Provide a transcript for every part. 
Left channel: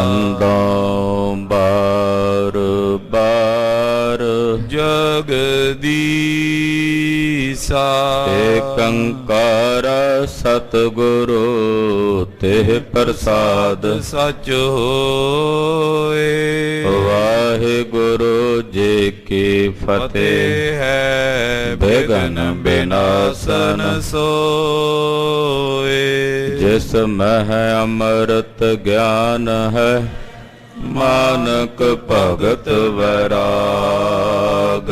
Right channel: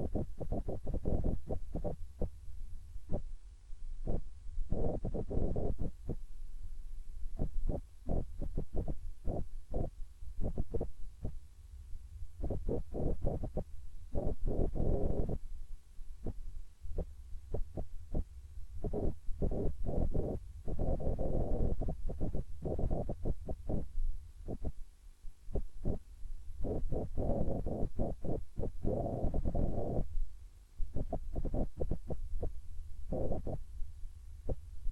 ਬੰਦੋਂ ਬਾਰ ਬਾਰ ਜਗਦੀਸਾ। ਏਕੰਕਾਰ ਸਤਿਗੁਰੂ ਤਿਹ ਪ੍ਰਸਾਦ ਸਚ ਹੋਏ। ਵਾਹਿਗੁਰੂ ਜੀ ਕੀ ਫਤਿਹ। ਹੈ ਬਿਘਨ ਬਿਨਾਸਨ ਸੋਏ। ਜਿਸ ਮਹਿ ਅੰਮ੍ਰਿਤ ਗਿਆਨ ਹੈ ਮਾਨਕ ਭਗਤ ਵੈਰਾਗ।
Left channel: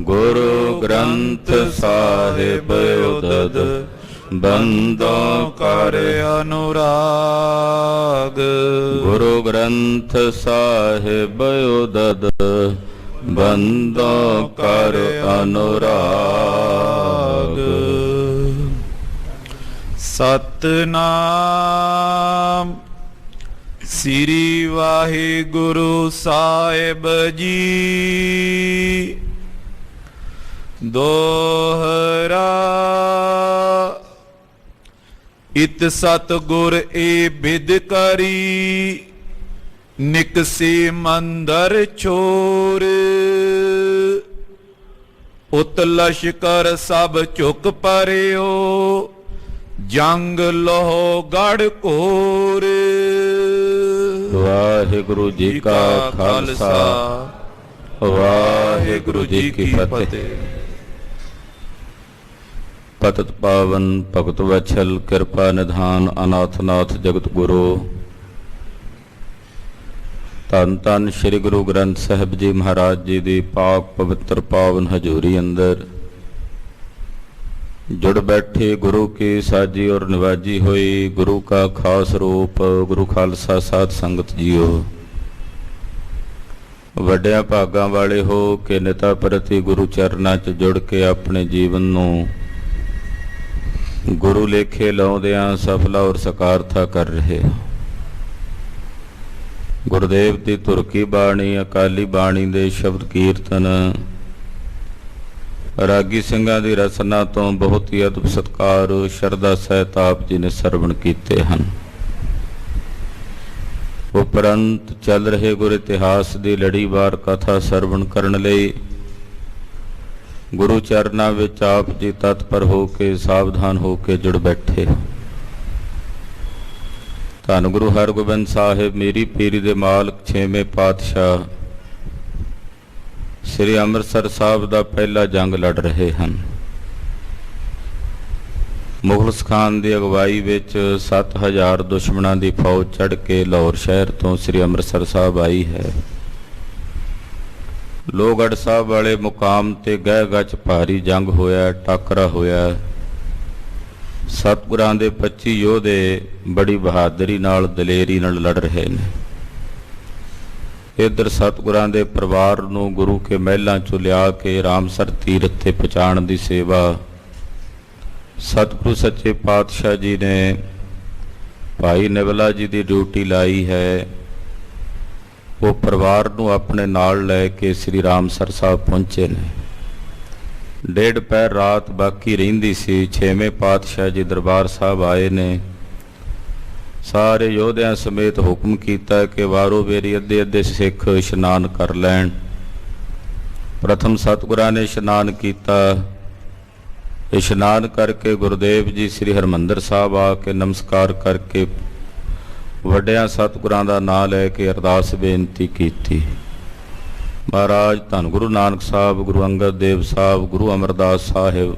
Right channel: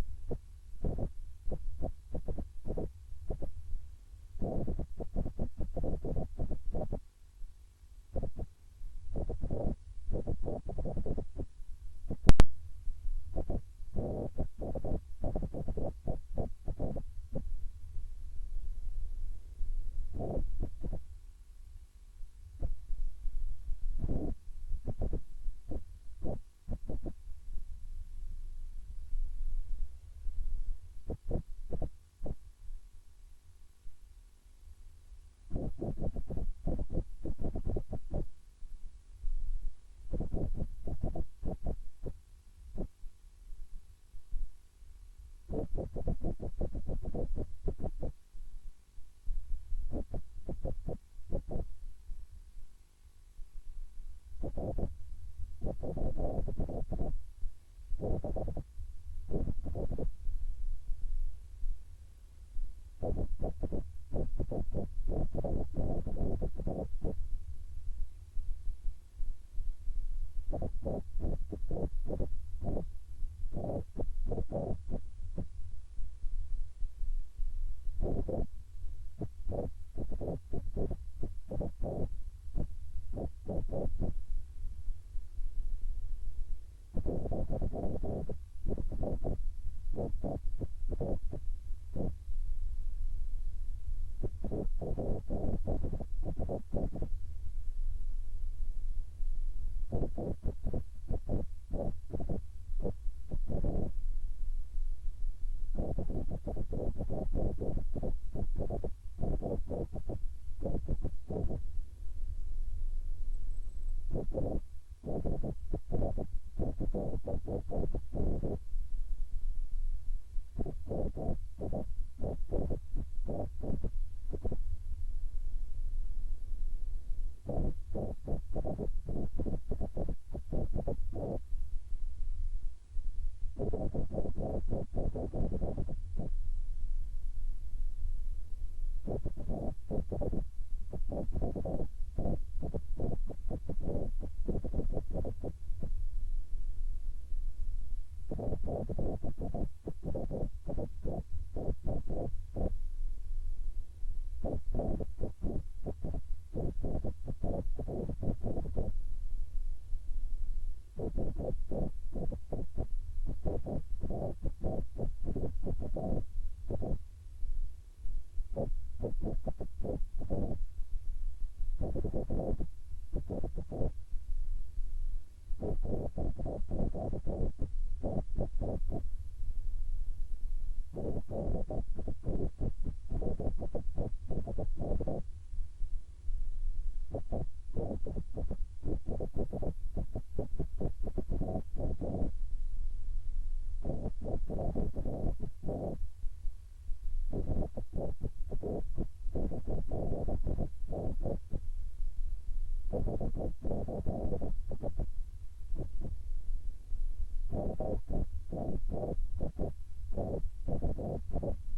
ਗੁਰੂ ਗ੍ਰੰਥ ਸਾਹਿਬ ਉਦਦ ਬੰਦੋਂ ਕਰ ਅਨੁਰਾਗ। ਗੁਰੂ ਗ੍ਰੰਥ ਸਾਹਿਬ ਉਦਦ ਬੰਦੋਂ ਕਰ ਅਨੁਰਾਗ। ਸਤਨਾਮ ਸ੍ਰੀ ਵਾਹਿਗੁਰੂ ਸਾਹਿਬ ਜੀ। ਦੋਹਰਾ ਇਤ ਸਤਿਗੁਰ ਏ ਬਿਦ ਕਰੀ ਨਿਕਸੇ ਮੰਦਰ ਚੋਰ। ਉਤ ਲਸ਼ਕਰ ਸਭ ਝੁਕ ਪਰਿਓ ਜੰਗ ਲੋਹ ਗੜ ਘੋਰ। ਵਾਹਿਗੁਰੂ ਜੀ ਕਾ ਖਾਲਸਾ ਵਾਹਿਗੁਰੂ ਜੀ ਕੀ ਫਤਿਹ। ਪਤਿਤ ਪਾਵਨ ਭਗਤ ਵਛਲ ਕਿਰਪਾ ਨਿਧਾਨ ਅਨਾਥਨਾਥ ਜਗਤ ਗੁਰੂ ਧੰਨ ਧੰਨ ਸ੍ਰੀ ਗੁਰੂ ਗ੍ਰੰਥ ਸਾਹਿਬ ਜੀ ਮਹਾਰਾਜ ਜੀ ਦੀ ਪਾਕ ਪਵਿੱਤਰ ਪਾਵਨ ਹਜ਼ੂਰੀ ਅੰਦਰ ਜੁੜ ਬੈਠੇ ਗੁਰੂ ਕੀ ਸਾਜੀ ਔਰ ਨਿਵਾਜੀ ਹੋਈ ਗੁਰੂ ਕਾ ਖਾਸ ਰੂਪ ਗੁਰੂ ਖਾਲਸਾ ਸਾਧ ਸੰਗਤ ਜੀਓ। ਵੱਡਿਆਂ ਭਾਗਾਂ ਵਾਲੇ ਹੋ ਕੇ ਨਿਤਾ ਪ੍ਰਤੀ ਗੁਰੂ ਚਰਨਾਂ 'ਚ ਜੁੜ ਕੇ ਆਪਣੇ ਜੀਵਨ ਨੂੰ ਗੁਰੂ ਲੇਖੇ ਲਾਉਂਦਿਆਂ ਸਫਲਾ ਔਰ ਸਕਾਰਥਾ ਕਰ ਰਹੇ। ਗੁਰਦੇਵ ਦੀ ਧੁਰ ਕੀ ਬਾਣੀ ਅਕਾਲੀ ਬਾਣੀ ਦੇ ਸ਼ਬਦ ਕੀਰਤਨ ਰਾਗੀ ਸਿੰਘਾਂ ਦੀ ਰਸਨਾ ਤੋਂ ਬਹੁਤ ਹੀ ਅਦਬ ਸਤਕਾਰ ਸ਼ਰਧਾ ਸਹਿਤ ਆਪ ਜੀ ਨੇ ਸਰਵਣ ਕੀਤੇ ਹਨ। ਉਪਰੰਤ ਚੱਲ ਰਹੇ ਗੁਰ ਇਤਿਹਾਸ ਦੀ ਲੜੀਵਾਰ ਕਥਾ ਸਰਵਣ ਕਰਨ ਲਈ ਗੁਰੂ ਚਰਨਾਂ ਵਿੱਚ ਆਪ ਜੀ ਤਤਪਰ ਹੋ ਕੇ ਸਾਵਧਾਨ ਹੋ ਕੇ ਜੁੜ ਬੈਠੇ। ਧੰਨ ਗੁਰੂ ਹਰਗੋਬਿੰਦ ਸਾਹਿਬ ਮੇਰੀ ਪੀਰੀ ਦੇ ਮਾਲਕ ਛੇਵੇਂ ਪਾਤਸ਼ਾਹ ਸ੍ਰੀ ਅੰਮ੍ਰਿਤਸਰ ਸਾਹਿਬ ਦਾ ਪਹਿਲਾ ਜੰਗ ਲੜ ਰਹੇ ਹਨ। ਮੁਗਲਸ ਖਾਨ ਦੀ ਅਗਵਾਈ ਵਿੱਚ 7000 ਦੁਸ਼ਮਣਾਂ ਦੀ ਫੌਜ ਚੜ੍ਹ ਕੇ ਲਾਹੌਰ ਸ਼ਹਿਰ ਤੋਂ ਸ੍ਰੀ ਅੰਮ੍ਰਿਤਸਰ ਸਾਹਿਬ ਆਈ ਹੈ। ਲੋਹਗੜ੍ਹ ਸਾਹਿਬ ਵਾਲੇ ਮੁਕਾਮ ਤੇ ਗਹਿ ਗੱਚ ਭਾਰੀ ਜੰਗ ਹੋਇਆ, ਟਾਕਰਾ ਹੋਇਆ। ਸਤਿਗੁਰਾਂ ਦੇ 25 ਯੋਧੇ ਬੜੀ ਬਹਾਦਰੀ ਨਾਲ ਦਲੇਰੀ ਨਾਲ ਲੜ ਰਹੇ ਨੇ। ਇੱਧਰ ਸਤਿਗੁਰਾਂ ਦੇ ਪਰਿਵਾਰ ਨੂੰ ਗੁਰੂ ਕੇ ਮਹਿਲਾਂ ਚੋਂ ਲਿਆ ਕੇ ਰਾਮਸਰ ਤੀਰਥ ਤੇ ਪਹੁੰਚਾਉਣ ਦੀ ਸੇਵਾ ਸਤਿਗੁਰੂ ਸੱਚੇ ਪਾਤਸ਼ਾਹ ਜੀ ਨੇ ਭਾਈ ਨਿਵਲਾ ਜੀ ਦੀ ਡਿਊਟੀ ਲਾਈ ਹੈ। ਉਹ ਪਰਿਵਾਰ ਨੂੰ ਆਪਣੇ ਨਾਲ ਲੈ ਕੇ ਸ੍ਰੀ ਰਾਮਸਰ ਸਾਹਿਬ ਪਹੁੰਚੇ ਨੇ। ਡੇਢ ਪਹਿਰ ਰਾਤ ਬਾਕੀ ਰਹਿੰਦੀ ਸੀ। ਛੇਵੇਂ ਪਾਤਸ਼ਾਹ ਜੀ ਦਰਬਾਰ ਸਾਹਿਬ ਆਏ ਨੇ। ਸਾਰੇ ਯੋਧਿਆਂ ਸਮੇਤ ਹੁਕਮ ਕੀਤਾ ਕਿ ਵਾਰੋ ਵੇਰੀ ਅੱਧੇ ਅੱਧੇ ਸਿੱਖ ਇਸ਼ਨਾਨ ਕਰ ਲੈਣ। ਪ੍ਰਥਮ ਸਤਿਗੁਰਾਂ ਨੇ ਇਸ਼ਨਾਨ ਕੀਤਾ। ਇਸ਼ਨਾਨ ਕਰਕੇ ਗੁਰਦੇਵ ਜੀ ਸ੍ਰੀ ਹਰਿਮੰਦਰ ਸਾਹਿਬ ਆ ਕੇ ਨਮਸਕਾਰ ਕਰਕੇ ਵੱਡਿਆਂ ਸਤਿਗੁਰਾਂ ਦਾ ਨਾਂ ਲੈ ਕੇ ਅਰਦਾਸ ਬੇਨਤੀ ਕੀਤੀ। ਮਹਾਰਾਜ ਧੰਨ ਗੁਰੂ ਨਾਨਕ ਸਾਹਿਬ, ਗੁਰੂ ਅੰਗਦ ਦੇਵ ਸਾਹਿਬ, ਗੁਰੂ ਅਮਰਦਾਸ ਸਾਹਿਬ,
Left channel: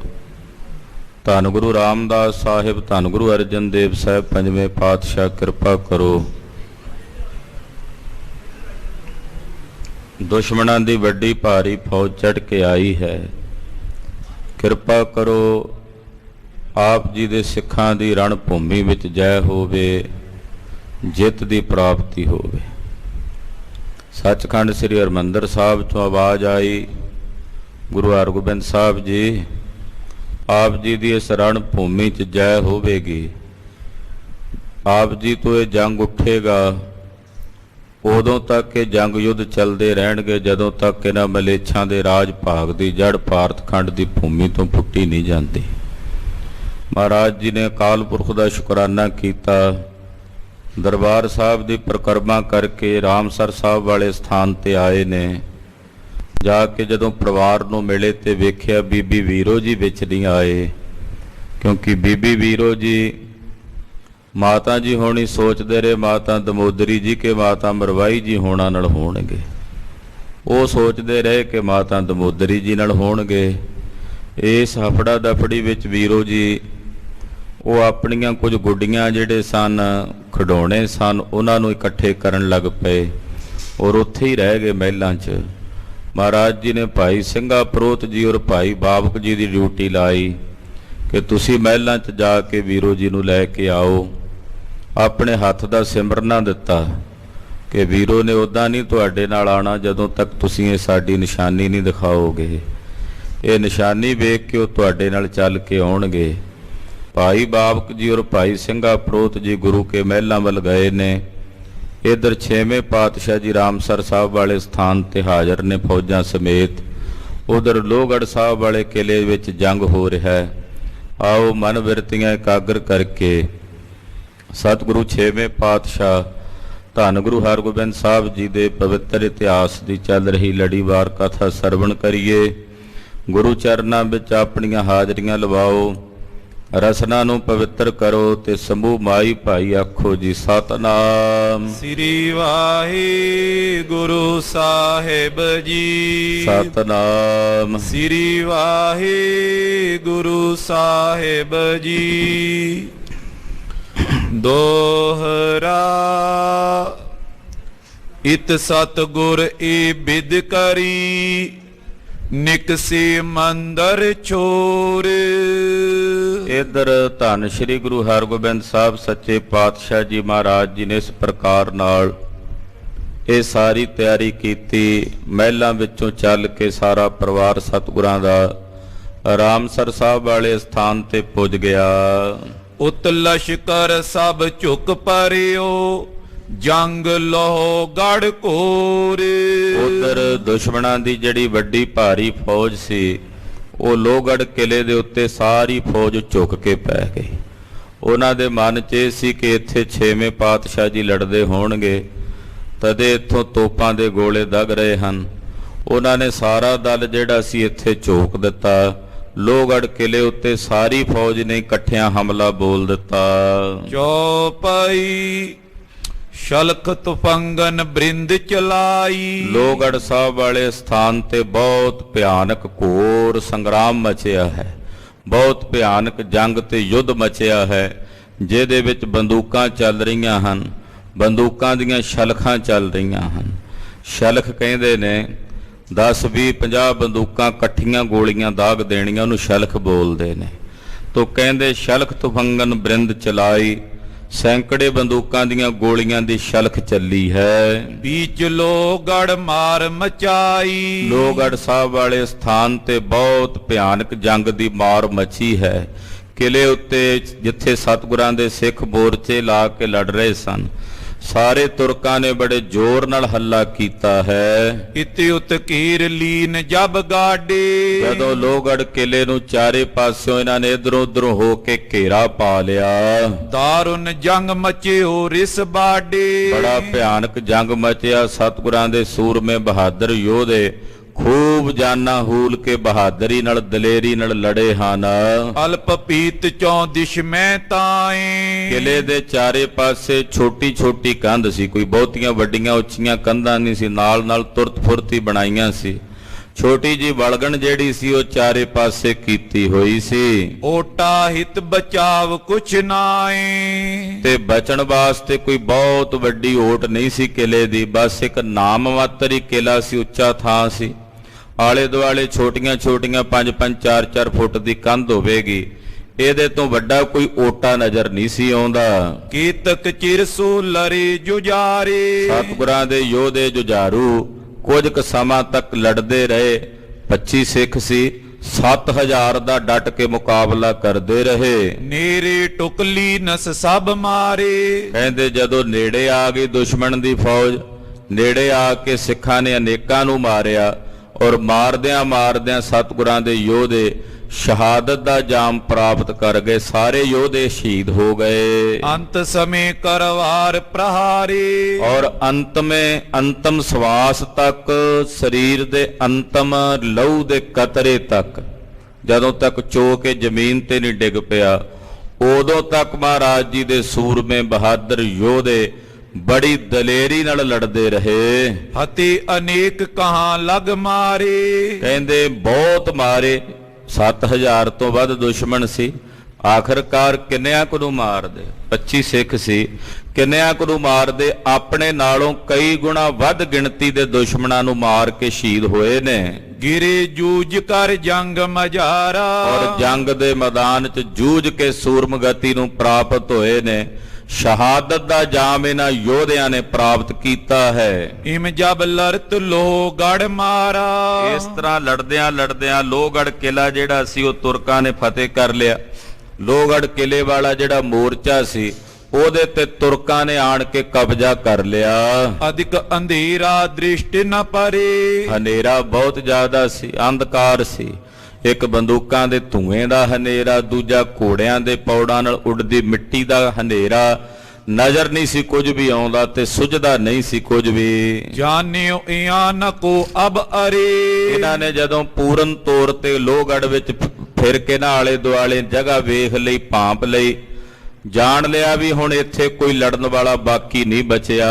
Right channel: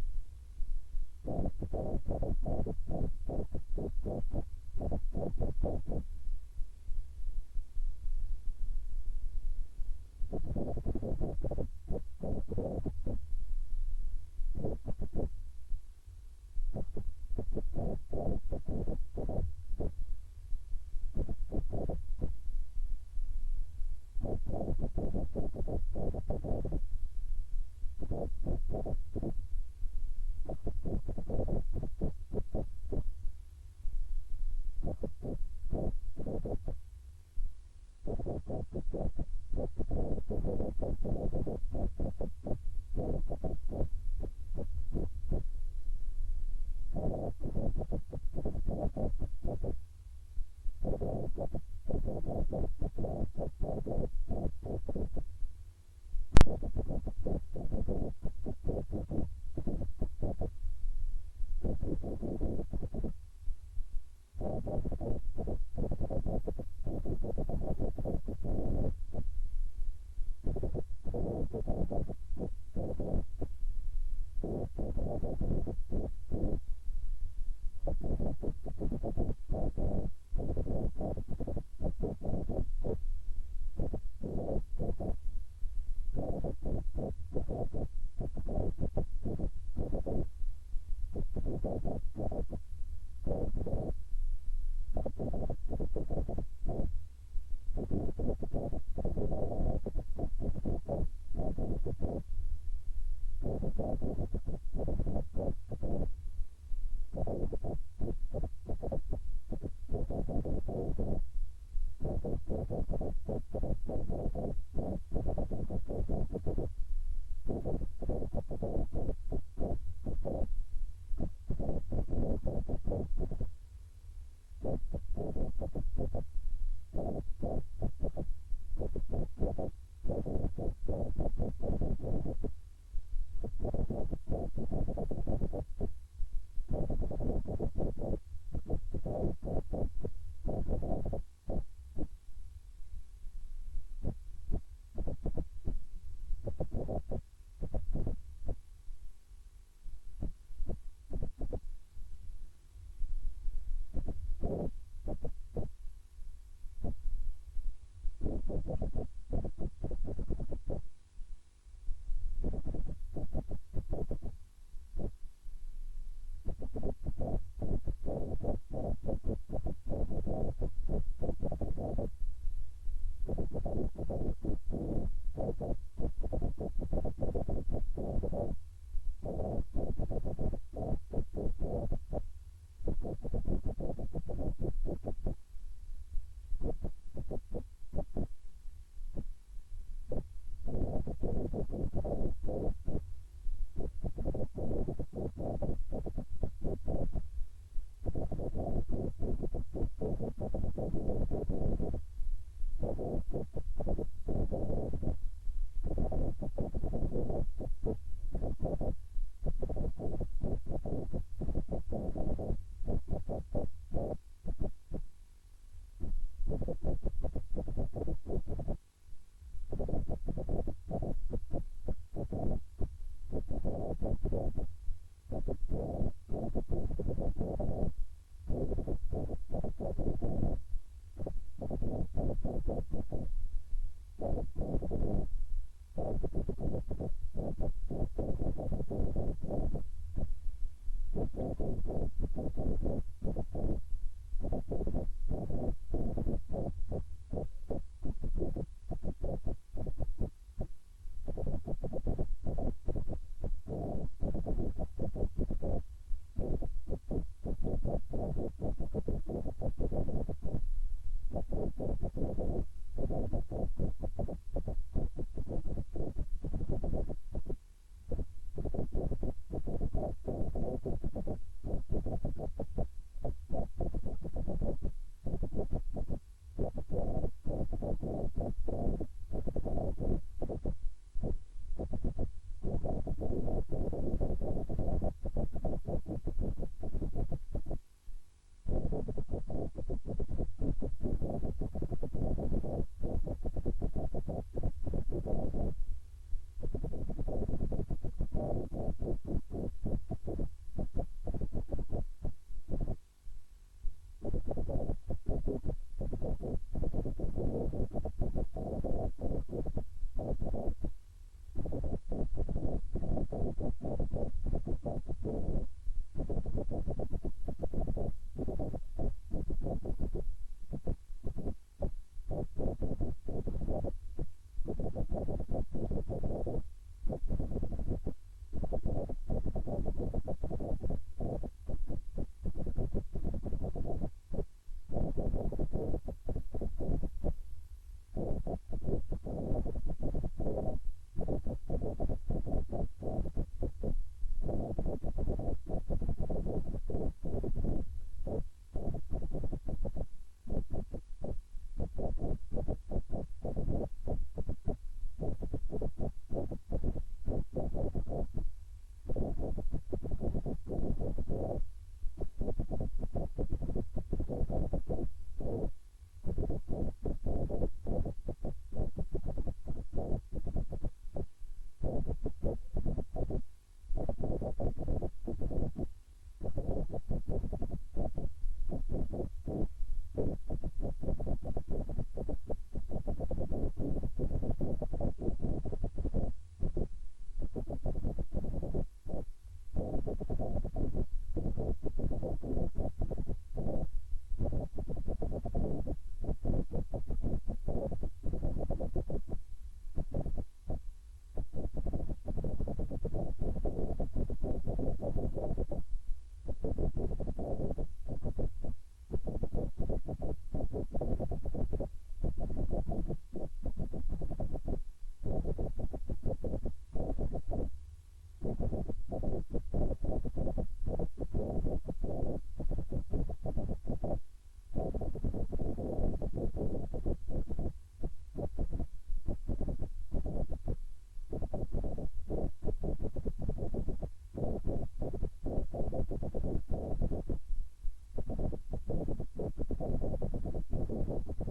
ਧੰਨ ਗੁਰੂ ਰਾਮਦਾਸ ਸਾਹਿਬ, ਧੰਨ ਗੁਰੂ ਅਰਜਨ ਦੇਵ ਸਾਹਿਬ ਪੰਜਵੇਂ ਪਾਤਸ਼ਾਹ ਕਿਰਪਾ ਕਰੋ। ਦੁਸ਼ਮਣਾਂ ਦੀ ਵੱਡੀ ਭਾਰੀ ਫੌਜ ਚੜ੍ਹ ਕੇ ਆਈ ਹੈ। ਕਿਰਪਾ ਕਰੋ ਆਪ ਜੀ ਦੇ ਸਿੱਖਾਂ ਦੀ ਰਣ ਭੂਮੀ ਵਿੱਚ ਜੈ ਹੋਵੇ, ਜਿੱਤ ਦੀ ਪ੍ਰਾਪਤੀ ਹੋਵੇ। ਸੱਚਖੰਡ ਸ੍ਰੀ ਹਰਿਮੰਦਰ ਸਾਹਿਬ ਤੋਂ ਆਵਾਜ਼ ਆਈ, ਗੁਰੂ ਹਰਗੋਬਿੰਦ ਸਾਹਿਬ ਜੀ, ਆਪ ਜੀ ਦੀ ਇਸ ਰਣ ਭੂਮੀ 'ਚ ਜੈ ਹੋਵੇਗੀ। ਆਪ ਜੀ ਤੋਂ ਇਹ ਜੰਗ ਉੱਠੇਗਾ। ਉਦੋਂ ਤੱਕ ਇਹ ਜੰਗ ਯੁੱਧ ਚੱਲਦੇ ਰਹਿਣਗੇ ਜਦੋਂ ਤੱਕ ਇਹਨਾਂ ਮਲੇਛਾਂ ਦੇ ਰਾਜ ਭਾਗ ਦੀ ਜੜ ਭਾਰਤ ਖੰਡ ਦੀ ਭੂਮੀ ਤੋਂ ਪੁੱਟੀ ਨਹੀਂ ਜਾਂਦੀ। ਮਹਾਰਾਜ ਜੀ ਨੇ ਅਕਾਲ ਪੁਰਖ ਦਾ ਸ਼ੁਕਰਾਨਾ ਕੀਤਾ। ਦਰਬਾਰ ਸਾਹਿਬ ਦੀ ਪਰਿਕਰਮਾ ਕਰਕੇ ਰਾਮਸਰ ਸਾਹਿਬ ਵਾਲੇ ਸਥਾਨ ਤੇ ਆਏ ਨੇ। ਜਾ ਕੇ ਜਦੋਂ ਪਰਿਵਾਰ ਨੂੰ ਮਿਲੇ ਤੇ ਵੇਖਿਆ ਬੀਬੀ ਵੀਰੋ ਜੀ ਵਿੱਚ ਨਹੀਂ ਆਏ, ਕਿਉਂਕਿ ਬੀਬੀ ਵੀਰੋ ਜੀ ਮਾਤਾ ਜੀ ਹੋਣੀ ਸੋਚਦੇ ਰਹੇ ਮਾਤਾ ਦਮੋਦਰੀ ਜੀ ਕਿ ਮਾਤਾ ਮਰਵਾਈ ਜੀ ਹੋਣਾ ਨਾਲ ਹੋਣਗੇ। ਉਹ ਸੋਚਦੇ ਰਹੇ ਕਿ ਮਾਤਾ ਦਮੋਦਰੀ ਜੀ ਨਾਲ ਹੋਣਗੇ। ਇਸ ਹਫੜਾ ਦਫੜੀ ਵਿੱਚ ਵੀਰੋ ਜੀ ਉਹ ਆਪਣੀਆਂ ਕੁਝ ਗੁੱਡੀਆਂ ਜਿਹੜੇ ਸਨ, ਖਿਡੌਣੇ ਸਨ, ਉਹਨਾਂ ਨੂੰ ਇਕੱਠੇ ਕਰਨ ਲੱਗ ਪਏ ਔਰ ਉੱਥੇ ਹੀ ਰਹਿ ਗਏ ਮਹਿਲਾਂ 'ਚ। ਮਹਾਰਾਜ ਜੀ ਨੇ ਭਾਈ ਸਿੰਘਾ ਪ੍ਰੋਤ ਜੀ ਔਰ ਭਾਈ ਬਾਬਕ ਜੀ ਦੀ ਡਿਊਟੀ ਲਾਈ ਕਿ ਤੁਸੀਂ ਮਹਿਲਾਂ 'ਚ ਜਾ ਕੇ ਵੀਰੋ ਜੀ ਨੂੰ ਲੈ ਕੇ ਆਓ। ਆਪਣੇ ਹੱਥ ਦਾ ਸਿਮਰਨਾ ਦਿੱਤਾ ਕਿ ਵੀਰੋ ਨੇ ਉੱਦਾਂ ਨਹੀਂ ਤੁਹਾਡੇ ਨਾਲ ਆਉਣਾ ਜਦੋਂ ਤੱਕ ਤੁਸੀਂ ਇਹ ਸਾਡੀ ਨਿਸ਼ਾਨੀ ਨਹੀਂ ਦਿਖਾਓਗੇ। ਇਹ ਨਿਸ਼ਾਨੀ ਵੇਖ ਕੇ ਉਹ ਤੁਹਾਡੇ ਨਾਲ ਚੱਲ ਕੇ ਆਉਣਗੇ। ਭਾਈ ਬਾਬਕ ਜੀ ਔਰ ਭਾਈ ਸਿੰਘਾ ਪ੍ਰੋਤ ਜੀ ਗੁਰੂ ਕੇ ਮਹਿਲਾਂ ਵੱਲ ਗਏ ਨੇ। ਇੱਧਰ 6ਵੇਂ ਪਾਤਸ਼ਾਹ ਜੀ ਰਾਮਸਰ ਸਾਹਿਬ ਵਾਲੇ ਸਥਾਨ ਤੇ ਹਾਜ਼ਰ ਨੇ ਫੌਜਾਂ ਸਮੇਤ। ਉਧਰ ਲੋਹਗੜ੍ਹ ਸਾਹਿਬ ਵਾਲੇ ਕਿਲੇ ਵਿੱਚ ਜੰਗ ਹੋ ਰਿਹਾ ਹੈ। ਆਓ ਮਨ ਬਿਰਤੀਆਂ ਇਕਾਗਰ ਕਰਕੇ ਸਤਿਗੁਰੂ 6ਵੇਂ ਪਾਤਸ਼ਾਹ ਧੰਨ ਗੁਰੂ ਹਰਗੋਬਿੰਦ ਸਾਹਿਬ ਜੀ ਦੇ ਪਵਿੱਤਰ ਇਤਿਹਾਸ ਦੀ ਚੱਲ ਰਹੀ ਲੜੀਵਾਰ ਕਥਾ ਸਰਵਣ ਕਰੀਏ। ਗੁਰੂ ਚਰਨਾਂ ਵਿੱਚ ਆਪਣੀਆਂ ਹਾਜ਼ਰੀਆਂ ਲਵਾਓ, ਰਸਨਾ ਨੂੰ ਪਵਿੱਤਰ ਕਰੋ ਤੇ ਸਮੂਹ ਮਾਈ ਭਾਈ ਆਖੋ ਜੀ ਸਤਨਾਮ ਸ੍ਰੀ ਵਾਹਿਗੁਰੂ ਸਾਹਿਬ ਜੀ। ਸਤਨਾਮ ਸ੍ਰੀ ਵਾਹਿਗੁਰੂ ਸਾਹਿਬ ਜੀ। ਦੋਹਰਾ ਇਤ ਸਤਿਗੁਰ ਏ ਬਿਦ ਕਰੀ ਨਿਕਸੇ ਮੰਦਰ ਛੋਰ। ਇਧਰ ਧੰਨ ਸ਼੍ਰੀ ਗੁਰੂ ਹਰਗੋਬਿੰਦ ਸਾਹਿਬ ਸੱਚੇ ਪਾਤਸ਼ਾਹ ਜੀ ਮਹਾਰਾਜ ਜੀ ਨੇ ਇਸ ਪ੍ਰਕਾਰ ਨਾਲ ਇਹ ਸਾਰੀ ਤਿਆਰੀ ਕੀਤੀ। ਮਹਿਲਾਂ ਵਿੱਚੋਂ ਚੱਲ ਕੇ ਸਾਰਾ ਪਰਿਵਾਰ ਸਤਿਗੁਰਾਂ ਦਾ ਰਾਮਸਰ ਸਾਹਿਬ ਵਾਲੇ ਸਥਾਨ ਤੇ ਪੁੱਜ ਗਿਆ। ਉਤ ਲਸ਼ਕਰ ਸਭ ਝੁਕ ਪਰਿਓ ਜੰਗ ਲੋ ਗੜ ਘੋਰ। ਉਧਰ ਦੁਸ਼ਮਣਾਂ ਦੀ ਜਿਹੜੀ ਵੱਡੀ ਭਾਰੀ ਫੌਜ ਸੀ ਉਹ ਲੋਹਗੜ੍ਹ ਕਿਲੇ ਦੇ ਉੱਤੇ ਸਾਰੀ ਫੌਜ ਝੁਕ ਕੇ ਪੈ ਗਈ। ਉਹਨਾਂ ਦੇ ਮਨ 'ਚ ਇਹ ਸੀ ਕਿ ਇੱਥੇ 6ਵੇਂ ਪਾਤਸ਼ਾਹ ਜੀ ਲੜਦੇ ਹੋਣਗੇ, ਤਦੇ ਇੱਥੋਂ ਤੋਪਾਂ ਦੇ ਗੋਲੇ ਦਗ ਰਹੇ ਹਨ। ਉਹਨਾਂ ਨੇ ਸਾਰਾ ਦਲ ਜਿਹੜਾ ਸੀ ਇੱਥੇ ਝੋਕ ਦਿੱਤਾ। ਲੋਹਗੜ੍ਹ ਕਿਲੇ ਉੱਤੇ ਸਾਰੀ ਫੌਜ ਨੇ ਇਕੱਠਿਆਂ ਹਮਲਾ ਬੋਲ ਦਿੱਤਾ। ਚੌਪਈ ਸ਼ਲਖ ਤੁਫੰਗਨ ਬ੍ਰਿੰਦ ਚਲਾਈ। ਲੋਹਗੜ੍ਹ ਸਾਹਿਬ ਵਾਲੇ ਸਥਾਨ ਤੇ ਬਹੁਤ ਭਿਆਨਕ ਘੋਰ ਸੰਗਰਾਮ ਮਚਿਆ ਹੈ, ਬਹੁਤ ਭਿਆਨਕ ਜੰਗ ਤੇ ਯੁੱਧ ਮਚਿਆ ਹੈ, ਜਿਹਦੇ ਵਿੱਚ ਬੰਦੂਕਾਂ ਚੱਲ ਰਹੀਆਂ ਹਨ, ਬੰਦੂਕਾਂ ਦੀਆਂ ਸ਼ਲਖਾਂ ਚੱਲ ਰਹੀਆਂ ਹਨ। ਸ਼ਲਖ ਕਹਿੰਦੇ ਨੇ 10 20 50 ਬੰਦੂਕਾਂ ਇਕੱਠੀਆਂ ਗੋਲੀਆਂ ਦਾਗ ਦੇਣੀਆਂ, ਉਹਨੂੰ ਸ਼ਲਖ ਬੋਲਦੇ ਨੇ। ਤੋ ਕਹਿੰਦੇ ਸ਼ਲਖ ਤੁਫੰਗਨ ਬ੍ਰਿੰਦ ਚਲਾਈ, ਸੈਂਕੜੇ ਬੰਦੂਕਾਂ ਦੀਆਂ ਗੋਲੀਆਂ ਦੀ ਸ਼ਲਖ ਚੱਲੀ ਹੈ। ਬੀਚ ਲੋਹਗੜ੍ਹ ਮਾਰ ਮਚਾਈ। ਲੋਹਗੜ੍ਹ ਸਾਹਿਬ ਵਾਲੇ ਸਥਾਨ ਤੇ ਬਹੁਤ ਭਿਆਨਕ ਜੰਗ ਦੀ ਮਾਰ ਮਚੀ ਹੈ। ਕਿਲੇ ਉੱਤੇ ਜਿੱਥੇ ਸਤਿਗੁਰਾਂ ਦੇ ਸਿੱਖ ਮੋਰਚੇ ਲਾ ਕੇ ਲੜ ਰਹੇ ਸਨ, ਸਾਰੇ ਤੁਰਕਾਂ ਨੇ ਬੜੇ ਜ਼ੋਰ ਨਾਲ ਹੱਲਾ ਕੀਤਾ ਹੈ। ਇਤੇ ਉਤ ਕੀਰ ਲੀਨ ਜਬ ਗਾਡੇ। ਜਦੋਂ ਲੋਹਗੜ੍ਹ ਕਿਲੇ ਨੂੰ ਚਾਰੇ ਪਾਸਿਓਂ ਇਹਨਾਂ ਨੇ ਇਧਰੋਂ ਉਧਰੋਂ ਹੋ ਕੇ ਘੇਰਾ ਪਾ ਲਿਆ, ਦਾਰੁਨ ਜੰਗ ਮਚਿਓ ਰਿਸ ਬਾਡੇ। ਬੜਾ ਭਿਆਨਕ ਜੰਗ ਮਚਿਆ। ਸਤਿਗੁਰਾਂ ਦੇ ਸੂਰਮੇ ਬਹਾਦਰ ਯੋਧੇ ਖੂਬ ਜਾਨਾਂ ਹੂਲ ਕੇ ਬਹਾਦਰੀ ਨਾਲ ਦਲੇਰੀ ਨਾਲ ਲੜੇ ਹਨ। ਅਲਪ ਪੀਤ ਚੌ ਦਿਸ਼ ਮੈਂ ਤਾਏ। ਕਿਲੇ ਦੇ ਚਾਰੇ ਪਾਸੇ ਛੋਟੀ ਛੋਟੀ ਕੰਧ ਸੀ, ਕੋਈ ਬਹੁਤੀਆਂ ਵੱਡੀਆਂ ਉੱਚੀਆਂ ਕੰਧਾਂ ਨਹੀਂ ਸੀ, ਨਾਲ ਨਾਲ ਤੁਰਤ ਫੁਰਤੀ ਬਣਾਈਆਂ ਸੀ। ਛੋਟੀ ਜੀ ਵਲਗਣ ਜਿਹੜੀ ਸੀ ਉਹ ਚਾਰੇ ਪਾਸੇ ਕੀਤੀ ਹੋਈ ਸੀ। ਓਟਾ ਹਿਤ ਬਚਾਵ ਕੁਛ ਨਾਏ। ਤੇ ਬਚਣ ਵਾਸਤੇ ਕੋਈ ਬਹੁਤ ਵੱਡੀ ਓਟ ਨਹੀਂ ਸੀ ਕਿਲੇ ਦੀ, ਬਸ ਇੱਕ ਨਾਮ ਮਾਤਰ ਹੀ ਕਿਲਾ ਸੀ, ਉੱਚਾ ਥਾਂ ਸੀ। ਆਲੇ ਦੁਆਲੇ ਛੋਟੀਆਂ ਛੋਟੀਆਂ 5-5 4-4 ਫੁੱਟ ਦੀ ਕੰਧ ਹੋਵੇਗੀ, ਇਹਦੇ ਤੋਂ ਵੱਡਾ ਕੋਈ ਓਟਾ ਨਜ਼ਰ ਨਹੀਂ ਸੀ ਆਉਂਦਾ। ਕੀਤਕ ਚਿਰਸੋ ਲਰੇ ਜੁਜਾਰੇ। ਸਤਿਗੁਰਾਂ ਦੇ ਯੋਧੇ ਜੁਝਾਰੂ ਕੁਝ ਕੁ ਸਮਾਂ ਤੱਕ ਲੜਦੇ ਰਹੇ। 25 ਸਿੱਖ ਸੀ, 7000 ਦਾ ਡਟ ਕੇ ਮੁਕਾਬਲਾ ਕਰਦੇ ਰਹੇ। ਨੇਰੇ ਟੁਕਲੀ ਨਸ ਸਭ ਮਾਰੇ। ਕਹਿੰਦੇ ਜਦੋਂ ਨੇੜੇ ਆ ਗਈ ਦੁਸ਼ਮਣ ਦੀ ਫੌਜ, ਨੇੜੇ ਆ ਕੇ ਸਿੱਖਾਂ ਨੇ ਅਨੇਕਾਂ ਨੂੰ ਮਾਰਿਆ ਔਰ ਮਾਰਦਿਆਂ ਮਾਰਦਿਆਂ ਸਤਿਗੁਰਾਂ ਦੇ ਯੋਧੇ ਸ਼ਹਾਦਤ ਦਾ ਜਾਮ ਪ੍ਰਾਪਤ ਕਰ ਗਏ। ਸਾਰੇ ਯੋਧੇ ਸ਼ਹੀਦ ਹੋ ਗਏ। ਅੰਤ ਸਮੇਂ ਕਰਵਾਰ ਪ੍ਰਹਾਰੀ, ਔਰ ਅੰਤਮ ਸਵਾਸ ਤੱਕ, ਸਰੀਰ ਦੇ ਅੰਤਮ ਲਹੂ ਦੇ ਕਤਰੇ ਤੱਕ, ਜਦੋਂ ਤੱਕ ਚੋ ਕੇ ਜ਼ਮੀਨ ਤੇ ਨਹੀਂ ਡਿੱਗ ਪਿਆ, ਉਦੋਂ ਤੱਕ ਮਹਾਰਾਜ ਜੀ ਦੇ ਸੂਰਮੇ ਬਹਾਦਰ ਯੋਧੇ ਬੜੀ ਦਲੇਰੀ ਨਾਲ ਲੜਦੇ ਰਹੇ। ਹਤੀ ਅਨੇਕ ਕਹਾਂ ਲਗ ਮਾਰੇ, ਕਹਿੰਦੇ ਬਹੁਤ ਮਾਰੇ, 7000 ਤੋਂ ਵੱਧ ਦੁਸ਼ਮਣ ਸੀ। ਆਖਰਕਾਰ ਕਿੰਨਿਆਂ ਕੁ ਨੂੰ ਮਾਰਦੇ? 25 ਸਿੱਖ ਸੀ, ਕਿੰਨਿਆਂ ਕੁ ਨੂੰ ਮਾਰਦੇ? ਆਪਣੇ ਨਾਲੋਂ ਕਈ ਗੁਣਾ ਵੱਧ ਗਿਣਤੀ ਦੇ ਦੁਸ਼ਮਣਾਂ ਨੂੰ ਮਾਰ ਕੇ ਸ਼ਹੀਦ ਹੋਏ ਨੇ। ਗਿਰੇ ਜੂਝ ਕਰ ਜੰਗ ਮਝਾਰਾ, ਔਰ ਜੰਗ ਦੇ ਮੈਦਾਨ 'ਚ ਜੂਝ ਕੇ ਸੂਰਮਗਤੀ ਨੂੰ ਪ੍ਰਾਪਤ ਹੋਏ ਨੇ। ਸ਼ਹਾਦਤ ਦਾ ਜਾਮ ਇਹਨਾਂ ਯੋਧਿਆਂ ਨੇ ਪ੍ਰਾਪਤ ਕੀਤਾ ਹੈ। ਇਮ ਜਬ ਲੜਤ ਲੋਹਗੜ ਮਾਰਾ, ਇਸ ਤਰ੍ਹਾਂ ਲੜਦਿਆਂ ਲੜਦਿਆਂ ਲੋਹਗੜ ਕਿਲਾ ਜਿਹੜਾ ਸੀ ਉਹ ਤੁਰਕਾਂ ਨੇ ਫਤਿਹ ਕਰ ਲਿਆ। ਲੋਹਗੜ ਕਿਲੇ ਵਾਲਾ ਜਿਹੜਾ ਮੋਰਚਾ ਸੀ ਉਹਦੇ ਤੇ ਤੁਰਕਾਂ ਨੇ ਆਣ ਕੇ ਕਬਜ਼ਾ ਕਰ ਲਿਆ। ਅਧਿਕ ਅੰਧੇਰਾ ਦ੍ਰਿਸ਼ਟ ਨ ਪਰੇ, ਹਨੇਰਾ ਬਹੁਤ ਜ਼ਿਆਦਾ ਸੀ, ਅੰਧਕਾਰ ਸੀ। ਇੱਕ ਬੰਦੂਕਾਂ ਦੇ ਧੂਏ ਦਾ ਹਨੇਰਾ, ਦੂਜਾ ਘੋੜਿਆਂ ਦੇ ਪੌੜਾਂ ਨਾਲ ਉੱਡਦੀ ਮਿੱਟੀ ਦਾ ਹਨੇਰਾ। ਨਜ਼ਰ ਨਹੀਂ ਸੀ ਕੁਝ ਵੀ ਆਉਂਦਾ ਤੇ ਸੁਝਦਾ ਨਹੀਂ ਸੀ ਕੁਝ ਵੀ। ਜਾਣਿਓ ਇਆਂ ਨ ਕੋ ਅਬ ਅਰੇ, ਇਹਨਾਂ ਨੇ ਜਦੋਂ ਪੂਰਨ ਤੌਰ ਤੇ ਲੋਹਗੜ੍ਹ ਵਿੱਚ ਫਿਰ ਕੇ ਨਾ ਆਲੇ ਦੁਆਲੇ ਜਗ੍ਹਾ ਵੇਖ ਲਈ, ਭਾਂਪ ਲਈ, ਜਾਣ ਲਿਆ ਵੀ ਹੁਣ ਇੱਥੇ ਕੋਈ ਲੜਨ ਵਾਲਾ ਬਾਕੀ ਨਹੀਂ ਬਚਿਆ।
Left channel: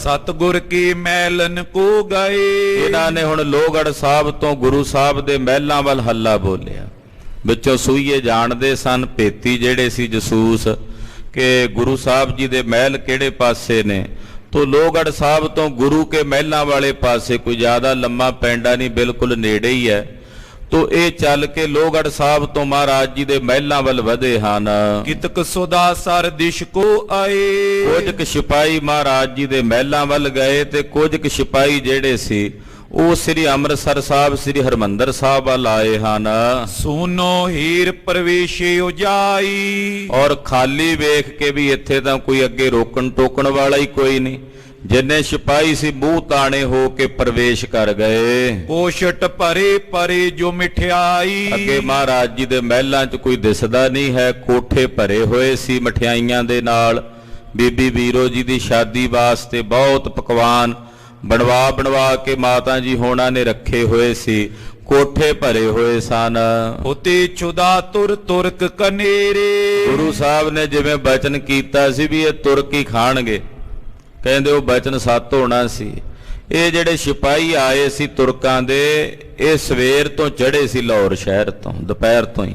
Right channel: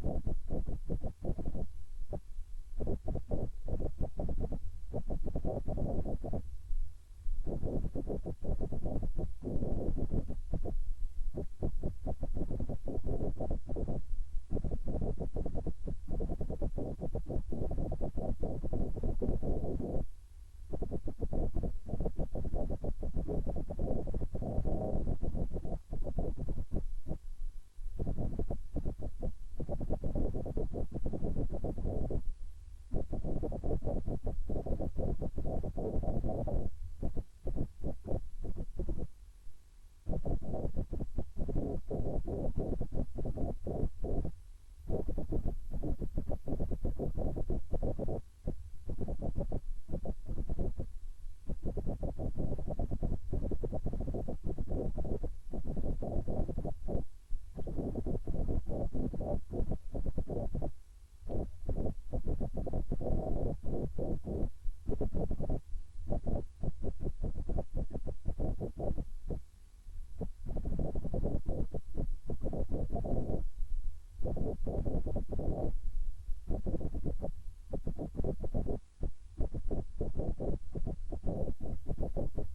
ਸਤਿਗੁਰ ਕੀ ਮਹਿਲਨ ਕੋ ਗਏ, ਇਹਨਾਂ ਨੇ ਹੁਣ ਲੋਹਗੜ੍ਹ ਸਾਹਿਬ ਤੋਂ ਗੁਰੂ ਸਾਹਿਬ ਦੇ ਮਹਿਲਾਂ ਵੱਲ ਹੱਲਾ ਬੋਲਿਆ। ਵਿੱਚੋਂ ਸੂਈਏ ਜਾਣਦੇ ਸਨ ਭੇਤੀ ਜਿਹੜੇ ਸੀ ਜਸੂਸ ਕਿ ਗੁਰੂ ਸਾਹਿਬ ਜੀ ਦੇ ਮਹਿਲ ਕਿਹੜੇ ਪਾਸੇ ਨੇ। ਤੋ ਲੋਹਗੜ੍ਹ ਸਾਹਿਬ ਤੋਂ ਗੁਰੂ ਕੇ ਮਹਿਲਾਂ ਵਾਲੇ ਪਾਸੇ ਕੋਈ ਜ਼ਿਆਦਾ ਲੰਮਾ ਪੈਂਡਾ ਨਹੀਂ, ਬਿਲਕੁਲ ਨੇੜੇ ਹੀ ਹੈ। ਤੋ ਇਹ ਚੱਲ ਕੇ ਲੋਹਗੜ੍ਹ ਸਾਹਿਬ ਤੋਂ ਮਹਾਰਾਜ ਜੀ ਦੇ ਮਹਿਲਾਂ ਵੱਲ ਵਧੇ ਹਨ। ਕਿਤਕ ਸੁਦਾ ਸਰ ਦਿਸ਼ ਕੋ ਆਏ, ਕੁਝ ਕੁ ਸਿਪਾਹੀ ਮਹਾਰਾਜ ਜੀ ਦੇ ਮਹਿਲਾਂ ਵੱਲ ਗਏ ਤੇ ਕੁਝ ਕੁ ਸਿਪਾਹੀ ਜਿਹੜੇ ਸੀ ਉਹ ਸ੍ਰੀ ਅੰਮ੍ਰਿਤਸਰ ਸਾਹਿਬ, ਸ੍ਰੀ ਹਰਿਮੰਦਰ ਸਾਹਿਬ ਵੱਲ ਆਏ ਹਨ। ਸੋਨੋ ਹੀਰ ਪ੍ਰਵੇਸ਼ੇ ਉਜਾਈ, ਔਰ ਖਾਲੀ ਵੇਖ ਕੇ ਵੀ ਇੱਥੇ ਤਾਂ ਕੋਈ ਅੱਗੇ ਰੋਕਣ ਟੋਕਣ ਵਾਲਾ ਹੀ ਕੋਈ ਨਹੀਂ। ਜਿੰਨੇ ਸਿਪਾਹੀ ਸੀ ਮੂੰਹ ਤਾਣੇ ਹੋ ਕੇ ਪ੍ਰਵੇਸ਼ ਕਰ ਗਏ। ਕੋਸ਼ਟ ਭਰੇ ਪਰੇ ਜੋ ਮਠਿਆਈ, ਅੱਗੇ ਮਹਾਰਾਜ ਜੀ ਦੇ ਮਹਿਲਾਂ 'ਚ ਕੋਈ ਦਿਸਦਾ ਨਹੀਂ ਹੈ। ਕੋਠੇ ਭਰੇ ਹੋਏ ਸੀ ਮਠਿਆਈਆਂ ਦੇ ਨਾਲ। ਬੀਬੀ ਵੀਰੋ ਜੀ ਦੀ ਸ਼ਾਦੀ ਵਾਸਤੇ ਬਹੁਤ ਪਕਵਾਨ ਬਣਵਾ ਕੇ ਮਾਤਾ ਜੀ ਹੋਣਾ ਨੇ ਰੱਖੇ ਹੋਏ ਸੀ। ਕੋਠੇ ਭਰੇ ਹੋਏ ਸਨ। ਉਤੇ ਚੁਦਾ ਤੁਰਕ ਕਨੇਰੇ, ਗੁਰੂ ਸਾਹਿਬ ਨੇ ਜਿਵੇਂ ਬਚਨ ਕੀਤਾ ਸੀ ਵੀ ਇਹ ਤੁਰਕ ਹੀ ਖਾਣਗੇ, ਕਹਿੰਦੇ ਉਹ ਬਚਨ ਸੱਤ ਹੋਣਾ ਸੀ। ਇਹ ਜਿਹੜੇ ਸਿਪਾਹੀ ਆਏ ਸੀ ਤੁਰਕਾਂ ਦੇ, ਇਹ ਸਵੇਰ ਤੋਂ ਚੜ੍ਹੇ ਸੀ ਲਾਹੌਰ ਸ਼ਹਿਰ ਤੋਂ, ਦੁਪਹਿਰ ਤੋਂ ਹੀ,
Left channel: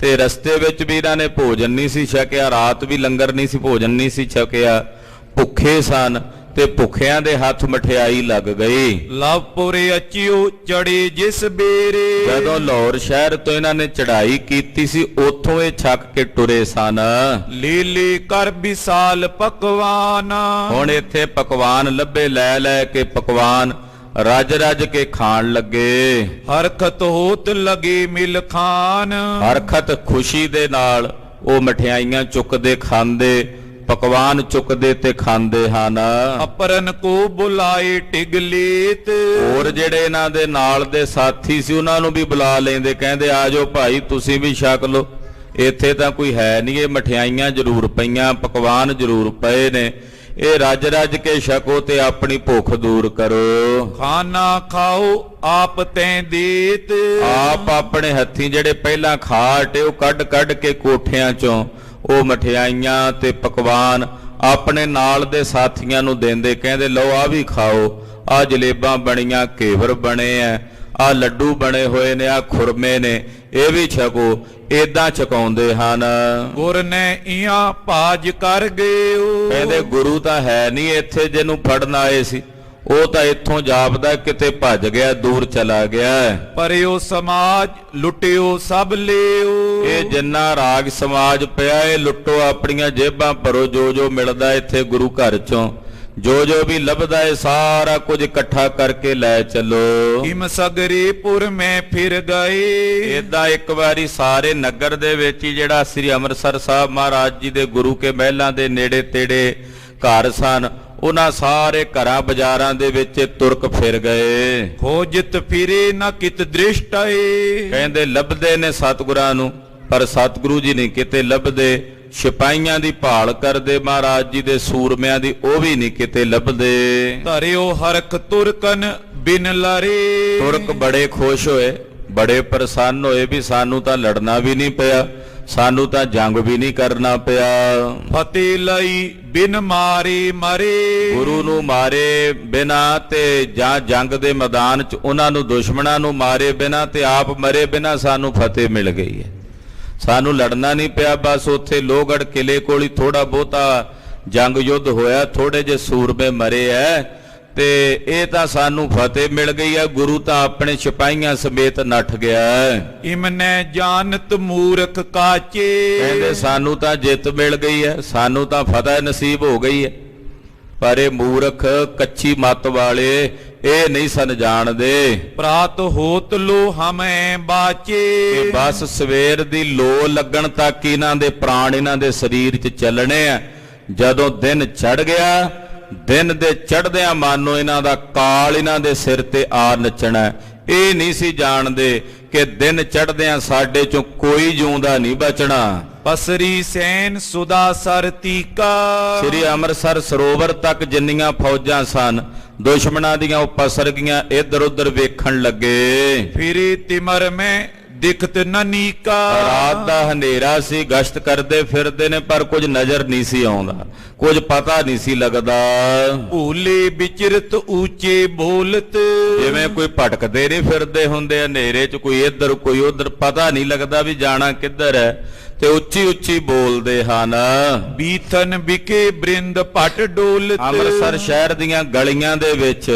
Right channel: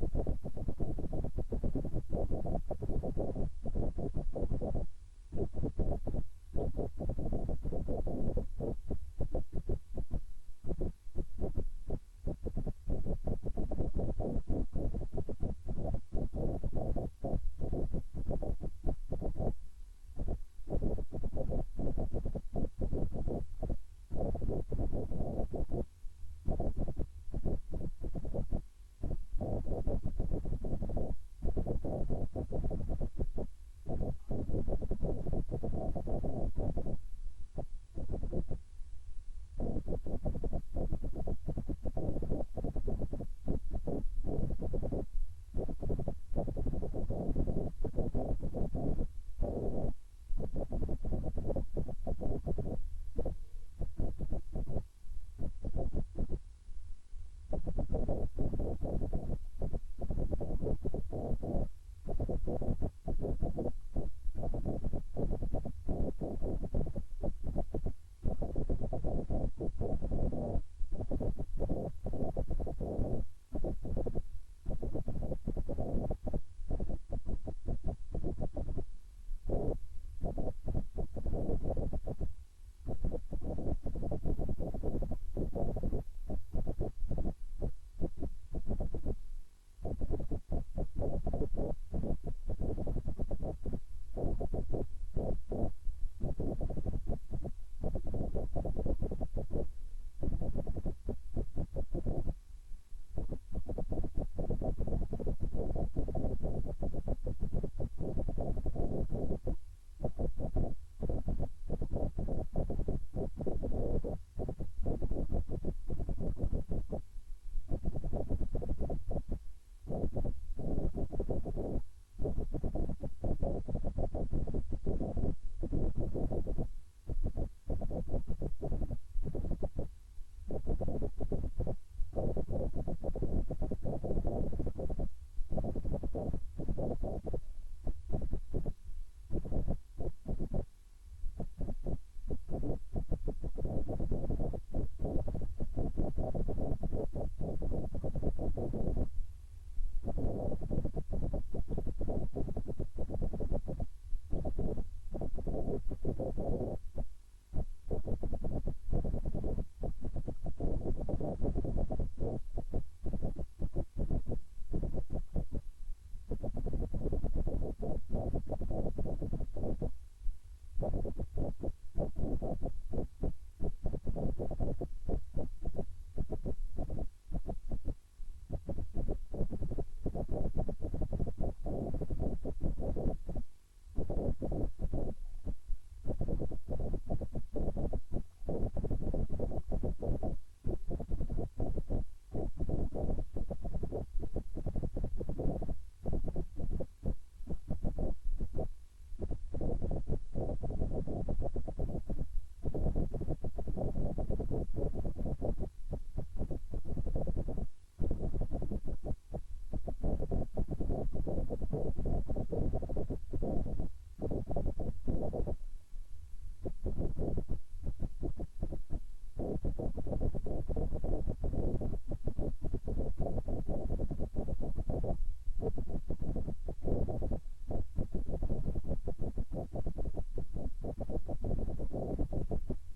ਤੇ ਰਸਤੇ ਵਿੱਚ ਵੀ ਇਹਨਾਂ ਨੇ ਭੋਜਨ ਨਹੀਂ ਸੀ ਛਕਿਆ, ਰਾਤ ਵੀ ਲੰਗਰ ਨਹੀਂ ਸੀ, ਭੋਜਨ ਨਹੀਂ ਸੀ ਛਕਿਆ, ਭੁੱਖੇ ਸਨ ਤੇ ਭੁੱਖਿਆਂ ਦੇ ਹੱਥ ਮਠਿਆਈ ਲੱਗ ਗਈ। ਲਵਪੁਰੇ ਅਚਿਓ ਚੜੇ ਜਿਸ ਬੇਰੇ, ਜਦੋਂ ਲਾਹੌਰ ਸ਼ਹਿਰ ਤੋਂ ਇਹਨਾਂ ਨੇ ਚੜ੍ਹਾਈ ਕੀਤੀ ਸੀ ਉੱਥੋਂ ਇਹ ਛੱਕ ਕੇ ਟੁਰੇ ਸਨ। ਲੀਲੀ ਕਰ ਵਿਸਾਲ ਪਕਵਾਨ, ਹੁਣ ਇੱਥੇ ਪਕਵਾਨ ਲੱਭੇ, ਲੈ ਕੇ ਪਕਵਾਨ ਰੱਜ ਕੇ ਖਾਣ ਲੱਗੇ। ਹਰਖਤ ਹੋਤ ਲਗੇ ਮਿਲ ਖਾਨ, ਹਰਖਤ ਖੁਸ਼ੀ ਦੇ ਨਾਲ ਉਹ ਮਠਿਆਈਆਂ ਚੁੱਕਦੇ ਖਾਂਦੇ, ਪਕਵਾਨ ਚੁੱਕਦੇ ਤੇ ਖਾਂਦੇ ਹਨ। ਅਪਰਨ ਕੋ ਬੁਲਾਏ ਟਿਗਲੀਤ, ਹੋਰ ਜਿਹੜੇ ਇਹਨਾਂ ਦੇ ਨਾਲ ਦੇ ਸਾਥੀ ਸੀ ਉਹਨਾਂ ਨੂੰ ਵੀ ਬੁਲਾ ਲੈਂਦੇ, ਕਹਿੰਦੇ ਆ ਜਾਓ ਭਾਈ ਤੁਸੀਂ ਵੀ ਛਕ ਲਓ, ਇੱਥੇ ਤਾਂ ਕੋਈ ਹੈ ਨਹੀਂ, ਇਹ ਮਠਿਆਈਆਂ ਜ਼ਰੂਰ ਪਈਆਂ, ਪਕਵਾਨ ਜ਼ਰੂਰ ਪਏ ਨੇ, ਇਹ ਰੱਜ ਕੇ ਛਕੋ ਤੇ ਆਪਣੀ ਭੁੱਖ ਦੂਰ ਕਰੋ। ਖਾਣਾ ਖਾਓ ਆਪ ਤੈਂ ਦੇਤ, ਆਪ ਆਪਣੇ ਹੱਥੀਂ ਜਿਹੜੇ ਪਹਿਲਾਂ ਖਾ ਹਟੇ ਉਹ ਕੱਢ ਕੇ ਕੋਠਿਆਂ ਚੋਂ ਉਹ ਮਠਿਆਈਆਂ ਤੇ ਪਕਵਾਨ ਆਪਣੇ ਨਾਲ ਦੇ ਸਾਥੀਆਂ ਨੂੰ ਦਿੰਦੇ, ਕਹਿੰਦੇ ਲਓ ਆ ਵੀ ਖਾਓ, ਆ ਜਲੇਬਾਂ ਬਣੀਆਂ, ਘੇਵਰ ਬਣੇ ਐ, ਆ ਲੱਡੂ ਬਣੇ ਹੋਏ ਨੇ, ਆ ਖੁਰਮੇ ਨੇ, ਇਹ ਵੀ ਛਕੋ। ਏਦਾਂ ਛਕਾਉਂਦੇ ਹਨ। ਗੁਰ ਨੇ ਇਆਂ ਭਾਜ ਕਰ ਗਏ, ਕਹਿੰਦੇ ਗੁਰੂ ਤਾਂ ਹੈ ਨਹੀਂ ਇੱਥੇ ਜਿਹਨੂੰ ਫੜਨ ਆਏ ਸੀ, ਉਹ ਤਾਂ ਇੱਥੋਂ ਜਾਪਦਾ ਕਿਤੇ ਭੱਜ ਗਿਆ, ਦੂਰ ਚਲਾ ਗਿਆ। ਪਰਿਓ ਸਮਾਜ ਲੁੱਟਿਓ ਸਭ ਲਿਓ, ਇਹ ਜਿੰਨਾ ਰਾਗ ਸਮਾਜ ਪਿਆ ਇਹ ਲੁੱਟੋ, ਆਪਣੀਆਂ ਜੇਬਾਂ ਭਰੋ, ਜੋ ਮਿਲਦਾ ਇੱਥੇ ਗੁਰੂ ਘਰ ਚੋਂ, ਜੋ ਵੀ ਲੱਭਦਾ ਹੈ ਸਾਰਾ ਕੁਝ ਇਕੱਠਾ ਕਰਕੇ ਲੈ ਚੱਲੋ। ਹਿਮ ਸਗਰੇ ਪੁਰ ਮੈਂ ਫਿਰ ਗਏ, ਏਦਾਂ ਇੱਕ ਵਾਰੀ ਸਾਰੇ ਨਗਰ ਦੇ ਵਿੱਚ ਹੀ ਜਿਹੜਾ ਸ੍ਰੀ ਅੰਮ੍ਰਿਤਸਰ ਸਾਹਿਬ ਮਹਾਰਾਜ ਜੀ ਦੇ ਗੁਰੂ ਕੇ ਮਹਿਲਾਂ ਦੇ ਨੇੜੇ ਤੇੜੇ ਘਰ ਸਨ ਉਹਨਾਂ ਸਾਰੇ ਘਰਾਂ ਬਾਜ਼ਾਰਾਂ ਦੇ ਵਿੱਚ ਤੁਰਕ ਫਿਰ ਗਏ। ਖੋਜਤ ਫਿਰੇ ਨ ਕਿਤ ਦ੍ਰਿਸ਼ਟਏ। ਕਹਿੰਦੇ ਲੱਭਦੇ ਨੇ ਸਤਿਗੁਰਾਂ ਨੂੰ, ਪਰ ਸਤਿਗੁਰੂ ਜੀ ਨਹੀਂ ਕਿਤੇ ਲੱਭਦੇ। ਸਿਪਾਹੀਆਂ ਦੀ ਭਾਲ ਕਰਦੇ ਮਹਾਰਾਜ ਜੀ ਦੇ, ਸੂਰਮਿਆਂ ਦੀ, ਉਹ ਵੀ ਨਹੀਂ ਕਿਤੇ ਲੱਭਦੇ। ਧਰਿਓ ਹਰਖ ਤੁਰਕਨ ਬਿਨ ਲਰੇ। ਤੁਰਕ ਬੜੇ ਖੁਸ਼ ਹੋਏ, ਬੜੇ ਪ੍ਰਸੰਨ ਹੋਏ ਵੀ ਸਾਨੂੰ ਤਾਂ ਲੜਨਾ ਵੀ ਨਹੀਂ ਪਿਆ, ਸਾਨੂੰ ਤਾਂ ਜੰਗ ਵੀ ਨਹੀਂ ਕਰਨਾ ਪਿਆ। ਫਤਿਹ ਲਈ ਬਿਨ ਮਾਰੇ ਮਰੇ। ਗੁਰੂ ਨੂੰ ਮਾਰੇ ਬਿਨਾ ਤੇ ਜਾਂ ਜੰਗ ਦੇ ਮੈਦਾਨ 'ਚ ਉਹਨਾਂ ਨੂੰ ਦੁਸ਼ਮਣਾਂ ਨੂੰ ਮਾਰੇ ਬਿਨਾ ਤੇ ਆਪ ਮਰੇ ਬਿਨਾ ਸਾਨੂੰ ਫਤਿਹ ਮਿਲ ਗਈ ਹੈ। ਸਾਨੂੰ ਲੜਨਾ ਨਹੀਂ ਪਿਆ, ਬਸ ਉੱਥੇ ਲੋਹਗੜ੍ਹ ਕਿਲੇ ਕੋਲ ਹੀ ਥੋੜਾ ਬਹੁਤਾ ਜੰਗ ਯੁੱਧ ਹੋਇਆ, ਥੋੜੇ ਜਿਹੇ ਸੂਰਮੇ ਮਰੇ ਐ ਤੇ ਇਹ ਤਾਂ ਸਾਨੂੰ ਫਤਿਹ ਮਿਲ ਗਈ ਹੈ। ਗੁਰੂ ਤਾਂ ਆਪਣੇ ਸਿਪਾਹੀਆਂ ਸਮੇਤ ਨੱਠ ਗਿਆ। ਇਮਨੇ ਜਾਣਤ ਮੂਰਖ ਕਾਚੇ। ਕਹਿੰਦੇ ਸਾਨੂੰ ਤਾਂ ਜਿੱਤ ਮਿਲ ਗਈ ਹੈ, ਸਾਨੂੰ ਤਾਂ ਫਤਿਹ ਨਸੀਬ ਹੋ ਗਈ ਹੈ, ਪਰ ਇਹ ਮੂਰਖ ਕੱਚੀ ਮੱਤ ਵਾਲੇ ਇਹ ਨਹੀਂ ਸਨ ਜਾਣਦੇ। ਪ੍ਰਾਤ ਹੋਤ ਲੋ ਹਮੈ ਬਾਚੇ। ਬਸ ਸਵੇਰ ਦੀ ਲੋ ਲੱਗਣ ਤੱਕ ਇਹਨਾਂ ਦੇ ਪ੍ਰਾਣ ਇਹਨਾਂ ਦੇ ਸਰੀਰ 'ਚ ਚੱਲਣੇ ਆ। ਜਦੋਂ ਦਿਨ ਚੜ ਗਿਆ, ਦਿਨ ਦੇ ਚੜ੍ਹਦਿਆਂ ਮਾਨੋ ਇਹਨਾਂ ਦਾ ਕਾਲ ਇਹਨਾਂ ਦੇ ਸਿਰ ਤੇ ਆ ਨੱਚਣਾ। ਇਹ ਨਹੀਂ ਸੀ ਜਾਣਦੇ ਕਿ ਦਿਨ ਚੜ੍ਹਦਿਆਂ ਸਾਡੇ ਚੋਂ ਕੋਈ ਜਿਉਂਦਾ ਨਹੀਂ ਬਚਣਾ। ਪਸਰੀ ਸੈਨ ਸੁਦਾ ਸਰ ਤੀਕਾ। ਸ੍ਰੀ ਅੰਮ੍ਰਿਤਸਰ ਸਰੋਵਰ ਤੱਕ ਜਿੰਨੀਆਂ ਫੌਜਾਂ ਸਨ ਦੁਸ਼ਮਣਾਂ ਦੀਆਂ ਉਹ ਪਸਰ ਗਈਆਂ, ਇੱਧਰ ਉੱਧਰ ਵੇਖਣ ਲੱਗੇ। ਫਿਰੇ ਤਿਮਰ ਮੈਂ ਦਿਖਤ ਨਨੀਕਾ। ਰਾਤ ਦਾ ਹਨੇਰਾ ਸੀ, ਗਸ਼ਤ ਕਰਦੇ ਫਿਰਦੇ ਨੇ, ਪਰ ਕੁਝ ਨਜ਼ਰ ਨਹੀਂ ਸੀ ਆਉਂਦਾ, ਕੁਝ ਪਤਾ ਨਹੀਂ ਸੀ ਲੱਗਦਾ। ਭੂਲੇ ਵਿਚਰਤ ਉੱਚੇ ਬੋਲਤ। ਜਿਵੇਂ ਕੋਈ ਭਟਕਦੇ ਨਹੀਂ ਫਿਰਦੇ ਹੁੰਦੇ ਹਨੇਰੇ 'ਚ, ਕੋਈ ਇੱਧਰ ਕੋਈ ਉੱਧਰ, ਪਤਾ ਨਹੀਂ ਲੱਗਦਾ ਵੀ ਜਾਣਾ ਕਿੱਧਰ ਹੈ, ਤੇ ਉੱਚੀ ਉੱਚੀ ਬੋਲਦੇ ਹਨ। ਬੀਥਨ ਵਿਕੇ ਬ੍ਰਿੰਦ ਪਟ ਡੋਲਤ। ਅੰਮ੍ਰਿਤਸਰ ਸ਼ਹਿਰ ਦੀਆਂ ਗਲੀਆਂ ਦੇ ਵਿੱਚ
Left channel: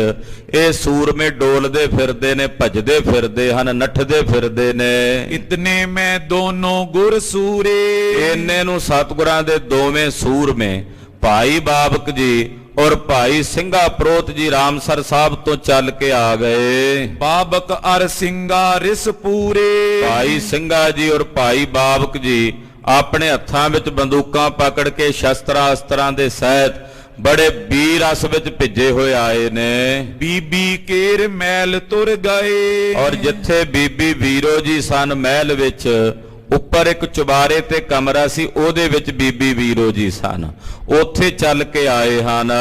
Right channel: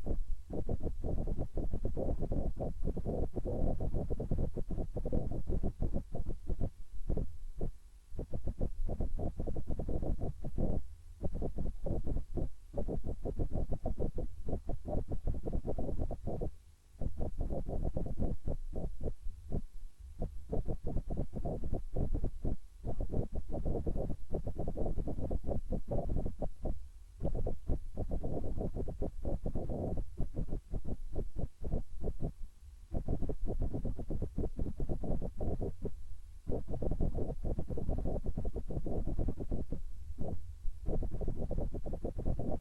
ਇਹ ਸੂਰਮੇ ਡੋਲਦੇ ਫਿਰਦੇ ਨੇ, ਭਜਦੇ ਫਿਰਦੇ ਹਨ, ਨੱਠਦੇ ਫਿਰਦੇ ਨੇ। ਇਤਨੇ ਮੈਂ ਦੋਨੋਂ ਗੁਰ ਸੂਰੇ। ਇੰਨੇ ਨੂੰ ਸਤਿਗੁਰਾਂ ਦੇ ਦੋਵੇਂ ਸੂਰਮੇ ਭਾਈ ਬਾਬਕ ਜੀ ਔਰ ਭਾਈ ਸਿੰਘਾ ਪ੍ਰੋਤ ਜੀ ਰਾਮਸਰ ਸਾਹਿਬ ਤੋਂ ਚੱਲ ਕੇ ਆ ਗਏ। ਬਾਬਕ ਅਰ ਸਿੰਘਾ ਰਿਸ ਪੂਰੇ। ਭਾਈ ਸਿੰਘਾ ਜੀ ਔਰ ਭਾਈ ਬਾਬਕ ਜੀ ਆਪਣੇ ਹੱਥਾਂ ਵਿੱਚ ਬੰਦੂਕਾਂ ਪਕੜ ਕੇ ਸ਼ਸਤਰਾਂ ਅਸਤਰਾਂ ਦੇ ਸਹਿਤ ਬੜੇ ਵੀਰ ਰਸ ਵਿੱਚ ਭਿੱਜੇ ਹੋਏ ਆਏ ਨੇ। ਬੀਬੀ ਕੇਰ ਮਹਿਲ ਤੁਰ ਗਏ। ਔਰ ਜਿੱਥੇ ਬੀਬੀ ਵੀਰੋ ਜੀ ਸਨ ਮਹਿਲ ਵਿੱਚ, ਉੱਪਰ ਇੱਕ ਚੁਬਾਰੇ ਤੇ ਕਮਰਾ ਸੀ, ਉਹਦੇ ਵਿੱਚ ਬੀਬੀ ਵੀਰੋ ਜੀ ਸਨ, ਉੱਥੇ ਚੱਲ ਕੇ ਆਏ ਹਨ।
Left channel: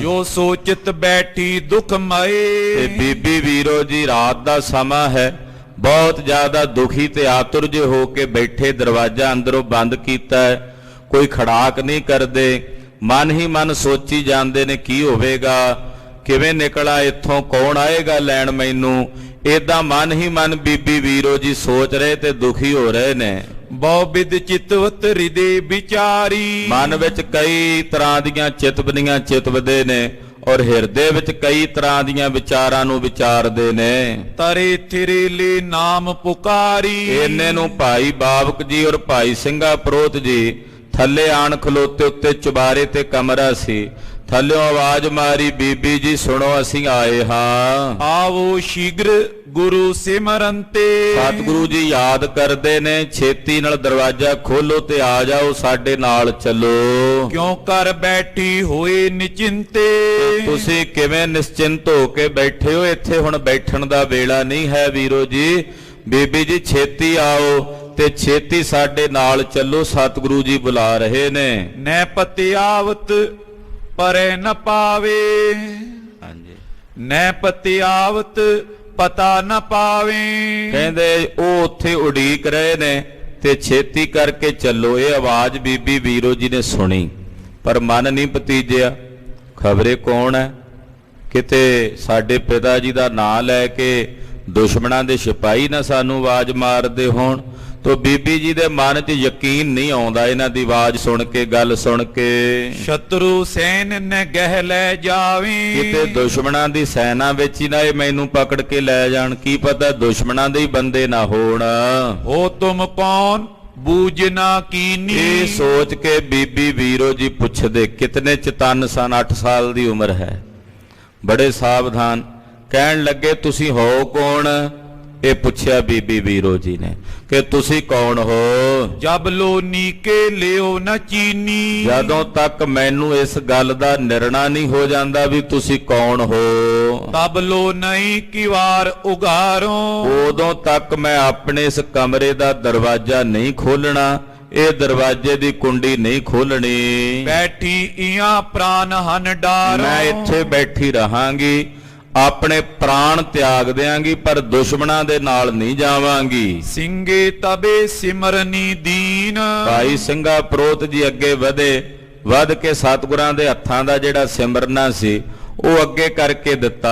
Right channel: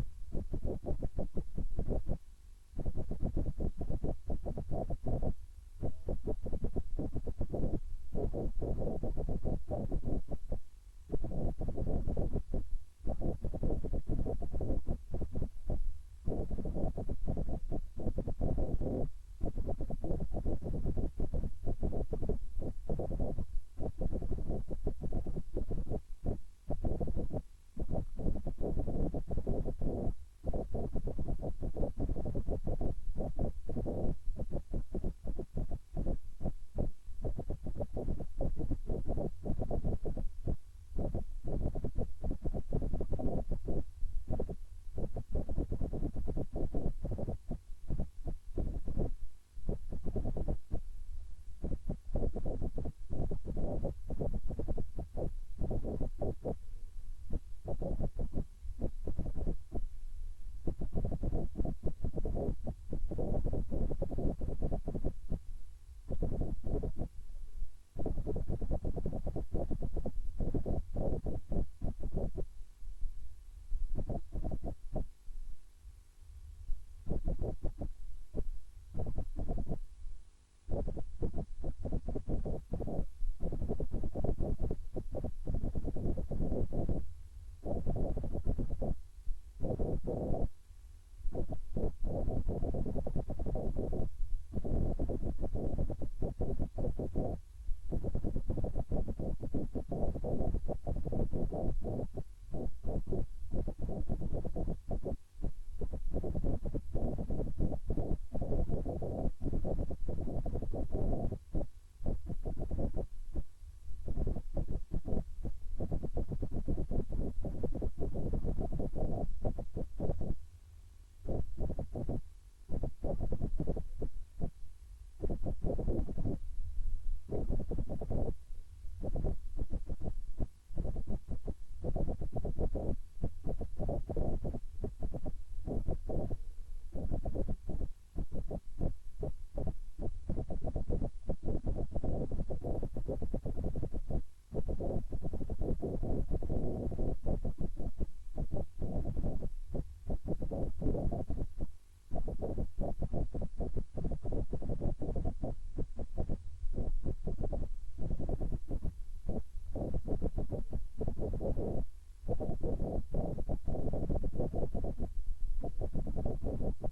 ਜੋ ਸੋਚਤ ਬੈਠੀ ਦੁਖ ਮਏ। ਤੇ ਬੀਬੀ ਵੀਰੋ ਜੀ ਰਾਤ ਦਾ ਸਮਾਂ ਹੈ, ਬਹੁਤ ਜ਼ਿਆਦਾ ਦੁਖੀ ਤੇ ਆਤੁਰ ਜਿਹੇ ਹੋ ਕੇ ਬੈਠੇ, ਦਰਵਾਜ਼ਾ ਅੰਦਰੋਂ ਬੰਦ ਕੀਤਾ ਹੈ, ਕੋਈ ਖੜਾਕ ਨਹੀਂ ਕਰਦੇ, ਮਨ ਹੀ ਮਨ ਸੋਚੀ ਜਾਂਦੇ ਨੇ ਕੀ ਹੋਵੇਗਾ, ਕਿਵੇਂ ਨਿਕਲਾ ਇੱਥੋਂ, ਕੌਣ ਆਏਗਾ ਲੈਣ ਮੈਨੂੰ। ਏਦਾਂ ਮਨ ਹੀ ਮਨ ਬੀਬੀ ਵੀਰੋ ਜੀ ਸੋਚ ਰਹੇ ਤੇ ਦੁਖੀ ਹੋ ਰਹੇ ਨੇ। ਬਹੁ ਬਿਦ ਚਿਤਵਤ ਹਿਰਦੇ ਵਿਚਾਰੀ। ਮਨ ਵਿੱਚ ਕਈ ਤਰ੍ਹਾਂ ਦੀਆਂ ਚਿਤਵਨੀਆਂ ਚਿਤਵਦੇ ਨੇ ਔਰ ਹਿਰਦੇ ਵਿੱਚ ਕਈ ਤਰ੍ਹਾਂ ਦੀਆਂ ਵਿਚਾਰਾਂ ਨੂੰ ਵਿਚਾਰਦੇ ਨੇ। ਤਰੇ ਥਿਰੇ ਲੈ ਨਾਮ ਪੁਕਾਰੀ। ਇੰਨੇ ਨੂੰ ਭਾਈ ਬਾਬਕ ਜੀ ਔਰ ਭਾਈ ਸਿੰਘਾ ਪ੍ਰੋਤ ਜੀ ਥੱਲੇ ਆਣ ਖਲੋਤੇ, ਉੱਤੇ ਚੁਬਾਰੇ ਤੇ ਕਮਰਾ ਸੀ, ਥੱਲਿਓਂ ਆਵਾਜ਼ ਮਾਰੀ, ਬੀਬੀ ਜੀ ਸੁਣੋ ਅਸੀਂ ਆਏ ਹਾਂ। ਆਵੋ ਸ਼ੀਘਰ ਗੁਰੂ ਸਿਮਰਨ ਤੇ। ਸਤਿਗੁਰੂ ਜੀ ਯਾਦ ਕਰਦੇ ਨੇ, ਛੇਤੀ ਨਾਲ ਦਰਵਾਜ਼ਾ ਖੋਲੋ ਤੇ ਆ ਜਾਓ, ਸਾਡੇ ਨਾਲ ਚੱਲੋ। ਕਿਉਂ ਕਰ ਬੈਠੀ ਹੋਏ ਨਿਚਿੰਤੇ। ਤੁਸੀਂ ਕਿਵੇਂ ਨਿਸ਼ਚਿੰਤ ਹੋ ਕੇ ਬੈਠੇ ਹੋ? ਇੱਥੇ ਹੁਣ ਬੈਠਣ ਦਾ ਵੇਲਾ ਨਹੀਂ ਹੈ ਵੀਰੋ ਜੀ। ਬੀਬੀ ਜੀ ਛੇਤੀ ਆਓ ਤੇ ਛੇਤੀ ਸਾਡੇ ਨਾਲ ਚੱਲੋ, ਸਤਿਗੁਰੂ ਜੀ ਬੁਲਾ ਰਹੇ ਨੇ। ਨੈ ਪਤਿਆਵਤ ਪਰੇ ਨ ਪਾਵੇ। ਹਾਂਜੀ, ਨੈ ਪਤਿਆਵਤ ਪਤਾ ਨ ਪਾਵੇ। ਕਹਿੰਦੇ ਉਹ ਉੱਥੇ ਉਡੀਕ ਰਹੇ ਨੇ ਤੇ ਛੇਤੀ ਕਰਕੇ ਚੱਲੋ। ਇਹ ਆਵਾਜ਼ ਬੀਬੀ ਵੀਰੋ ਜੀ ਨੇ ਸੁਣੀ, ਪਰ ਮਨ ਨਹੀਂ ਭਤੀਜਿਆ, ਖਬਰੇ ਕੌਣ ਹੈ, ਕਿਤੇ ਸਾਡੇ ਪਿਤਾ ਜੀ ਦਾ ਨਾਂ ਲੈ ਕੇ ਦੁਸ਼ਮਣਾਂ ਦੇ ਸਿਪਾਹੀ ਨਾ ਸਾਨੂੰ ਆਵਾਜ਼ ਮਾਰਦੇ ਹੋਣ। ਤੋ ਬੀਬੀ ਜੀ ਦੇ ਮਨ 'ਚ ਯਕੀਨ ਨਹੀਂ ਆਉਂਦਾ ਇਹਨਾਂ ਦੀ ਆਵਾਜ਼ ਸੁਣ ਕੇ, ਗੱਲ ਸੁਣ ਕੇ। ਸ਼ਤਰੂ ਸੈਨ ਨੇ ਗਹਿ ਲੈ ਜਾਵੀਂ। ਕਿਤੇ ਦੁਸ਼ਮਣਾਂ ਦੀ ਸੈਨਾ ਵਿੱਚ ਹੀ ਨਾ ਇਹ ਮੈਨੂੰ ਪਕੜ ਕੇ ਲੈ ਜਾਣ, ਕੀ ਪਤਾ ਦੁਸ਼ਮਣਾਂ ਦੇ ਹੀ ਬੰਦੇ ਨਾ ਹੋਣ। ਹੋ ਤੁਮ ਕੌਣ ਬੂਝਨਾ ਕੀਨੀ। ਇਹ ਸੋਚ ਕੇ ਬੀਬੀ ਵੀਰੋ ਜੀ ਪੁੱਛਦੇ, ਕਿਤਨੇ ਚਤਨ ਸਨ, 8 ਸਾਲ ਦੀ ਉਮਰ ਹੈ, ਬੜੇ ਸਾਵਧਾਨ। ਕਹਿਣ ਲੱਗੇ ਤੁਸੀਂ ਹੋ ਕੌਣ? ਇਹ ਪੁੱਛਿਆ ਬੀਬੀ ਵੀਰੋ ਜੀ ਨੇ ਕਿ ਤੁਸੀਂ ਕੌਣ ਹੋ। ਜਬ ਲੋ ਨੀਕੇ ਲਿਓ ਨ ਚੀਨੀ। ਜਦੋਂ ਤੱਕ ਮੈਨੂੰ ਇਸ ਗੱਲ ਦਾ ਨਿਰਣਾ ਨਹੀਂ ਹੋ ਜਾਂਦਾ ਵੀ ਤੁਸੀਂ ਕੌਣ ਹੋ, ਤਬ ਲੋ ਨਹੀਂ ਕਿਵਾਰ ਉਗਾਰੋ। ਉਦੋਂ ਤੱਕ ਮੈਂ ਆਪਣੇ ਇਸ ਕਮਰੇ ਦਾ ਦਰਵਾਜ਼ਾ ਨਹੀਂ ਖੋਲਣਾ, ਇਹ ਦਰਵਾਜ਼ੇ ਦੀ ਕੁੰਡੀ ਨਹੀਂ ਖੋਲਣੀ। ਬੈਠੀ ਇਆਂ ਪ੍ਰਾਨ ਹਨ ਡਾਰੋ। ਮੈਂ ਇੱਥੇ ਬੈਠੀ ਰਹਾਂਗੀ, ਆਪਣੇ ਪ੍ਰਾਣ ਤਿਆਗ ਦਿਆਂਗੀ, ਪਰ ਦੁਸ਼ਮਣਾਂ ਦੇ ਨਾਲ ਨਹੀਂ ਜਾਵਾਂਗੀ। ਸਿੰਘੇ ਤਬੇ ਸਿਮਰਨੀ ਦੀਨ। ਭਾਈ ਸਿੰਘਾ ਪ੍ਰੋਤ ਜੀ ਅੱਗੇ ਵਧ ਕੇ ਸਤਿਗੁਰਾਂ ਦੇ ਹੱਥਾਂ ਦਾ ਜਿਹੜਾ ਸਿਮਰਨਾ ਸੀ ਉਹ ਅੱਗੇ ਕਰਕੇ ਦਿੱਤਾ।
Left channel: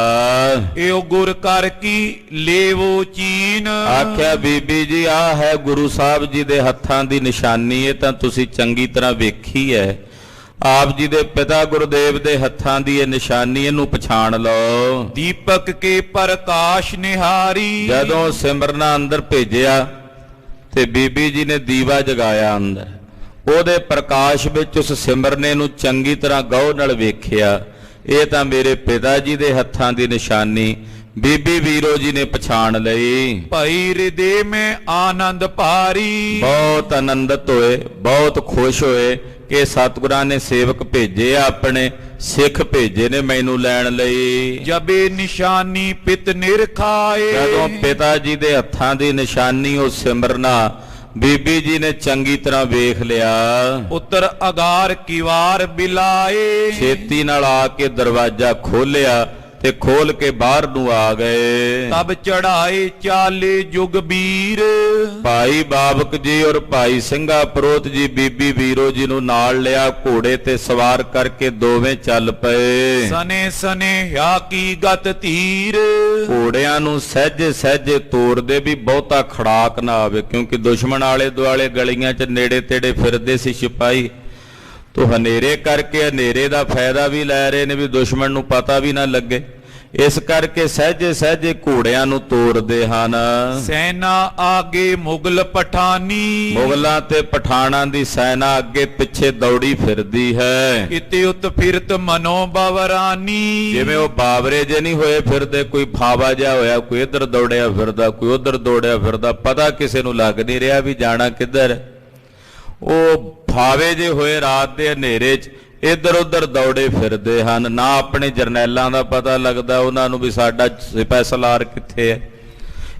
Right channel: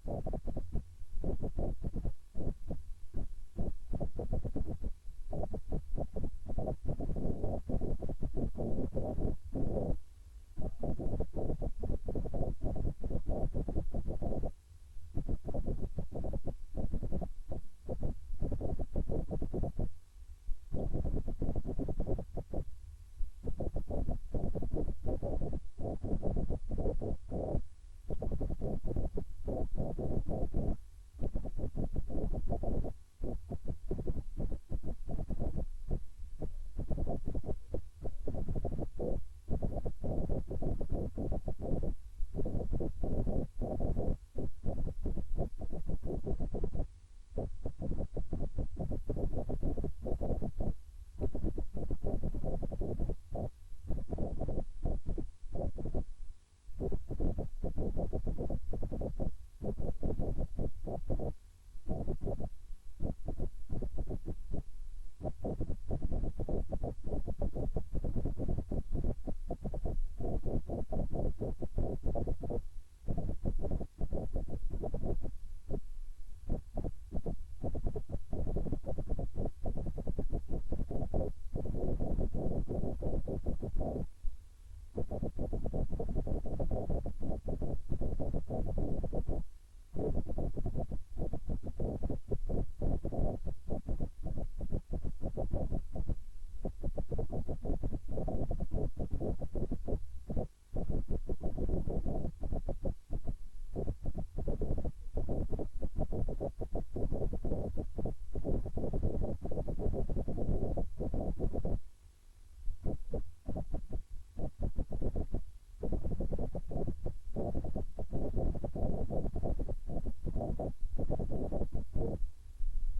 ਏਓ ਗੁਰ ਕਰ ਕੀ ਲੇਵੋ ਚੀਨ। ਆਖਿਆ ਬੀਬੀ ਜੀ ਆਹ ਹੈ ਗੁਰੂ ਸਾਹਿਬ ਜੀ ਦੇ ਹੱਥਾਂ ਦੀ ਨਿਸ਼ਾਨੀ, ਇਹ ਤਾਂ ਤੁਸੀਂ ਚੰਗੀ ਤਰ੍ਹਾਂ ਵੇਖੀ ਹੈ। ਆਪ ਜੀ ਦੇ ਪਿਤਾ ਗੁਰਦੇਵ ਦੇ ਹੱਥਾਂ ਦੀ ਇਹ ਨਿਸ਼ਾਨੀ, ਇਹਨੂੰ ਪਛਾਣ ਲਓ। ਦੀਪਕ ਕੇ ਪ੍ਰਕਾਸ਼ ਨਿਹਾਰੀ। ਜਦੋਂ ਸਿਮਰਨਾ ਅੰਦਰ ਭੇਜਿਆ ਤੇ ਬੀਬੀ ਜੀ ਨੇ ਦੀਵਾ ਜਗਾਇਆ ਅੰਦਰ, ਉਹਦੇ ਪ੍ਰਕਾਸ਼ ਵਿੱਚ ਉਸ ਸਿਮਰਨੇ ਨੂੰ ਚੰਗੀ ਤਰ੍ਹਾਂ ਗੌਰ ਨਾਲ ਵੇਖਿਆ। ਇਹ ਤਾਂ ਮੇਰੇ ਪਿਤਾ ਜੀ ਦੇ ਹੱਥਾਂ ਦੀ ਨਿਸ਼ਾਨੀ ਬੀਬੀ ਵੀਰੋ ਜੀ ਨੇ ਪਛਾਣ ਲਈ। ਭਾਈ ਹਿਰਦੇ ਮੈਂ ਆਨੰਦ ਭਾਰੀ। ਬਹੁਤ ਆਨੰਦਿਤ ਹੋਏ, ਬਹੁਤ ਖੁਸ਼ ਹੋਏ ਕਿ ਸਤਿਗੁਰਾਂ ਨੇ ਸੇਵਕ ਭੇਜੇ ਆ, ਆਪਣੇ ਸਿੱਖ ਭੇਜੇ ਨੇ ਮੈਨੂੰ ਲੈਣ ਲਈ। ਜਬੇ ਨਿਸ਼ਾਨੀ ਪਿਤ ਨਿਰਖਾਏ। ਜਦੋਂ ਪਿਤਾ ਜੀ ਦੇ ਹੱਥਾਂ ਦੀ ਨਿਸ਼ਾਨੀ ਉਹ ਸਿਮਰਨਾ ਬੀਬੀ ਜੀ ਨੇ ਚੰਗੀ ਤਰ੍ਹਾਂ ਵੇਖ ਲਿਆ। ਉੱਤਰ ਅਗਾਰ ਕਿਵਾਰ ਬਿਲਾਏ। ਛੇਤੀ ਨਾਲ ਆ ਕੇ ਦਰਵਾਜ਼ਾ ਖੋਲਿਆ ਤੇ ਖੋਲ ਕੇ ਬਾਹਰ ਨੂੰ ਆ ਗਏ। ਤਬ ਚੜਾਏ ਚਾਲੇ ਜੁਗ ਵੀਰ। ਭਾਈ ਬਾਬਕ ਜੀ ਔਰ ਭਾਈ ਸਿੰਘਾ ਪ੍ਰੋਤ ਜੀ ਬੀਬੀ ਵੀਰੋ ਜੀ ਨੂੰ ਨਾਲ ਲਿਆ, ਘੋੜੇ ਤੇ ਸਵਾਰ ਕਰਕੇ ਦੋਵੇਂ ਚੱਲ ਪਏ। ਸਨੇ ਸਨੇ ਹਿਆ ਕੀ ਗਤ ਧੀਰ। ਘੋੜਿਆਂ ਨੂੰ ਸਹਿਜੇ ਸਹਿਜੇ ਤੋਰਦੇ ਵੀ ਬਹੁਤਾ ਖੜਾਕ ਨਾ ਆਵੇ, ਕਿਉਂਕਿ ਦੁਸ਼ਮਣ ਆਲੇ ਦੁਆਲੇ ਗਲੀਆਂ 'ਚ ਨੇੜੇ ਤੇੜੇ ਫਿਰਦੇ ਸੀ ਸਿਪਾਹੀ, ਤੋ ਹਨੇਰੇ ਕਰਕੇ ਹਨੇਰੇ ਦਾ ਫਾਇਦਾ ਵੀ ਲੈ ਰਹੇ ਨੇ ਵੀ ਦੁਸ਼ਮਣ ਨੂੰ ਪਤਾ ਵੀ ਨਾ ਲੱਗੇ। ਇਸ ਕਰਕੇ ਸਹਿਜੇ ਸਹਿਜੇ ਘੋੜਿਆਂ ਨੂੰ ਤੋਰਦੇ ਹਨ। ਸੈਨਾ ਆਗੇ ਮੁਗਲ ਪਠਾਨੀ। ਮੁਗਲਾਂ ਤੇ ਪਠਾਣਾਂ ਦੀ ਸੈਨਾ ਅੱਗੇ ਪਿੱਛੇ ਦੌੜੀ ਫਿਰਦੀ ਹੈ। ਕਿਤੇ ਉਤ ਫਿਰਤ ਮਨੋ ਬਵਰਾਨੀ। ਜਿਵੇਂ ਉਹ ਬਾਵਰੇ ਜੇ ਨਹੀਂ ਹੋਏ ਫਿਰਦੇ, ਕੋਈ ਫਾਵਾ ਜਿਹਾ ਹੋਇਆ, ਕੋਈ ਇੱਧਰ ਦੌੜਿਆ ਫਿਰਦਾ, ਕੋਈ ਉੱਧਰ ਦੌੜਿਆ ਫਿਰਦਾ, ਪਤਾ ਕਿਸੇ ਨੂੰ ਲੱਗ ਨਹੀਂ ਰਿਹਾ ਵੀ ਜਾਣਾ ਕਿੱਧਰ। ਉਹ ਫਾਵੇ ਜੇ ਹੋਏ ਰਾਤ ਦੇ ਹਨੇਰੇ 'ਚ ਇੱਧਰ ਉੱਧਰ ਦੌੜੇ ਫਿਰਦੇ ਹਨ। ਨਾ ਆਪਣੇ ਜਰਨੈਲਾਂ ਦਾ ਪਤਾ ਲੱਗਦਾ ਉਹਨਾਂ ਨੂੰ ਵੀ ਸਾਡਾ ਸਿਪਾਹੀ ਕਿੱਥੇ ਹੈ।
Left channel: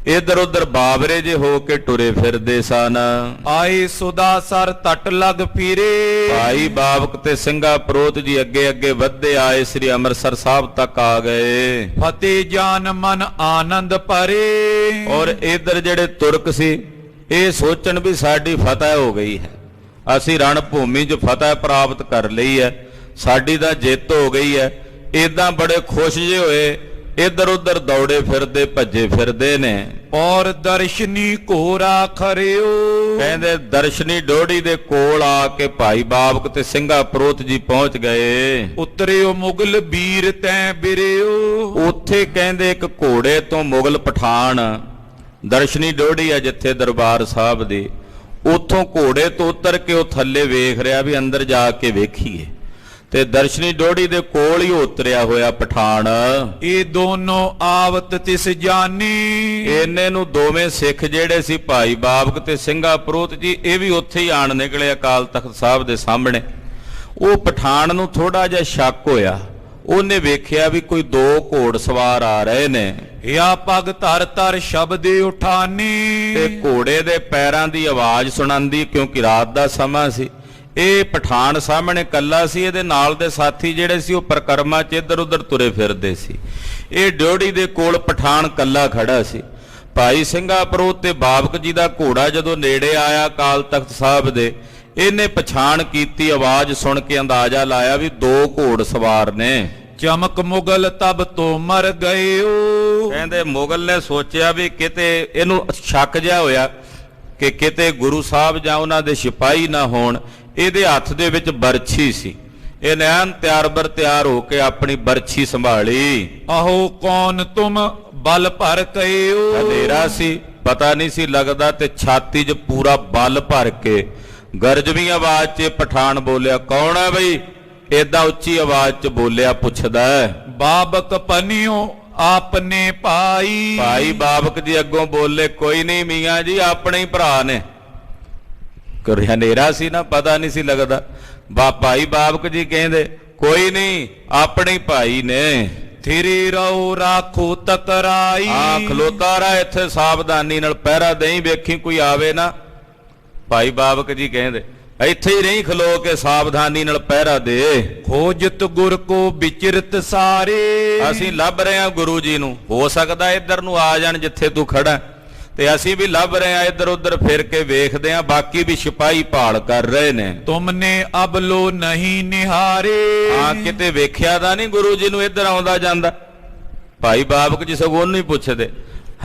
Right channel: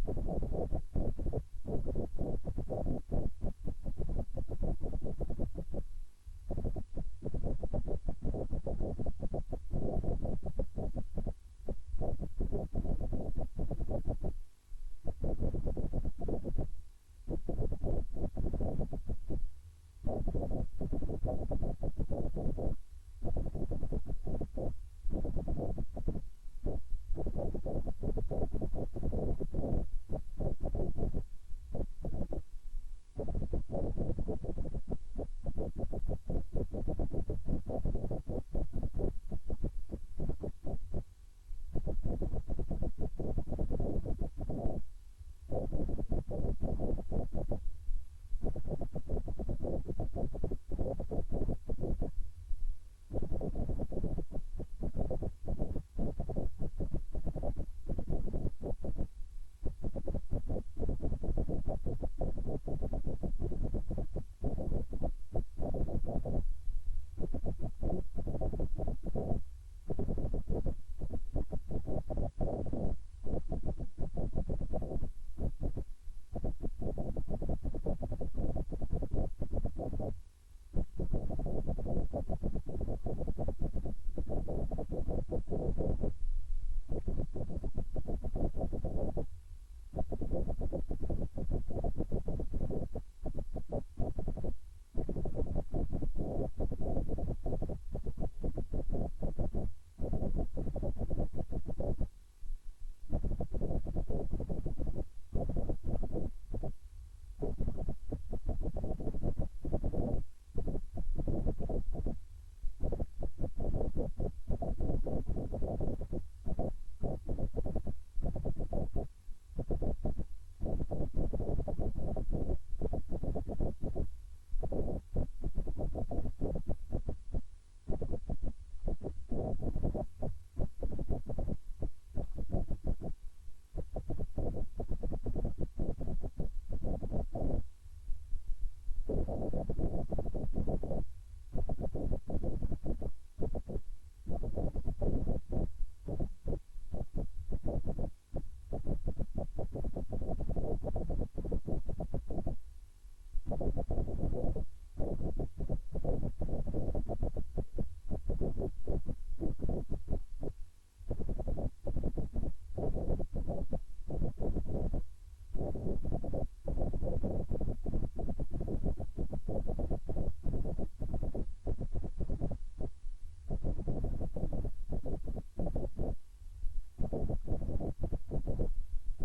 ਇੱਧਰ ਉੱਧਰ ਬਾਵਰੇ ਜੇ ਹੋ ਕੇ ਟੁਰੇ ਫਿਰਦੇ ਸਨ। ਆਏ ਸੁਦਾ ਸਰ ਤਟ ਲਗ ਫਿਰੇ। ਭਾਈ ਬਾਬਕ ਤੇ ਸਿੰਘਾ ਪ੍ਰੋਤ ਜੀ ਅੱਗੇ ਅੱਗੇ ਵੱਧਦੇ ਆਏ, ਸ੍ਰੀ ਅੰਮ੍ਰਿਤਸਰ ਸਾਹਿਬ ਤੱਕ ਆ ਗਏ। ਫਤਿਹ ਜਾਨ ਮਨ ਆਨੰਦ ਭਰੇ। ਔਰ ਇੱਧਰ ਜਿਹੜੇ ਤੁਰਕ ਸੀ ਇਹ ਸੋਚਣ ਵੀ ਸਾਡੀ ਫਤਿਹ ਹੋ ਗਈ ਹੈ, ਅਸੀਂ ਰਣ ਭੂਮੀ 'ਚ ਫਤਿਹ ਪ੍ਰਾਪਤ ਕਰ ਲਈ ਹੈ, ਸਾਡੀ ਤਾਂ ਜਿੱਤ ਹੋ ਗਈ ਹੈ। ਇਦਾਂ ਬੜੇ ਖੁਸ਼ ਜੇ ਹੋਏ, ਇੱਧਰ ਉੱਧਰ ਦੌੜੇ ਫਿਰਦੇ ਭੱਜੇ ਫਿਰਦੇ ਨੇ। ਔਰ ਦਰਸ਼ਨੀ ਘੋਰਾ ਖਰਿਓ। ਕਹਿੰਦੇ ਦਰਸ਼ਨੀ ਡੋੜੀ ਦੇ ਕੋਲ ਆ ਕੇ ਭਾਈ ਬਾਬਕ ਤੇ ਸਿੰਘਾ ਪ੍ਰੋਤ ਜੀ ਪਹੁੰਚ ਗਏ। ਉਤਰਿਓ ਮੁਗਲ ਵੀਰ ਤੈ ਬਿਰਿਓ। ਉੱਥੇ ਕਹਿੰਦੇ ਇੱਕ ਘੋੜੇ ਤੋਂ ਮੁਗਲ ਪਠਾਨ, ਦਰਸ਼ਨੀ ਡੋੜੀ ਆ ਜਿੱਥੇ ਦਰਬਾਰ ਸਾਹਿਬ ਦੇ, ਉੱਥੋਂ ਘੋੜੇ ਤੋਂ ਉਤਰ ਕੇ ਉਹ ਥੱਲੇ ਵੇਖ ਰਿਹਾ ਵੀ ਅੰਦਰ ਜਾ ਕੇ ਵੇਖੀਏ, ਤੇ ਦਰਸ਼ਨੀ ਡੋੜੀ ਦੇ ਕੋਲ ਹੀ ਉਤਰਿਆ ਹੋਇਆ ਪਠਾਨ। ਇਹ ਦੋਨੋਂ ਆਵਤ ਤਿਸ ਜਾਨੀ। ਇਹਨੇ ਨੂੰ ਦੋਵੇਂ ਸਿੱਖ ਜਿਹੜੇ ਸੀ ਭਾਈ ਬਾਬਕ ਤੇ ਸਿੰਘਾ ਪ੍ਰੋਤ ਜੀ, ਇਹ ਵੀ ਉੱਥੇ ਹੀ ਆਣ ਨਿਕਲੇ ਅਕਾਲ ਤਖਤ ਸਾਹਿਬ ਦੇ ਸਾਹਮਣੇ। ਉਹ ਪਠਾਨ ਨੂੰ ਥੋੜਾ ਜਿਹਾ ਸ਼ੱਕ ਹੋਇਆ, ਉਹਨੇ ਵੇਖਿਆ ਵੀ ਕੋਈ ਦੋ ਘੋੜ ਸਵਾਰ ਆ ਰਹੇ ਨੇ। ਹਿਆ ਪਗ ਧਰ ਧਰ ਸ਼ਬਦੇ ਉਠਾਨੀ। ਤੇ ਘੋੜੇ ਦੇ ਪੈਰਾਂ ਦੀ ਆਵਾਜ਼ ਸੁਣਾਂਦੀ, ਕਿਉਂਕਿ ਰਾਤ ਦਾ ਸਮਾਂ ਸੀ। ਇਹ ਪਠਾਨ ਸਾਹਮਣੇ ਕੱਲਾ ਸੀ, ਇਹਦੇ ਨਾਲ ਦੇ ਸਾਥੀ ਜਿਹੜੇ ਸੀ ਉਹ ਪਰਕਰਮਾ 'ਚ ਇੱਧਰ ਉੱਧਰ ਤੁਰੇ ਫਿਰਦੇ ਸੀ। ਇਹ ਡਿਓੜੀ ਦੇ ਕੋਲ ਪਠਾਨ ਕੱਲਾ ਖੜਾ ਸੀ। ਭਾਈ ਸਿੰਘਾ ਪ੍ਰੋਤ ਤੇ ਬਾਬਕ ਜੀ ਦਾ ਘੋੜਾ ਜਦੋਂ ਨੇੜੇ ਆਇਆ ਅਕਾਲ ਤਖਤ ਸਾਹਿਬ ਦੇ, ਇਹਨੇ ਪਛਾਣ ਕੀਤੀ, ਆਵਾਜ਼ ਸੁਣ ਕੇ ਅੰਦਾਜ਼ਾ ਲਾਇਆ ਵੀ ਦੋ ਘੋੜ ਸਵਾਰ ਨੇ। ਚਮਕ ਮੁਗਲ ਤਬ ਤੋਂ ਮਰ ਗਇਓ। ਕਹਿੰਦੇ ਮੁਗਲ ਨੇ ਸੋਚਿਆ ਵੀ ਕਿਤੇ, ਇਹਨੂੰ ਸ਼ੱਕ ਜਿਹਾ ਹੋਇਆ ਕਿ ਕਿਤੇ ਗੁਰੂ ਸਾਹਿਬ ਜਾਂ ਉਹਨਾਂ ਦੇ ਸਿਪਾਹੀ ਨਾ ਹੋਣ। ਇਹਦੇ ਹੱਥ ਦੇ ਵਿੱਚ ਬਰਛੀ ਸੀ, ਇਹ ਨੈਣ ਤਿਆਰ ਬਰ ਤਿਆਰ ਹੋ ਕੇ ਆਪਣੀ ਬਰਛੀ ਸੰਭਾਲੀ। ਆਹੋ ਕੌਣ ਤੁਮ ਬਲ ਭਰ ਕਇਓ। ਹਨੇਰਾ ਸੀ, ਪਤਾ ਨਹੀਂ ਸੀ ਲੱਗਦਾ, ਤੇ ਛਾਤੀ 'ਚ ਪੂਰਾ ਬਲ ਭਰ ਕੇ ਗਰਜਵੀਂ ਆਵਾਜ਼ 'ਚ ਪਠਾਨ ਬੋਲਿਆ, ਕੌਣ ਹੈ ਬਈ? ਏਦਾਂ ਉੱਚੀ ਆਵਾਜ਼ 'ਚ ਬੋਲਿਆ, ਪੁੱਛਦਾ ਬਾਬਕ ਪਨਿਓ ਆਪਨੇ ਭਾਈ। ਭਾਈ ਬਾਬਕ ਜੀ ਅੱਗੋਂ ਬੋਲੇ, ਕੋਈ ਨਹੀਂ ਮੀਆਂ ਜੀ, ਆਪਣੇ ਹੀ ਭਰਾ ਨੇ। ਕਰ ਹਨੇਰਾ ਸੀ ਨਾ, ਪਤਾ ਨਹੀਂ ਸੀ ਲੱਗਦਾ। ਭਾਈ ਬਾਬਕ ਜੀ ਕਹਿੰਦੇ, ਕੋਈ ਨਹੀਂ, ਆਪਣੇ ਹੀ ਭਾਈ ਨੇ। ਥਿਰੇ ਰਹੋ ਰਾਖੋ ਤਕਰਾਈ। ਆ ਖਲੋਤਾ ਰਹਾ ਇੱਥੇ, ਸਾਵਧਾਨੀ ਨਾਲ ਪਹਿਰਾ ਦੇਈ, ਵੇਖੀ ਕੋਈ ਆਵੇ ਨਾ। ਭਾਈ ਬਾਬਕ ਜੀ ਕਹਿੰਦੇ, ਇੱਥੇ ਹੀ ਨਹੀਂ, ਖਲੋ ਕੇ ਸਾਵਧਾਨੀ ਨਾਲ ਪਹਿਰਾ ਦੇ। ਖੋਜਤ ਗੁਰ ਕੋ ਵਿਚਰਤ ਸਾਰੇ। ਅਸੀਂ ਲੱਭ ਰਹੇ ਹਾਂ ਗੁਰੂ ਜੀ ਨੂੰ, ਹੋ ਸਕਦਾ ਇੱਧਰ ਨੂੰ ਆ ਜਾਣ ਜਿੱਥੇ ਤੂੰ ਖੜਾ, ਤੇ ਅਸੀਂ ਵੀ ਲੱਭ ਰਹੇ ਹਾਂ, ਇੱਧਰ ਉੱਧਰ ਫਿਰ ਕੇ ਵੇਖਦੇ ਹਾਂ, ਬਾਕੀ ਵੀ ਸਿਪਾਹੀ ਭਾਲ ਕਰ ਰਹੇ ਨੇ। ਤੁਮਨੇ ਅਬਲੋ ਨਹੀਂ ਨਿਹਾਰੇ। ਹਾਂ, ਕਿਤੇ ਵੇਖਿਆ ਤਾਂ ਨਹੀਂ ਗੁਰੂ ਜੀ ਨੂੰ ਇੱਧਰ ਆਉਂਦਾ ਜਾਂਦਾ। ਭਾਈ ਬਾਬਕ ਜੀ ਸਗੋਂ ਨਹੀਂ ਪੁੱਛਦੇ,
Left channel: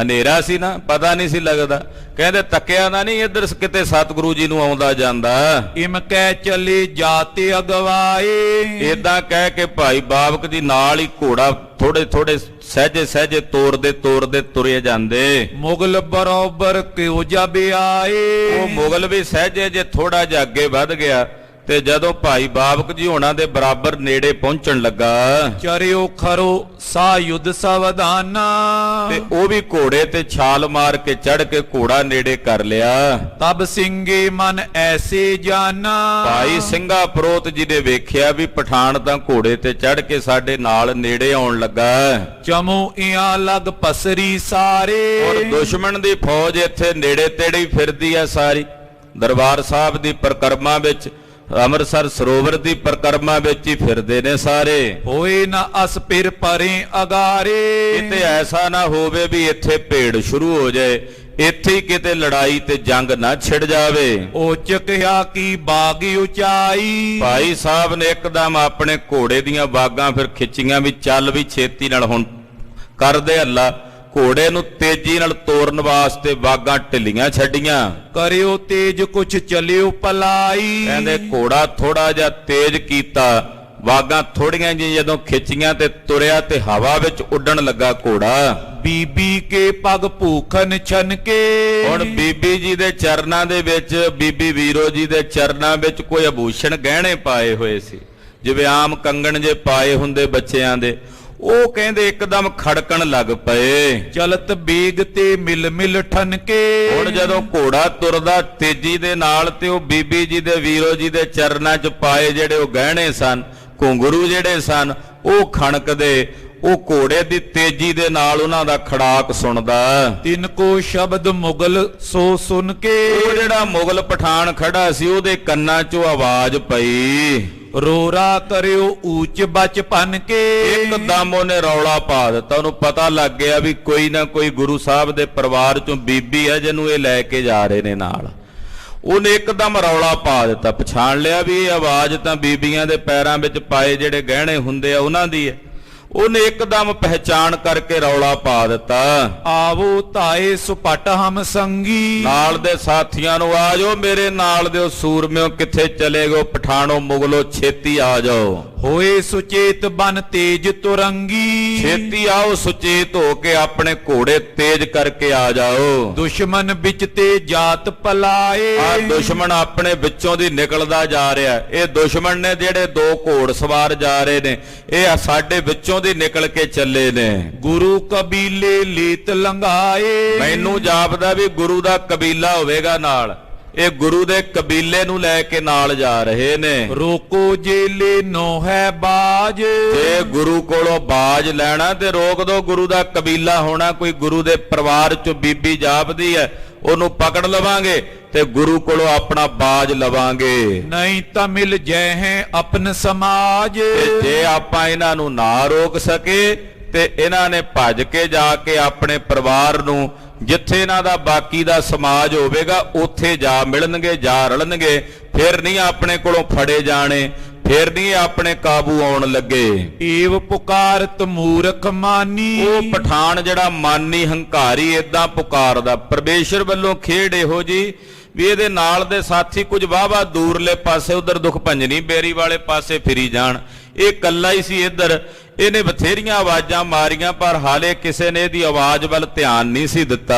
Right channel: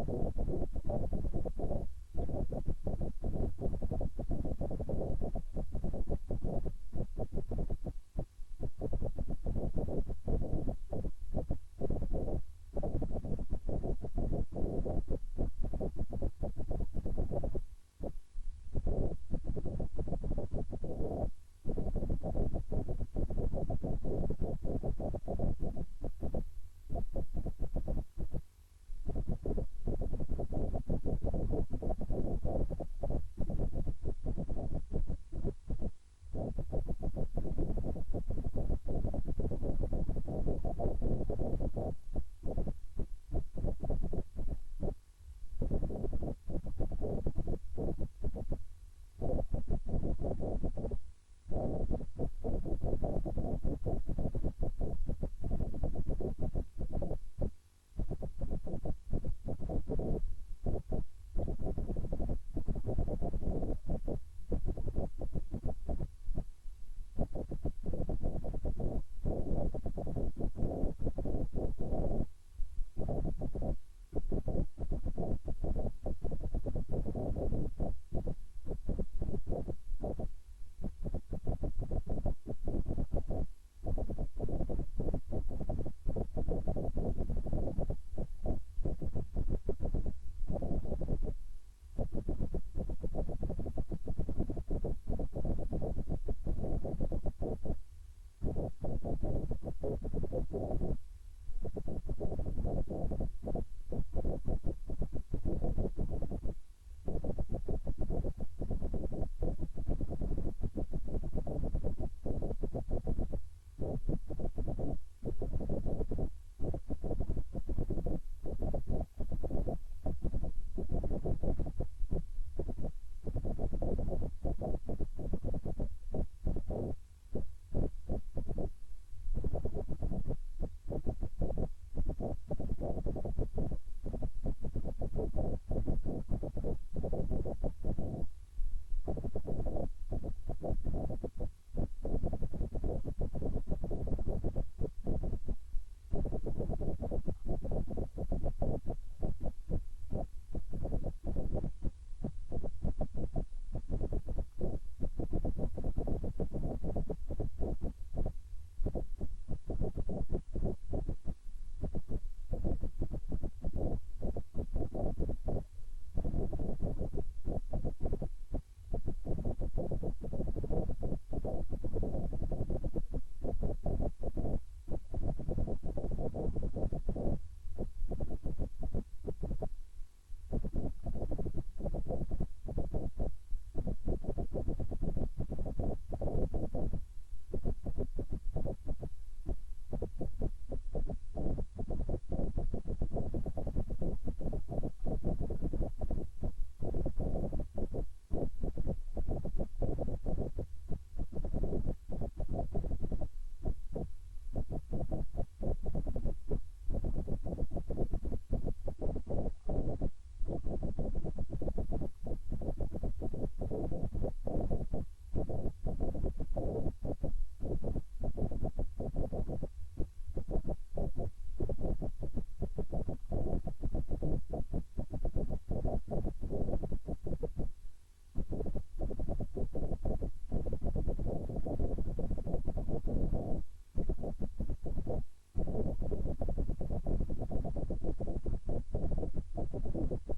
ਹਨੇਰਾ ਸੀ ਨਾ, ਪਤਾ ਨਹੀਂ ਸੀ ਲੱਗਦਾ। ਕਹਿੰਦੇ ਤੱਕਿਆ ਨਾ ਨਹੀਂ ਇੱਧਰ ਕਿਤੇ ਸਤਿਗੁਰੂ ਜੀ ਨੂੰ ਆਉਂਦਾ ਜਾਂਦਾ। ਇਮ ਕਹਿ ਚਲੇ ਜਾਤੇ ਅਗਵਾਏ। ਏਦਾਂ ਕਹਿ ਕੇ ਭਾਈ ਬਾਬਕ ਜੀ ਨਾਲ ਹੀ ਘੋੜਾ ਥੋੜੇ ਥੋੜੇ ਸਹਿਜੇ ਸਹਿਜੇ ਤੋਰਦੇ ਤੁਰੇ ਜਾਂਦੇ। ਮੁਗਲ ਬਰੋਬਰ ਕਿਉ ਜਬ ਆਏ। ਉਹ ਮੁਗਲ ਵੀ ਸਹਿਜੇ ਜੇ ਥੋੜਾ ਜਿਹਾ ਅੱਗੇ ਵੱਧ ਗਿਆ, ਤੇ ਜਦੋਂ ਭਾਈ ਬਾਬਕ ਜੀ ਹੋਣਾ ਦੇ ਬਰਾਬਰ ਨੇੜੇ ਪਹੁੰਚਣ ਲੱਗਾ, ਚਰਿਓ ਖਰੋ ਸਾ ਯੁੱਧ ਸਵਧਾਨਾ। ਤੇ ਉਹ ਵੀ ਘੋੜੇ ਤੇ ਛਾਲ ਮਾਰ ਕੇ ਚੜ ਕੇ ਘੋੜਾ ਨੇੜੇ ਕਰ ਲਿਆ। ਤਬ ਸਿੰਘੇ ਮਨ ਐਸੇ ਜਾਨਾ। ਭਾਈ ਸਿੰਘਾ ਪ੍ਰੋਤ ਜੀ ਨੇ ਵੇਖਿਆ ਵੀ ਪਠਾਨ ਤਾਂ ਘੋੜੇ ਤੇ ਚੜ ਕੇ ਸਾਡੇ ਨਾਲ ਨੇੜੇ ਆਉਣ ਲੱਗਾ। ਚਮੋ ਇਆਂ ਲਗ ਪਸਰੀ ਸਾਰੇ। ਔਰ ਦੁਸ਼ਮਣ ਦੀ ਫੌਜ ਇੱਥੇ ਨੇੜੇ ਤੇੜੇ ਹੀ ਫਿਰਦੀ ਆ ਸਾਰੀ। ਦਰਬਾਰ ਸਾਹਿਬ ਦੀ ਪਰਿਕਰਮਾ ਵਿੱਚ, ਅੰਮ੍ਰਿਤਸਰ ਸਰੋਵਰ ਦੀ ਪਰਿਕਰਮਾ ਵਿੱਚ ਹੀ ਫਿਰਦੇ ਨੇ ਸਾਰੇ। ਹੋਏ ਨਾ ਅਸ ਫਿਰ ਪਰੇ ਅਗਾਰੇ। ਕਿਤੇ ਐਸਾ ਨਾ ਹੋਵੇ ਵੀ ਇੱਥੇ ਭੇੜ ਸ਼ੁਰੂ ਹੋ ਜਾਏ, ਇੱਥੇ ਹੀ ਕਿਤੇ ਲੜਾਈ ਤੇ ਜੰਗ ਨਾ ਛਿੜ ਜਾਵੇ। ਉਹ ਚੱਕਿਆ ਕੀ ਬਾਗ ਉਚਾਈ। ਭਾਈ ਸਾਹਿਬ ਨੇ ਇੱਕਦਮ ਆਪਣੇ ਘੋੜੇ ਦੀਆਂ ਬਾਗਾਂ ਫਿਰ ਖਿੱਚੀਆਂ ਵੀ ਚੱਲ ਵੀ ਛੇਤੀ ਨਾਲ, ਹੁਣ ਕਰਦੇ ਹੱਲਾ। ਘੋੜੇ ਨੂੰ ਤੇਜ਼ੀ ਨਾਲ ਤੋਰਨ ਵਾਸਤੇ ਬਾਗਾਂ ਢਿੱਲੀਆਂ ਛੱਡੀਆਂ। ਕਰਿਓ ਤੇਜ ਕੁਛ ਚਲਿਓ ਪਲਾਈ। ਕਹਿੰਦੇ ਘੋੜਾ ਥੋੜਾ ਜਿਹਾ ਤੇਜ਼ ਕੀਤਾ, ਬਾਗਾਂ ਥੋੜੀਆਂ ਜਿਹੀਆਂ ਜਦੋਂ ਖਿੱਚੀਆਂ ਤੇ ਤੁਰਿਆ ਤੇ ਹਵਾ ਵਿੱਚ ਉੱਡਣ ਲੱਗਾ ਘੋੜਾ। ਬੀਬੀ ਕੇ ਪਗ ਭੂਖਨ ਛਨਕੇ। ਹੁਣ ਬੀਬੀ ਜੀ ਦੇ ਚਰਨਾਂ ਦੇ ਵਿੱਚ, ਬੀਬੀ ਵੀਰੋ ਜੀ ਦੇ ਚਰਨਾਂ ਵਿੱਚ ਕੋਈ ਆਭੂਸ਼ਣ ਗਹਿਣੇ ਪਾਏ ਹੋਏ ਸੀ, ਜਿਵੇਂ ਆਮ ਕੰਗਣ ਜੇ ਪਾਏ ਹੁੰਦੇ ਬੱਚਿਆਂ ਦੇ। ਉਹ ਕਹਿੰਦੇ ਇੱਕਦਮ ਖੜਕਣ ਲੱਗ ਪਏ। ਚਲਤ ਬੇਗ ਤੇ ਮਿਲ ਮਿਲ ਠਨਕੇ। ਹੁਣ ਜਦੋਂ ਘੋੜਾ ਤੁਰਦਾ ਤੇਜ਼ੀ ਦੇ ਨਾਲ, ਤੇ ਉਹ ਬੀਬੀ ਜੀ ਦੇ ਵੀਰੋ ਜੀ ਦੇ ਚਰਨਾਂ 'ਚ ਪਾਏ ਜਿਹੜੇ ਉਹ ਗਹਿਣੇ ਸਨ, ਘੁੰਗਰੂ ਜਿਹੜੇ ਸਨ, ਉਹ ਖਣਕਦੇ। ਉਹ ਘੋੜੇ ਦੀ ਤੇਜ਼ੀ ਦੇ ਨਾਲ ਉਹਨਾਂ ਦਾ ਖੜਾਕ ਸੁਣਦਾ। ਤਿੰਨ ਕੋ ਸ਼ਬਦ ਮੁਗਲ ਸੋ ਸੁਣ ਕੇ। ਉਹ ਜਿਹੜਾ ਮੁਗਲ ਪਠਾਨ ਖੜਾ ਸੀ, ਉਹਦੇ ਕੰਨਾਂ 'ਚੋਂ ਆਵਾਜ਼ ਪਈ। ਰੋਰਾ ਕਰਿਓ ਊਚ ਬਚਪਨ ਕੇ। ਇੱਕਦਮ ਉਹਨੇ ਰੌਲਾ ਪਾ ਦਿੱਤਾ। ਉਹਨੂੰ ਪਤਾ ਲੱਗ ਗਿਆ ਵੀ ਕੋਈ ਨਾ ਕੋਈ ਗੁਰੂ ਸਾਹਿਬ ਦੇ ਪਰਿਵਾਰ 'ਚੋਂ ਬੀਬੀ ਹੈ ਜਿਹਨੂੰ ਇਹ ਲੈ ਕੇ ਜਾ ਰਹੇ ਨੇ ਨਾਲ। ਉਹਨੇ ਇੱਕਦਮ ਰੌਲਾ ਪਾ ਦਿੱਤਾ, ਪਛਾਣ ਲਿਆ ਵੀ ਇਹ ਆਵਾਜ਼ ਤਾਂ ਬੀਬੀਆਂ ਦੇ ਪੈਰਾਂ ਵਿੱਚ ਪਾਏ ਜਿਹੜੇ ਗਹਿਣੇ ਹੁੰਦੇ ਆ ਉਹਨਾਂ ਦੀ ਹੈ। ਉਹਨੇ ਇੱਕਦਮ ਪਹਿਚਾਣ ਕਰਕੇ ਰੌਲਾ ਪਾ ਦਿੱਤਾ, ਆਵੋ ਧਾਏ ਸੁਪਟ ਹਮ ਸੰਗੀ। ਨਾਲ ਦੇ ਸਾਥੀਆਂ ਨੂੰ, ਆ ਜਾਓ ਮੇਰੇ ਨਾਲ ਦਿਓ ਸੂਰਮਿਓ, ਕਿੱਥੇ ਚਲੇ ਗਏ ਪਠਾਨੋ ਮੁਗਲੋ, ਛੇਤੀ ਆ ਜਾਓ। ਹੋਏ ਸੁਚੇਤ ਬਨ ਤੇਜ ਤੁਰੰਗੀ। ਛੇਤੀ ਆਓ, ਸੁਚੇਤ ਹੋ ਕੇ ਆਪਣੇ ਘੋੜੇ ਤੇਜ਼ ਕਰਕੇ ਆ ਜਾਓ। ਦੁਸ਼ਮਨ ਵਿੱਚ ਤੇ ਜਾਤ ਪਲਾਏ। ਆ ਦੁਸ਼ਮਣ ਆਪਣੇ ਵਿੱਚੋਂ ਦੀ ਨਿਕਲਦਾ ਜਾ ਰਿਹਾ। ਇਹ ਦੁਸ਼ਮਣ ਨੇ ਜਿਹੜੇ ਦੋ ਘੋੜ ਸਵਾਰ ਜਾ ਰਹੇ ਨੇ, ਇਹ ਸਾਡੇ ਵਿੱਚੋਂ ਦੀ ਨਿਕਲ ਕੇ ਚੱਲੇ ਨੇ। ਗੁਰੂ ਕਬੀਲੇ ਲੀਤ ਲੰਘਾਏ। ਮੈਨੂੰ ਜਾਪਦਾ ਵੀ ਗੁਰੂ ਦਾ ਕਬੀਲਾ ਹੋਵੇਗਾ ਨਾਲ। ਇਹ ਗੁਰੂ ਦੇ ਕਬੀਲੇ ਨੂੰ ਲੈ ਕੇ ਨਾਲ ਜਾ ਰਹੇ ਨੇ। ਰੋਕੋ ਜੇਲੇ ਨੋ ਹੈ ਬਾਜ। ਜੇ ਗੁਰੂ ਕੋਲੋਂ ਬਾਜ ਲੈਣਾ ਤੇ ਰੋਕ ਦੋ। ਗੁਰੂ ਦਾ ਕਬੀਲਾ ਹੋਣਾ, ਕੋਈ ਗੁਰੂ ਦੇ ਪਰਿਵਾਰ ਚੋਂ ਬੀਬੀ ਜਾਪਦੀ ਹੈ, ਉਹਨੂੰ ਪਕੜ ਲਵਾਂਗੇ ਤੇ ਗੁਰੂ ਕੋਲੋਂ ਆਪਣਾ ਬਾਜ ਲਵਾਂਗੇ। ਨਹੀਂ ਤਾਂ ਮਿਲ ਜੈ ਹੈ ਆਪਨ ਸਮਾਜ। ਤੇ ਜੇ ਆਪਾਂ ਇਹਨਾਂ ਨੂੰ ਨਾ ਰੋਕ ਸਕੇ ਤੇ ਇਹਨਾਂ ਨੇ ਭੱਜ ਕੇ ਜਾ ਕੇ ਆਪਣੇ ਪਰਿਵਾਰ ਨੂੰ, ਜਿੱਥੇ ਇਹਨਾਂ ਦਾ ਬਾਕੀ ਦਾ ਸਮਾਜ ਹੋਵੇਗਾ, ਉੱਥੇ ਜਾ ਮਿਲਣਗੇ, ਜਾ ਰਲਣਗੇ। ਫਿਰ ਨਹੀਂ ਆਪਣੇ ਕੋਲੋਂ ਫੜੇ ਜਾਣੇ, ਫਿਰ ਨਹੀਂ ਆਪਣੇ ਕਾਬੂ ਆਉਣ ਲੱਗੇ। ਏਵ ਪੁਕਾਰਤ ਮੂਰਖ ਮਾਨੀ। ਉਹ ਪਠਾਨ ਜਿਹੜਾ ਮਾਨੀ ਹੰਕਾਰੀ ਏਦਾਂ ਪੁਕਾਰਦਾ। ਪਰਮੇਸ਼ਰ ਵੱਲੋਂ ਖੇਡ ਇਹੋ ਜੀ ਵੀ ਇਹਦੇ ਨਾਲ ਦੇ ਸਾਥੀ ਕੁਝ ਵਾਹਵਾ ਦੂਰਲੇ ਪਾਸੇ, ਉਧਰ ਦੁਖ ਭੰਜਨੀ ਬੇਰੀ ਵਾਲੇ ਪਾਸੇ ਫਿਰੀ ਜਾਣ। ਇਹ ਕੱਲਾ ਹੀ ਸੀ ਇੱਧਰ। ਇਹਨੇ ਬਥੇਰੀਆਂ ਆਵਾਜ਼ਾਂ ਮਾਰੀਆਂ, ਪਰ ਹਾਲੇ ਕਿਸੇ ਨੇ ਇਹਦੀ ਆਵਾਜ਼ ਵੱਲ ਧਿਆਨ ਨਹੀਂ ਸੀ ਦਿੱਤਾ।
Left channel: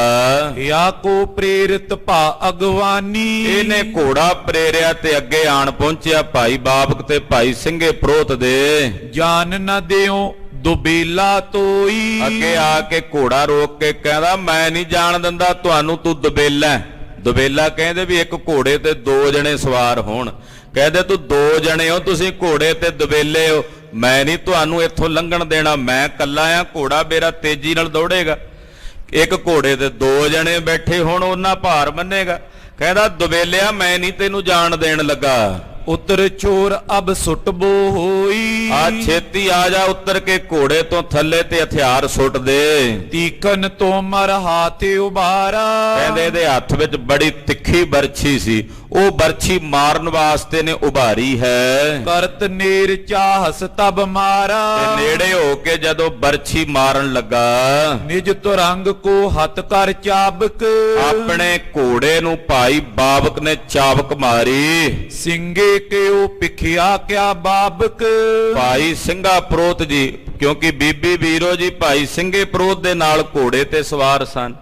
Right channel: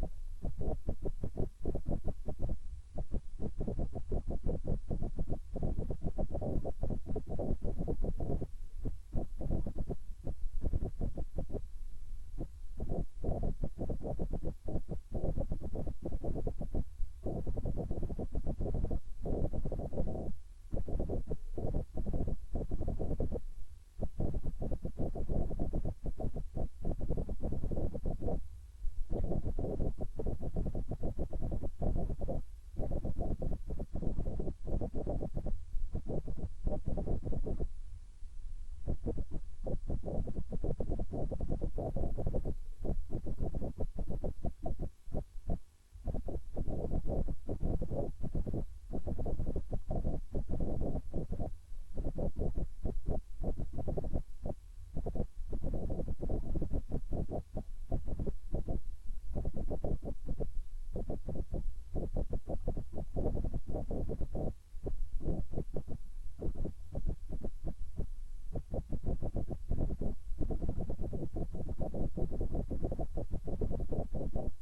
ਯਾ ਕੋ ਪ੍ਰੇਰਿਤ ਭਾ ਅਗਵਾਨੀ। ਇਹਨੇ ਘੋੜਾ ਪ੍ਰੇਰਿਆ ਤੇ ਅੱਗੇ ਆਣ ਪਹੁੰਚਿਆ ਭਾਈ ਬਾਬਕ ਤੇ ਭਾਈ ਸਿੰਘੇ ਪ੍ਰੋਤ ਦੇ। ਜਾਨ ਨ ਦਿਓ ਦੁਬੇਲਾ ਤੋਈ। ਅੱਗੇ ਆ ਕੇ ਘੋੜਾ ਰੋਕ ਕੇ ਕਹਿੰਦਾ ਮੈਂ ਨਹੀਂ ਜਾਣ ਦਿੰਦਾ ਤੁਹਾਨੂੰ, ਤੂੰ ਦੁਬੇਲਾ ਹੈ। ਦੁਬੇਲਾ ਕਹਿੰਦੇ ਵੀ ਇੱਕ ਘੋੜੇ ਤੇ ਦੋ ਜਣੇ ਸਵਾਰ ਹੋਣ, ਕਹਿੰਦੇ ਤੂੰ ਦੋ ਜਣੇ ਹੋ, ਤੁਸੀਂ ਘੋੜੇ ਤੇ ਦੁਬੇਲੇ ਹੋ, ਮੈਂ ਨਹੀਂ ਤੁਹਾਨੂੰ ਇੱਥੋਂ ਲੰਘਣ ਦੇਣਾ, ਮੈਂ ਕੱਲਾ ਆ, ਘੋੜਾ ਮੇਰਾ ਤੇਜ਼ੀ ਨਾਲ ਦੌੜੇਗਾ। ਇੱਕ ਘੋੜੇ ਤੇ ਦੋ ਜਣੇ ਬੈਠੇ ਹੋਣ ਉਹਨਾਂ ਭਾਰ ਮੰਨੇਗਾ। ਕਹਿੰਦਾ ਦੁਬੇਲਿਆ ਮੈਂ ਨਹੀਂ ਤੈਨੂੰ ਜਾਣ ਦੇਣ ਲੱਗਾ। ਉਤਰ ਚੋਰ ਅਬ ਸੁੱਟਬੋ ਹੋਈ। ਆ ਛੇਤੀ ਆ ਜਾ, ਉੱਤਰ ਕੇ ਘੋੜੇ ਤੋਂ ਥੱਲੇ ਤੇ ਹਥਿਆਰ ਸੁੱਟ ਦੇ। ਤੀਕਨ ਤੋਂ ਮਰ ਹਾਥੇ ਉਬਾਰਾ। ਕਹਿੰਦੇ ਇਹਦੇ ਹੱਥ ਵਿੱਚ ਬੜੀ ਤਿੱਖੀ ਬਰਛੀ ਸੀ, ਉਹ ਬਰਛੀ ਮਾਰਨ ਵਾਸਤੇ ਨੇ ਉਭਾਰੀ ਹੈ। ਕਰਤ ਨੇਰ ਚਾਹਸ ਤਬ ਮਾਰਾ। ਤੇ ਨੇੜੇ ਹੋ ਕੇ ਜਦੋਂ ਬਰਛੀ ਮਾਰਨ ਲੱਗਾ, ਨਿਜ ਤੁਰੰਗ ਕੋ ਹੱਥ ਕਰ ਚਾਬਕ। ਆਪਣੇ ਘੋੜੇ ਨੂੰ ਭਾਈ ਬਾਬਕ ਨੇ ਚਾਬਕ ਮਾਰੀ। ਸਿੰਘੇ ਕਿਉ ਪਿਖਿਆ ਕਿਆ ਬਾਬਕ। ਭਾਈ ਸਿੰਘਾ ਪ੍ਰੋਤ ਜੀ, ਕਿਉਂਕਿ ਬੀਬੀ ਵੀਰੋ ਜੀ ਭਾਈ ਸਿੰਘੇ ਪ੍ਰੋਤ ਦੇ ਨਾਲ ਘੋੜੇ ਤੇ ਸਵਾਰ ਸਨ,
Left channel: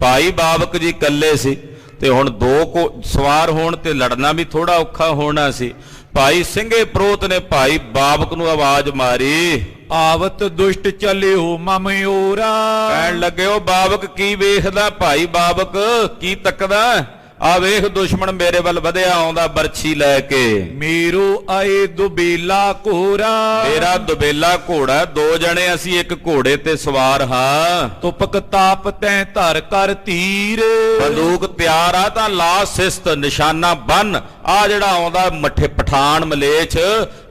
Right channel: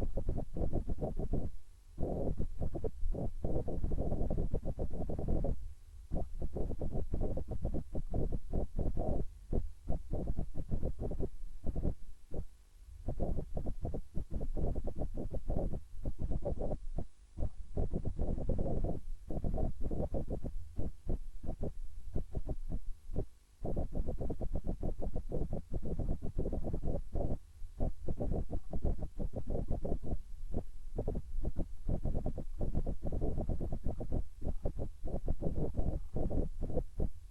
ਭਾਈ ਬਾਬਕ ਜੀ ਇਕੱਲੇ ਸੀ, ਤੇ ਹੁਣ ਦੋ ਕੋ ਸਵਾਰ ਹੋਣ ਤੇ ਲੜਨਾ ਵੀ ਥੋੜਾ ਔਖਾ ਹੋਣਾ ਸੀ। ਭਾਈ ਸਿੰਘੇ ਪ੍ਰੋਤ ਨੇ ਭਾਈ ਬਾਬਕ ਨੂੰ ਆਵਾਜ਼ ਮਾਰੀ, ਆਵਤ ਦੁਸ਼ਟ ਚਲਿਓ ਮਮਯੋਰਾ। ਕਹਿਣ ਲੱਗੇ ਉਹ ਬਾਬਕ ਕੀ ਵੇਖਦਾ, ਭਾਈ ਬਾਬਕ ਕੀ ਤੱਕਦਾ, ਆ ਵੇਖ ਦੁਸ਼ਮਣ ਮੇਰੇ ਵੱਲ ਵਧਿਆ ਆਉਂਦਾ ਬਰਛੀ ਲੈ ਕੇ। ਮੇਰੋ ਆਏ ਦੁਬੇਲਾ ਘੋਰਾ। ਮੇਰਾ ਦੁਬੇਲਾ ਘੋੜਾ, ਦੋ ਜਣੇ ਅਸੀਂ ਇੱਕ ਘੋੜੇ ਤੇ ਸਵਾਰ ਹਾਂ। ਤੁਪਕ ਤਾਪ ਤੈਂ ਧਰ ਕਰ ਤੀਰ। ਬੰਦੂਕ ਤਿਆਰ ਆ ਤਾਂ ਲਾ ਸਿਸਤ, ਨਿਸ਼ਾਨਾ ਬੰਨ। ਆ ਜਿਹੜਾ ਆਉਂਦਾ ਮੱਠੇ ਪਠਾਨ ਮਲੇਛ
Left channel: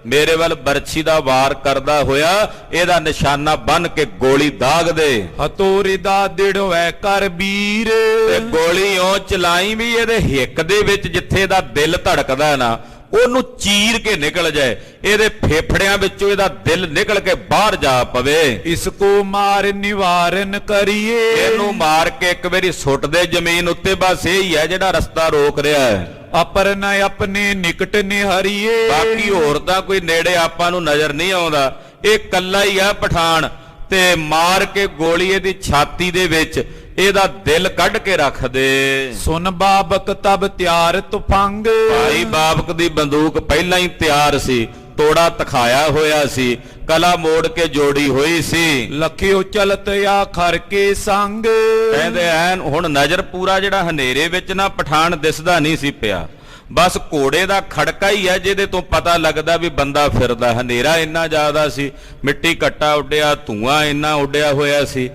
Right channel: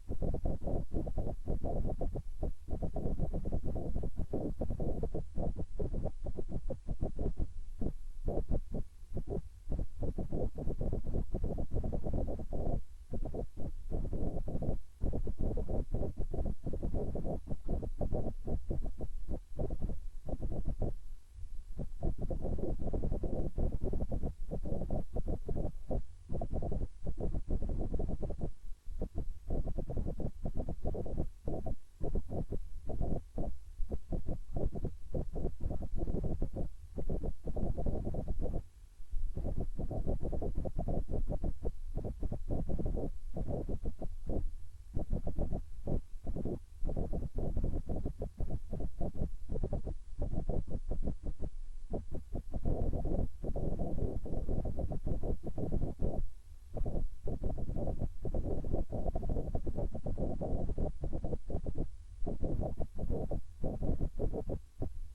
ਮੇਰੇ ਵੱਲ ਬਰਛੀ ਦਾ ਵਾਰ ਕਰਦਾ ਹੋਇਆ, ਇਹਦਾ ਨਿਸ਼ਾਨਾ ਬੰਨ ਕੇ ਗੋਲੀ ਦਾਗ ਦੇ। ਹਤੋਰੇ ਦਾ ਦਿੜਵੈ ਕਰ ਵੀਰ। ਤੇ ਗੋਲੀ ਉਹ ਚਲਾਈ ਵੀ ਇਹਦੇ ਹਿੱਕ ਦੇ ਵਿੱਚ, ਜਿੱਥੇ ਦਾ ਦਿਲ ਧੜਕਦਾ ਨਾ ਉਹਨੂੰ ਚੀਰ ਕੇ ਨਿਕਲ ਜਾਏ, ਇਹਦੇ ਫੇਫੜਿਆਂ ਵਿੱਚੋਂ ਇਹਦਾ ਦਿਲ ਨਿਕਲ ਕੇ ਬਾਹਰ ਜਾ ਪਵੇ। ਇਸ ਕੋ ਮਾਰ ਨਿਵਾਰਨ ਕਰੀਏ। ਇਹਨੂੰ ਮਾਰ ਕੇ ਇੱਕ ਵਾਰੀ ਸੁੱਟ ਦੇ ਜ਼ਮੀਨ ਉੱਤੇ, ਬਸ ਇਹ ਹੀ ਹੈ ਜਿਹੜਾ ਰਸਤਾ ਰੋਕ ਰਿਹਾ ਹੈ। ਅਪਰ ਨ ਆਪਣੇ ਨਿਕਟ ਨਿਹਰੀਏ। ਬਾਕੀ ਹੋਰ ਤਾਂ ਕੋਈ ਨੇੜੇ ਆਪਾਂ ਨੂੰ ਨਜ਼ਰ ਨਹੀਂ ਆਉਂਦਾ, ਇਹ ਕੱਲਾ ਹੀ ਆ ਪਠਾਨ। ਤੇ ਮਾਰ ਕੇ ਗੋਲੀ ਇਹਦੀ ਛਾਤੀ ਦੇ ਵਿੱਚ ਇਹਦਾ ਦਿਲ ਕੱਢ ਕੇ ਰੱਖ ਦੇ। ਸੁਨ ਬਾਬਕ ਤਬ ਤਿਆਰ ਤੁਫੰਗ। ਭਾਈ ਬਾਬਕ ਦੀ ਬੰਦੂਕ ਪਹਿਲਾਂ ਹੀ ਤਿਆਰ ਸੀ, ਤੋੜਾ ਤਖਾਇਆ ਹੋਇਆ ਸੀ, ਕਲਾ ਮੋੜ ਕੇ ਜੋੜੀ ਹੋਈ ਸੀ। ਲਖਿਓ ਚਲਤ ਆ ਖਰ ਕੇ ਸੰਗ। ਕਹਿੰਦੇ ਐਨ ਹੁਣ ਨਜ਼ਰ ਪੂਰਾ ਜਿਹੜਾ ਹਨੇਰੇ ਵਿੱਚ ਨਾ ਪਠਾਨ ਦਿਸਦਾ ਨਹੀਂ ਸੀ ਪਿਆ, ਬਸ ਘੋੜੇ ਦਾ ਖੜਕਾ ਹੀ ਹੈ ਜਿਹਦੇ ਤੋਂ ਪਤਾ ਲੱਗਦਾ ਵੀ ਬੰਦਾ ਫਿਰਦਾ। ਹਨੇਰਾ ਇੰਨਾ ਜ਼ਿਆਦਾ ਸੀ, ਮਿੱਟੀ ਘੱਟਾ ਉੱਡਿਆ, ਧੂਆਂ ਇੰਨਾ ਉੱਡਿਆ ਹੋਇਆ ਸੀ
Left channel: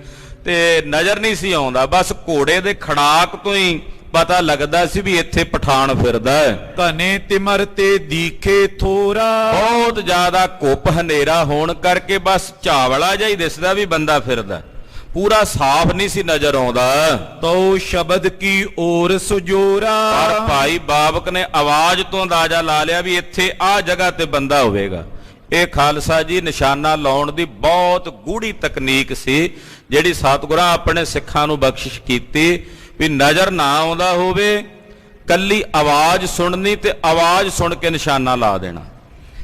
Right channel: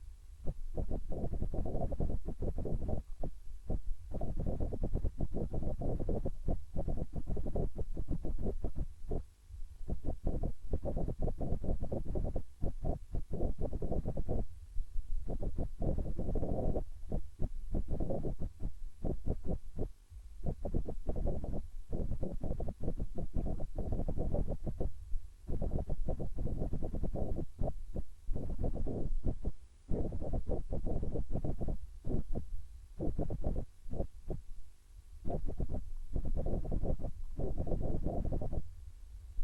ਤੇ ਨਜ਼ਰ ਨਹੀਂ ਸੀ ਆਉਂਦਾ, ਬਸ ਘੋੜੇ ਦੇ ਖੜਾਕ ਤੋਂ ਹੀ ਪਤਾ ਲੱਗਦਾ ਸੀ ਵੀ ਇੱਥੇ ਪਠਾਨ ਫਿਰਦਾ ਹੈ। ਘਨੇ ਤਿਮਰ ਤੇ ਦੀਖੇ ਥੋਰਾ। ਬਹੁਤ ਜ਼ਿਆਦਾ ਘੁੱਪ ਹਨੇਰਾ ਹੋਣ ਕਰਕੇ ਬਸ ਝਾਵਲਾ ਜਿਹਾ ਹੀ ਦਿਸਦਾ ਵੀ ਬੰਦਾ ਫਿਰਦਾ, ਪੂਰਾ ਸਾਫ਼ ਨਹੀਂ ਸੀ ਨਜ਼ਰ ਆਉਂਦਾ। ਤੋ ਸ਼ਬਦ ਕੀ ਔਰ ਸੁਜੋਰਾ। ਪਰ ਭਾਈ ਬਾਬਕ ਨੇ ਆਵਾਜ਼ ਤੋਂ ਅੰਦਾਜ਼ਾ ਲਾ ਲਿਆ ਵੀ ਇੱਥੇ ਆਹ ਜਗ੍ਹਾ ਤੇ ਬੰਦਾ ਹੋਵੇਗਾ। ਇਹ ਖਾਲਸਾ ਜੀ ਨਿਸ਼ਾਨਾ ਲਾਉਣ ਦੀ ਬਹੁਤ ਗੂੜੀ ਤਕਨੀਕ ਸੀ ਜਿਹੜੀ ਸਤਿਗੁਰਾਂ ਆਪਣੇ ਸਿੱਖਾਂ ਨੂੰ ਬਖਸ਼ਿਸ਼ ਕੀਤੀ ਵੀ ਨਜ਼ਰ ਨਾ ਆਉਂਦਾ ਹੋਵੇ, ਕੱਲੀ ਆਵਾਜ਼ ਸੁਣਨੀ ਤੇ ਆਵਾਜ਼ ਸੁਣ ਕੇ ਨਿਸ਼ਾਨਾ ਲਾ ਦੇਣਾ।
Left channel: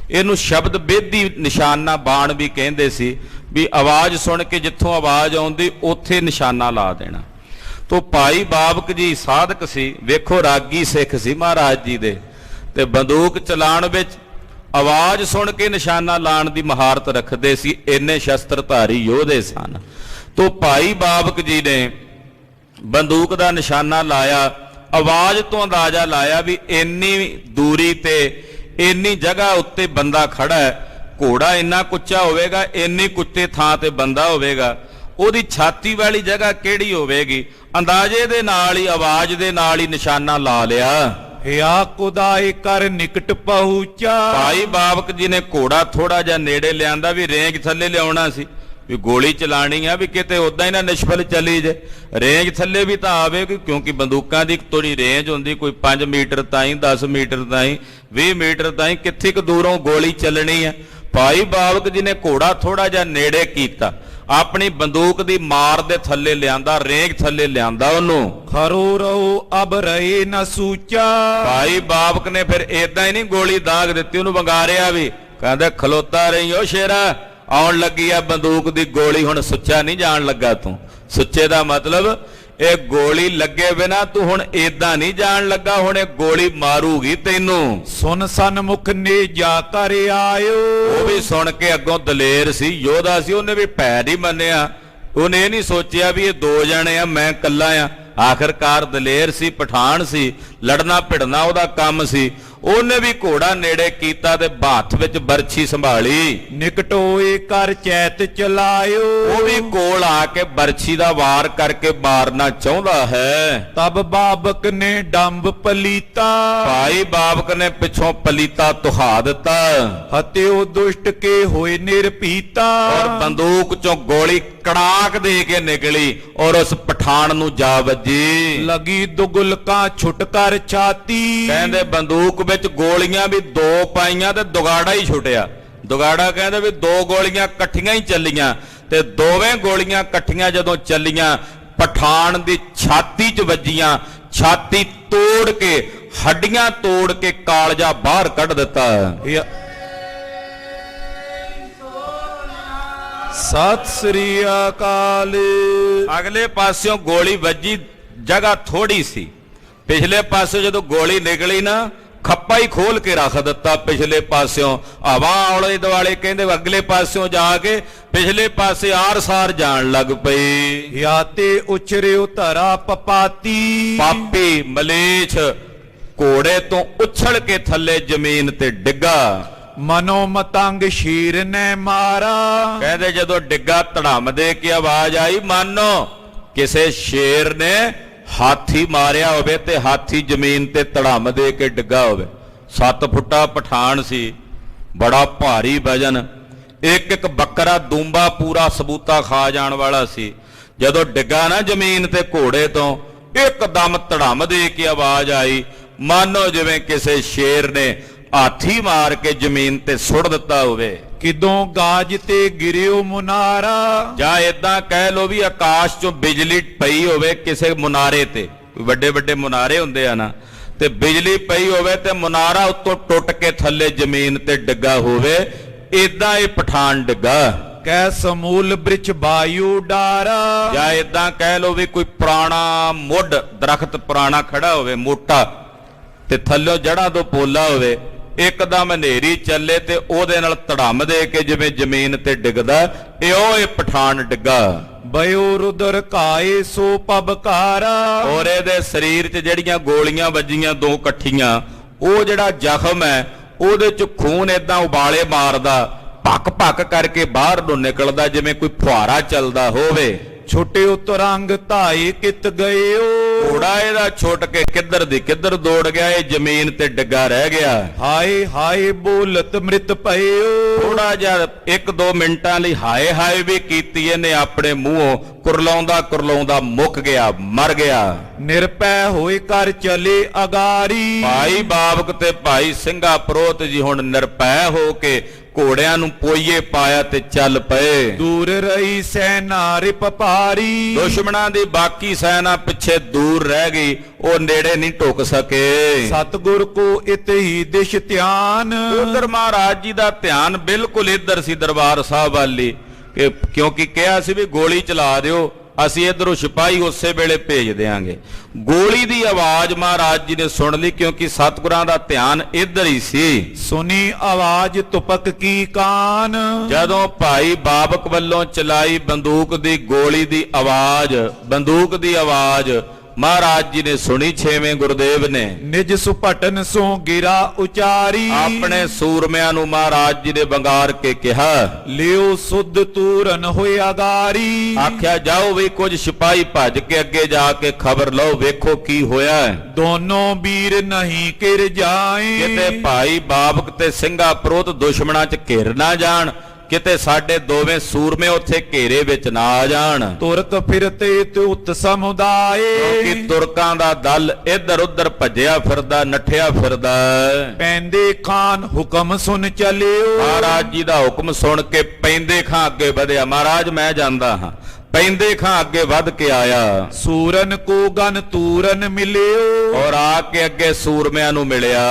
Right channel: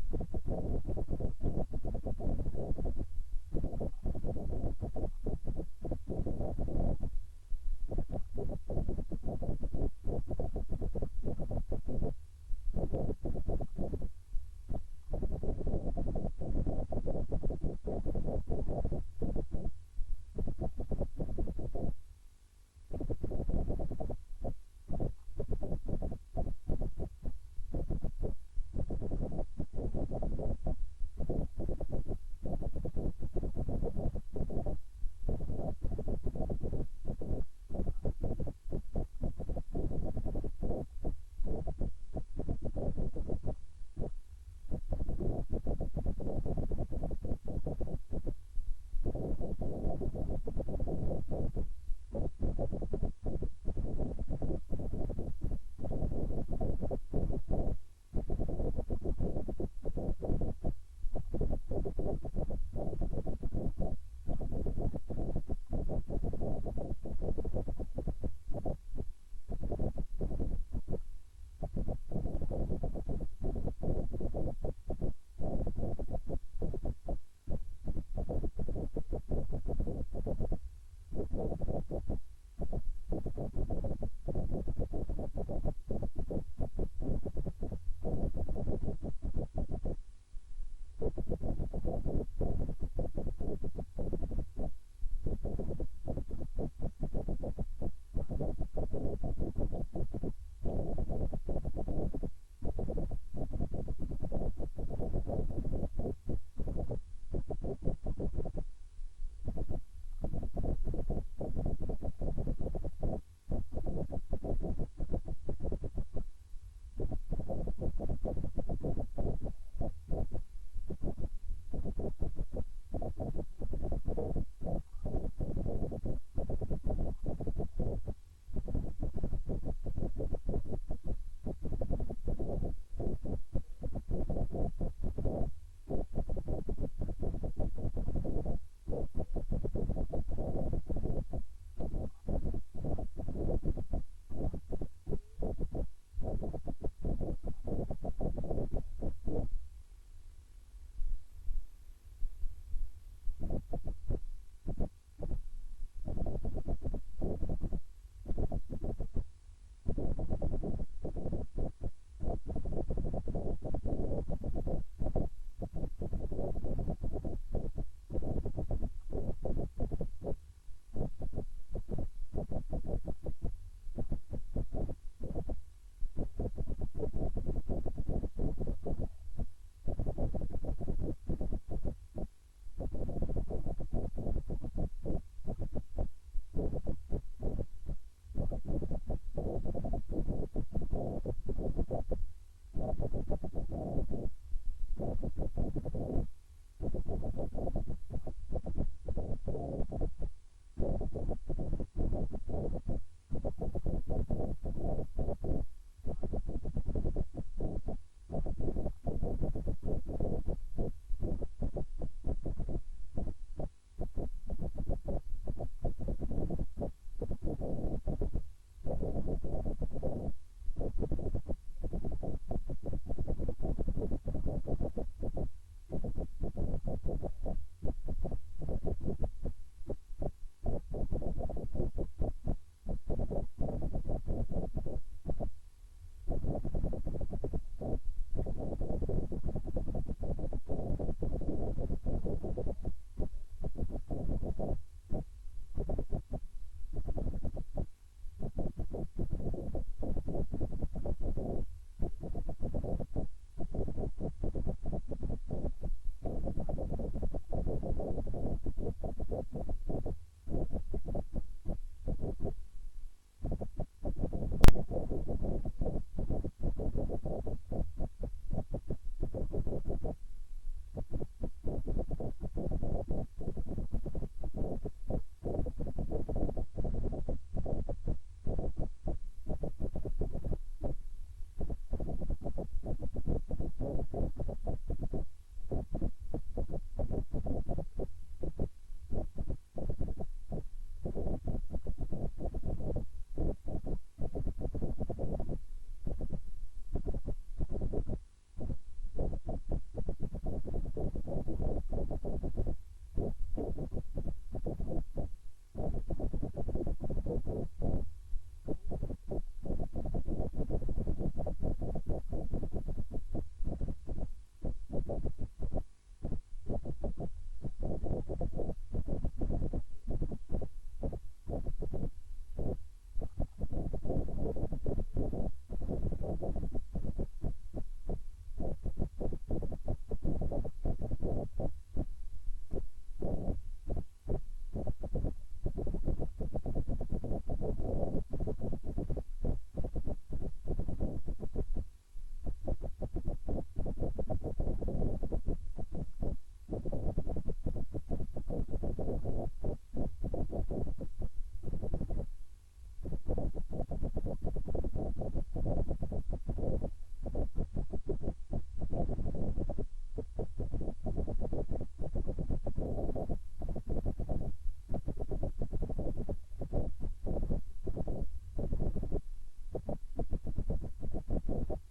ਇਹਨੂੰ ਸ਼ਬਦ ਬੇਦੀ ਨਿਸ਼ਾਨਾ ਬਾਣ ਵੀ ਕਹਿੰਦੇ ਸੀ, ਵੀ ਆਵਾਜ਼ ਸੁਣ ਕੇ ਜਿੱਥੋਂ ਆਵਾਜ਼ ਆਉਂਦੀ ਉੱਥੇ ਨਿਸ਼ਾਨਾ ਲਾ ਦੇਣਾ। ਤੋਂ ਭਾਈ ਬਾਬਕ ਜੀ ਸਾਧਕ ਸੀ, ਵੇਖੋ ਰਾਗੀ ਸਿੱਖ ਸੀ ਮਹਾਰਾਜ ਜੀ ਦੇ, ਤੇ ਬੰਦੂਕ ਚਲਾਉਣ ਵਿੱਚ ਆਵਾਜ਼ ਸੁਣ ਕੇ ਨਿਸ਼ਾਨਾ ਲਾਉਣ ਦੀ ਮਹਾਰਤ ਰੱਖਦੇ ਸੀ, ਇੰਨੇ ਸ਼ਸਤਰਧਾਰੀ ਯੋਧੇ ਸਨ। ਤੋਂ ਭਾਈ ਬਾਬਕ ਜੀ ਨੇ ਬੰਦੂਕ ਦਾ ਨਿਸ਼ਾਨਾ ਲਾਇਆ, ਆਵਾਜ਼ ਤੋਂ ਅੰਦਾਜ਼ਾ ਲਾਇਆ ਵੀ ਇੰਨੀ ਦੂਰੀ ਤੇ ਇੰਨੀ ਜਗ੍ਹਾ ਉੱਤੇ ਬੰਦਾ ਖੜਾ ਹੈ, ਘੋੜਾ ਇੰਨਾ ਕੁੱਚਾ ਹੋਵੇਗਾ, ਇੰਨੀ ਕੁੱਤੇ ਥਾਂ ਤੇ ਬੰਦਾ ਹੋਵੇਗਾ, ਉਹਦੀ ਛਾਤੀ ਵਾਲੀ ਜਗ੍ਹਾ ਕਿਹੜੀ ਹੋਵੇਗੀ, ਅੰਦਾਜ਼ੇ ਦੇ ਨਾਲ ਹੀ ਆਵਾਜ਼ ਦੇ ਨਾਲ ਹੀ ਨਿਸ਼ਾਨਾ ਲਾ ਲਿਆ। ਹਿਆ ਕੁਦਾਏ ਕਰ ਨਿਕਟ ਪਹੁੰਚਾ। ਭਾਈ ਬਾਬਕ ਜੀ ਨੇ ਘੋੜਾ ਥੋੜਾ ਜਿਹਾ ਨੇੜੇ ਲਿਆਂਦਾ ਵੀ ਰੇਂਜ ਥੱਲੇ ਲਿਆਉਣਾ ਸੀ, ਵੀ ਗੋਲੀ ਚਲਾਣੀ ਆ ਵੀ ਕਿਤੇ ਉਦਾਂ ਹੀ ਨਾ ਨਿਸ਼ਫਲ ਚੱਲੀ ਜੇ, ਰੇਂਜ ਥੱਲੇ ਵੀ ਤਾਂ ਆਵੇਗੀ, ਕਿਉਂਕਿ ਬੰਦੂਕਾਂ ਦੀ ਥੋੜੀ ਰੇਂਜ ਹੁੰਦੀ, ਕੋਈ 5 ਮੀਟਰ ਤਾਈਂ, 10 ਮੀਟਰ ਤਾਈਂ, 20 ਮੀਟਰ ਤਾਈਂ, ਕਿੱਥੇ ਕੁ ਦੂਰੋਂ ਗੋਲੀ ਚੱਲਣੀ ਹੈ। ਭਾਈ ਬਾਬਕ ਜੀ ਨੇ ਘੋੜਾ ਥੋੜਾ ਜਿਹਾ ਨੇੜੇ ਕੀਤਾ, ਆਪਣੀ ਬੰਦੂਕ ਦੀ ਮਾਰ ਦੇ ਥੱਲੇ ਲਿਆਂਦਾ, ਰੇਂਜ ਥੱਲੇ ਲਿਆਂਦਾ ਉਹਨੂੰ। ਖਰੋ ਰਹੋ ਅਬ ਰਹੇ ਨਾ ਸੂਚਾ। ਭਾਈ ਬਾਬਕ ਨੇ ਫਿਰ ਏਦਾਂ ਹੀ ਨਹੀਂ ਗੋਲੀ ਦਾਗ ਦਿੱਤੀ, ਉਹਨੂੰ ਵੰਗਾਰਿਆ ਵੀ, ਕਹਿੰਦਾ ਖਲੋਤਾ ਰਹੀ ਓ ਸ਼ੇਰਾ, ਆਉਣ ਲੱਗੀ ਆ ਬੰਦੂਕ ਦੀ ਗੋਲੀ, ਹੁਣ ਸੁੱਚਾ ਨਹੀਂ ਜਾਣ ਲੱਗਾ ਤੂੰ। ਸੁੱਚੇ ਦਾ ਮਤਲਬ ਇਹ ਗੋਲੀ ਲੱਗੇ ਬਿਨਾ ਤੂੰ ਹੁਣ ਏਦਾਂ ਨਹੀਂ ਜਾਣ ਲੱਗਾ, ਹੁਣ ਇਹ ਗੋਲੀ ਮਾਰੂਗੀ ਤੈਨੂੰ। ਸੁਨ ਸਨਮੁਖ ਨੇ ਜਾ ਕਰ ਆਇਓ। ਉਹ ਵੀ ਸੁਣ ਕੇ ਅੱਗੋਂ ਦਲੇਰ ਸੀ, ਯੋਧਾ ਸੀ, ਉਹਨੇ ਵੀ ਭੈ ਨਹੀਂ ਮੰਨਿਆ। ਉਹਨੇ ਇਹ ਨਹੀਂ ਸੋਚਿਆ ਵੀ ਇਹ ਦੋ ਜਣੇ ਆ, ਮੈਂ ਇਕੱਲਾ ਆ। ਆਖਰਕਾਰ ਦਲੇਰ ਸੀ, ਪਠਾਨ ਸੀ, ਲੜਨਾ ਭਿੜਨਾ ਉਹਦਾ ਕੰਮ ਸੀ। ਉਹਨੇ ਵੀ ਘੋੜਾ ਨੇੜੇ ਕੀਤਾ ਤੇ ਹੱਥ ਵਿੱਚ ਬਰਛੀ ਸੰਭਾਲੀ। ਨਿਕਟ ਹੋਏ ਕਰ ਚੈਤ ਚਲਾਇਓ। ਉਹ ਵੀ ਕੋਲ ਆ ਕੇ ਬਰਛੀ ਦਾ ਵਾਰ ਕਰਕੇ ਮਾਰਨਾ ਚਾਹੁੰਦਾ ਹੈ। ਤਬ ਬਾਬਕ ਨੇ ਡੰਬ ਪਲੀਤਾ। ਭਾਈ ਬਾਬਕ ਨੇ ਪਿੱਛੋਂ ਪਲੀਤਾ ਤੁਹਾ ਦਿੱਤਾ। ਹਤਿਓ ਦੁਸ਼ਟ ਕੇ ਹੋਏ ਨਿਰਪੀਤਾ। ਔਰ ਬੰਦੂਕ ਚੋਂ ਗੋਲੀ ਕੜਾਕ ਦੇ ਕੇ ਨਿਕਲੀ ਔਰ ਉਸ ਪਠਾਨ ਨੂੰ ਜਾ ਵੱਜੀ। ਲਗੀ ਦੁਗਲਕਾਂ ਛੁੱਟ ਕਰ ਛਾਤੀ। ਕਹਿੰਦੇ ਬੰਦੂਕ ਵਿੱਚ ਗੋਲੀਆਂ ਵੀ ਦੋ ਪਾਈਆਂ ਤੇ ਦੁਗਾੜਾ ਹੀ ਛੁੱਟਿਆ। ਦੁਗਾੜਾ ਕਹਿੰਦੇ ਵੀ ਦੋ ਗੋਲੀਆਂ ਇਕੱਠੀਆਂ ਹੀ ਚੱਲੀਆਂ ਤੇ ਦੋਵੇਂ ਗੋਲੀਆਂ ਇਕੱਠੀਆਂ ਜਦੋਂ ਚੱਲੀਆਂ ਪਠਾਨ ਦੀ ਛਾਤੀ 'ਚ ਵੱਜੀਆਂ। ਛਾਤੀ ਤੋੜ ਕੇ, ਹੱਡੀਆਂ ਤੋੜ ਕੇ ਕਾਲਜਾ ਬਾਹਰ ਕੱਢ ਦਿੱਤਾ। ਸਤਿ ਸ੍ਰੀ ਅਕਾਲ। ਅਗਲੇ ਪਾਸਿਓਂ ਗੋਲੀ ਵੱਜੀ, ਜਗ੍ਹਾ ਥੋੜੀ ਸੀ। ਪਿਛਲੇ ਪਾਸੇ ਜਦੋਂ ਗੋਲੀ ਨਿਕਲੀ ਨਾ, ਖੱਪਾ ਹੀ ਖੋਲ ਕੇ ਰੱਖ ਦਿੱਤਾ ਪਿਛਲੇ ਪਾਸਿਓਂ। ਹਵਾ ਆਲੇ ਦੁਆਲੇ ਕਹਿੰਦੇ ਅਗਲੇ ਪਾਸਿਓਂ ਜਾ ਕੇ ਪਿਛਲੇ ਪਾਸੇ ਆਰ-ਸਾਰ ਜਾਣ ਲੱਗ ਪਈ। ਯਾ ਤੇ ਉਛਰਿਓ ਧਰਾ ਪਪਾਤੀ। ਪਾਪੀ ਮਲੇਛ ਘੋੜੇ ਤੋਂ ਉਛਲ ਕੇ ਥੱਲੇ ਜ਼ਮੀਨ ਤੇ ਡਿੱਗਾ। ਮਨੋ ਮਤੰਗ ਸ਼ੀਰ ਨੇ ਮਾਰਾ। ਕਹਿੰਦੇ ਜਦੋਂ ਡਿੱਗਾ ਧੜਮ ਦੇ ਕੇ ਆਵਾਜ਼ ਆਈ, ਮਾਨੋ ਕਿਸੇ ਸ਼ੇਰ ਨੇ ਹਾਥੀ ਮਾਰਿਆ ਹੋਵੇ ਤੇ ਹਾਥੀ ਜ਼ਮੀਨ ਤੇ ਧੜਮ ਦੇ ਕੇ ਡਿੱਗਾ ਹੋਵੇ। 7 ਫੁੱਟਾ ਪਠਾਨ ਸੀ, ਬੜਾ ਭਾਰੀ ਵਜਨ, ਇੱਕ ਇੱਕ ਬੱਕਰਾ ਦੂੰਬਾ ਪੂਰਾ ਸਬੂਤਾ ਖਾ ਜਾਣ ਵਾਲਾ ਸੀ। ਜਦੋਂ ਡਿੱਗਾ ਨਾ ਜ਼ਮੀਨ ਤੇ ਘੋੜੇ ਤੋਂ, ਇੱਕਦਮ ਧੜਮ ਦੇ ਕੇ ਆਵਾਜ਼ ਆਈ, ਮਾਨੋ ਜਿਵੇਂ ਕਿਸੇ ਸ਼ੇਰ ਨੇ ਹਾਥੀ ਮਾਰ ਕੇ ਜ਼ਮੀਨ ਤੇ ਸੁੱਟ ਦਿੱਤਾ ਹੋਵੇ। ਕਿਦੋਂ ਗਾਜ ਤੇ ਗਿਰਿਓ ਮੁਨਾਰਾ। ਜਾਂ ਏਦਾਂ ਕਹਿ ਲੋ ਵੀ ਆਕਾਸ਼ ਚੋਂ ਬਿਜਲੀ ਪਈ ਹੋਵੇ ਕਿਸੇ ਮੁਨਾਰੇ ਤੇ, ਵੱਡੇ ਵੱਡੇ ਮੁਨਾਰੇ ਹੁੰਦੇ ਆ ਨਾ, ਤੇ ਬਿਜਲੀ ਪਈ ਹੋਵੇ ਤੇ ਮੁਨਾਰਾ ਉੱਤੋਂ ਟੁੱਟ ਕੇ ਥੱਲੇ ਜ਼ਮੀਨ ਤੇ ਡਿੱਗਾ ਹੋਵੇ। ਏਦਾਂ ਇਹ ਪਠਾਨ ਡਿੱਗਾ। ਕੈ ਸਮੂਲ ਬ੍ਰਿਛ ਬਾਯੂ ਡਾਰਾ। ਜਾਂ ਏਦਾਂ ਕਹਿ ਲੋ ਵੀ ਕੋਈ ਪੁਰਾਣਾ ਮੁੱਢ ਦਰਖਤ ਪੁਰਾਣਾ ਖੜਾ ਹੋਵੇ ਮੋਟਾ, ਤੇ ਥੱਲੋਂ ਜੜ੍ਹਾਂ ਤੋਂ ਪੋਲਾ ਹੋਵੇ, ਇੱਕਦਮ ਹਨੇਰੀ ਚੱਲੇ ਤੇ ਉਹਦੇ ਨਾਲ ਧੜਮ ਦੇ ਕੇ ਜਿਵੇਂ ਜ਼ਮੀਨ ਤੇ ਡਿੱਗਦਾ, ਇਹ ਪਠਾਨ ਡਿੱਗਾ। ਬਯੋ ਰੁਦਰ ਕਾਏ ਸੋ ਪਬਕਾਰਾ। ਔਰ ਇਹਦੇ ਸਰੀਰ 'ਚ ਜਿਹੜੀਆਂ ਗੋਲੀਆਂ ਵੱਜੀਆਂ ਦੋ ਇਕੱਠੀਆਂ, ਉਹ ਜਿਹੜਾ ਜ਼ਖਮ ਹੈ ਉਹਦੇ 'ਚ ਖੂਨ ਏਦਾਂ ਉਬਾਲੇ ਮਾਰਦਾ, ਭੱਕ ਭੱਕ ਕਰਕੇ ਬਾਹਰ ਨੂੰ ਨਿਕਲਦਾ ਜਿਵੇਂ ਕੋਈ ਫੁਹਾਰਾ ਚੱਲਦਾ ਹੋਵੇ। ਛੋਟੇ ਉਤਰੰਗ ਧਾਈ ਕਿਤ ਗਇਓ। ਘੋੜਾ ਇਹਦਾ ਛੁੱਟ ਕੇ ਕਿੱਧਰ ਦੀ ਕਿੱਧਰ ਦੌੜ ਗਿਆ, ਇਹ ਜ਼ਮੀਨ ਤੇ ਡਿੱਗਾ ਰਹਿ ਗਿਆ। ਹਾਏ ਹਾਏ ਬੋਲਤ ਮ੍ਰਿਤ ਪਇਓ। ਥੋੜਾ ਜਿਹਾ 1-2 ਮਿੰਟਾਂ ਲਈ ਹਾਏ ਹਾਏ ਵੀ ਕੀਤੀ ਇਹਨੇ ਆਪਣੇ ਮੂੰਹੋਂ, ਕੁਰਲਾਉਂਦਾ ਕੁਰਲਾਉਂਦਾ ਮੁੱਕ ਗਿਆ, ਮਰ ਗਿਆ। ਨਿਰਪੈ ਹੋਏ ਕਰ ਚਲੇ ਅਗਾਰੀ। ਭਾਈ ਬਾਬਕ ਤੇ ਭਾਈ ਸਿੰਘਾ ਪ੍ਰੋਤ ਜੀ ਹੁਣ ਨਿਰਪੈ ਹੋ ਕੇ ਘੋੜਿਆਂ ਨੂੰ ਪੋਈਏ ਪਾਇਆ ਤੇ ਚੱਲ ਪਏ। ਦੂਰ ਰਹੀ ਸੈਨਾ ਰਿਪ ਪਾਰੀ। ਦੁਸ਼ਮਣਾਂ ਦੀ ਬਾਕੀ ਸੈਨਾ ਪਿੱਛੇ ਦੂਰ ਰਹਿ ਗਈ, ਉਹ ਨੇੜੇ ਨਹੀਂ ਢੁੱਕ ਸਕੇ। ਸਤਿਗੁਰ ਕੋ ਇਤਹੀ ਦਿਸ਼ ਧਿਆਨ। ਉਧਰ ਮਹਾਰਾਜ ਜੀ ਦਾ ਧਿਆਨ ਬਿਲਕੁਲ ਇੱਧਰ ਸੀ, ਦਰਬਾਰ ਸਾਹਿਬ ਵਾਲੀ, ਕਿਉਂਕਿ ਕਿਹਾ ਸੀ ਵੀ ਗੋਲੀ ਚਲਾ ਦਿਓ, ਅਸੀਂ ਇਧਰੋਂ ਸਿਪਾਹੀ ਉਸੇ ਵੇਲੇ ਭੇਜ ਦੇਾਂਗੇ। ਗੋਲੀ ਦੀ ਆਵਾਜ਼ ਮਹਾਰਾਜ ਜੀ ਨੇ ਸੁਣ ਲਈ, ਕਿਉਂਕਿ ਸਤਿਗੁਰਾਂ ਦਾ ਧਿਆਨ ਇੱਧਰ ਹੀ ਸੀ। ਸੁਣੀ ਆਵਾਜ਼ ਤੁਪਕ ਕੀ ਕਾਨ। ਜਦੋਂ ਭਾਈ ਬਾਬਕ ਵੱਲੋਂ ਚਲਾਈ ਬੰਦੂਕ ਦੀ ਗੋਲੀ ਦੀ ਆਵਾਜ਼, ਬੰਦੂਕ ਦੀ ਆਵਾਜ਼ ਮਹਾਰਾਜ ਜੀ ਨੇ ਸੁਣੀ, 6ਵੇਂ ਗੁਰਦੇਵ ਨੇ ਨਿਜ ਸੁਪਟਨ ਸੋ ਗਿਰਾ ਉਚਾਰੀ। ਆਪਣੇ ਸੂਰਮਿਆਂ ਨੂੰ ਮਹਾਰਾਜ ਜੀ ਨੇ ਵੰਗਾਰ ਕੇ ਕਿਹਾ, ਲਿਓ ਸੁਧ ਤੂਰਨ ਹੋਇਆ ਗਾਰੀ। ਆਖਿਆ ਜਾਓ ਵੀ ਕੁਝ ਸਿਪਾਹੀ ਭੱਜ ਕੇ ਅੱਗੇ ਜਾ ਕੇ ਖਬਰ ਲਓ, ਵੇਖੋ ਕੀ ਹੋਇਆ। ਦੋਨੋਂ ਵੀਰ ਨਹੀਂ ਕਿਰ ਜਾਏ। ਕਿਤੇ ਭਾਈ ਬਾਬਕ ਤੇ ਸਿੰਘਾ ਪ੍ਰੋਤ ਦੁਸ਼ਮਣਾਂ 'ਚ ਘਿਰ ਨਾ ਜਾਣ, ਕਿਤੇ ਸਾਡੇ ਦੋਵੇਂ ਸੂਰਮੇ ਉੱਥੇ ਘੇਰੇ ਵਿੱਚ ਨਾ ਆ ਜਾਣ। ਤੁਰਕ ਫਿਰਤੇ ਤੁਤ ਸਮੁਦਾਏ। ਕਿ ਤੁਰਕਾਂ ਦਾ ਦਲ ਇੱਧਰ ਉੱਧਰ ਭੱਜਿਆ ਫਿਰਦਾ, ਨੱਠਿਆ ਫਿਰਦਾ। ਪੈਂਦੇ ਖਾਨ ਹੁਕਮ ਸੁਣ ਚਲਿਓ। ਮਹਾਰਾਜ ਜੀ ਦਾ ਹੁਕਮ ਸੁਣ ਕੇ ਪੈਂਦੇ ਖਾਂ ਅੱਗੇ ਵਧਿਆ। ਮਹਾਰਾਜ ਮੈਂ ਜਾਂਦਾ ਹਾਂ। ਪੈਂਦੇ ਖਾਂ ਅੱਗੇ ਵੱਧ ਕੇ ਆਇਆ। ਸੂਰਨ ਕੋ ਗਨ ਤੂਰਨ ਮਿਲਿਓ। ਔਰ ਆ ਕੇ ਅੱਗੇ ਸੂਰਮਿਆਂ ਨੂੰ ਮਿਲਿਆ।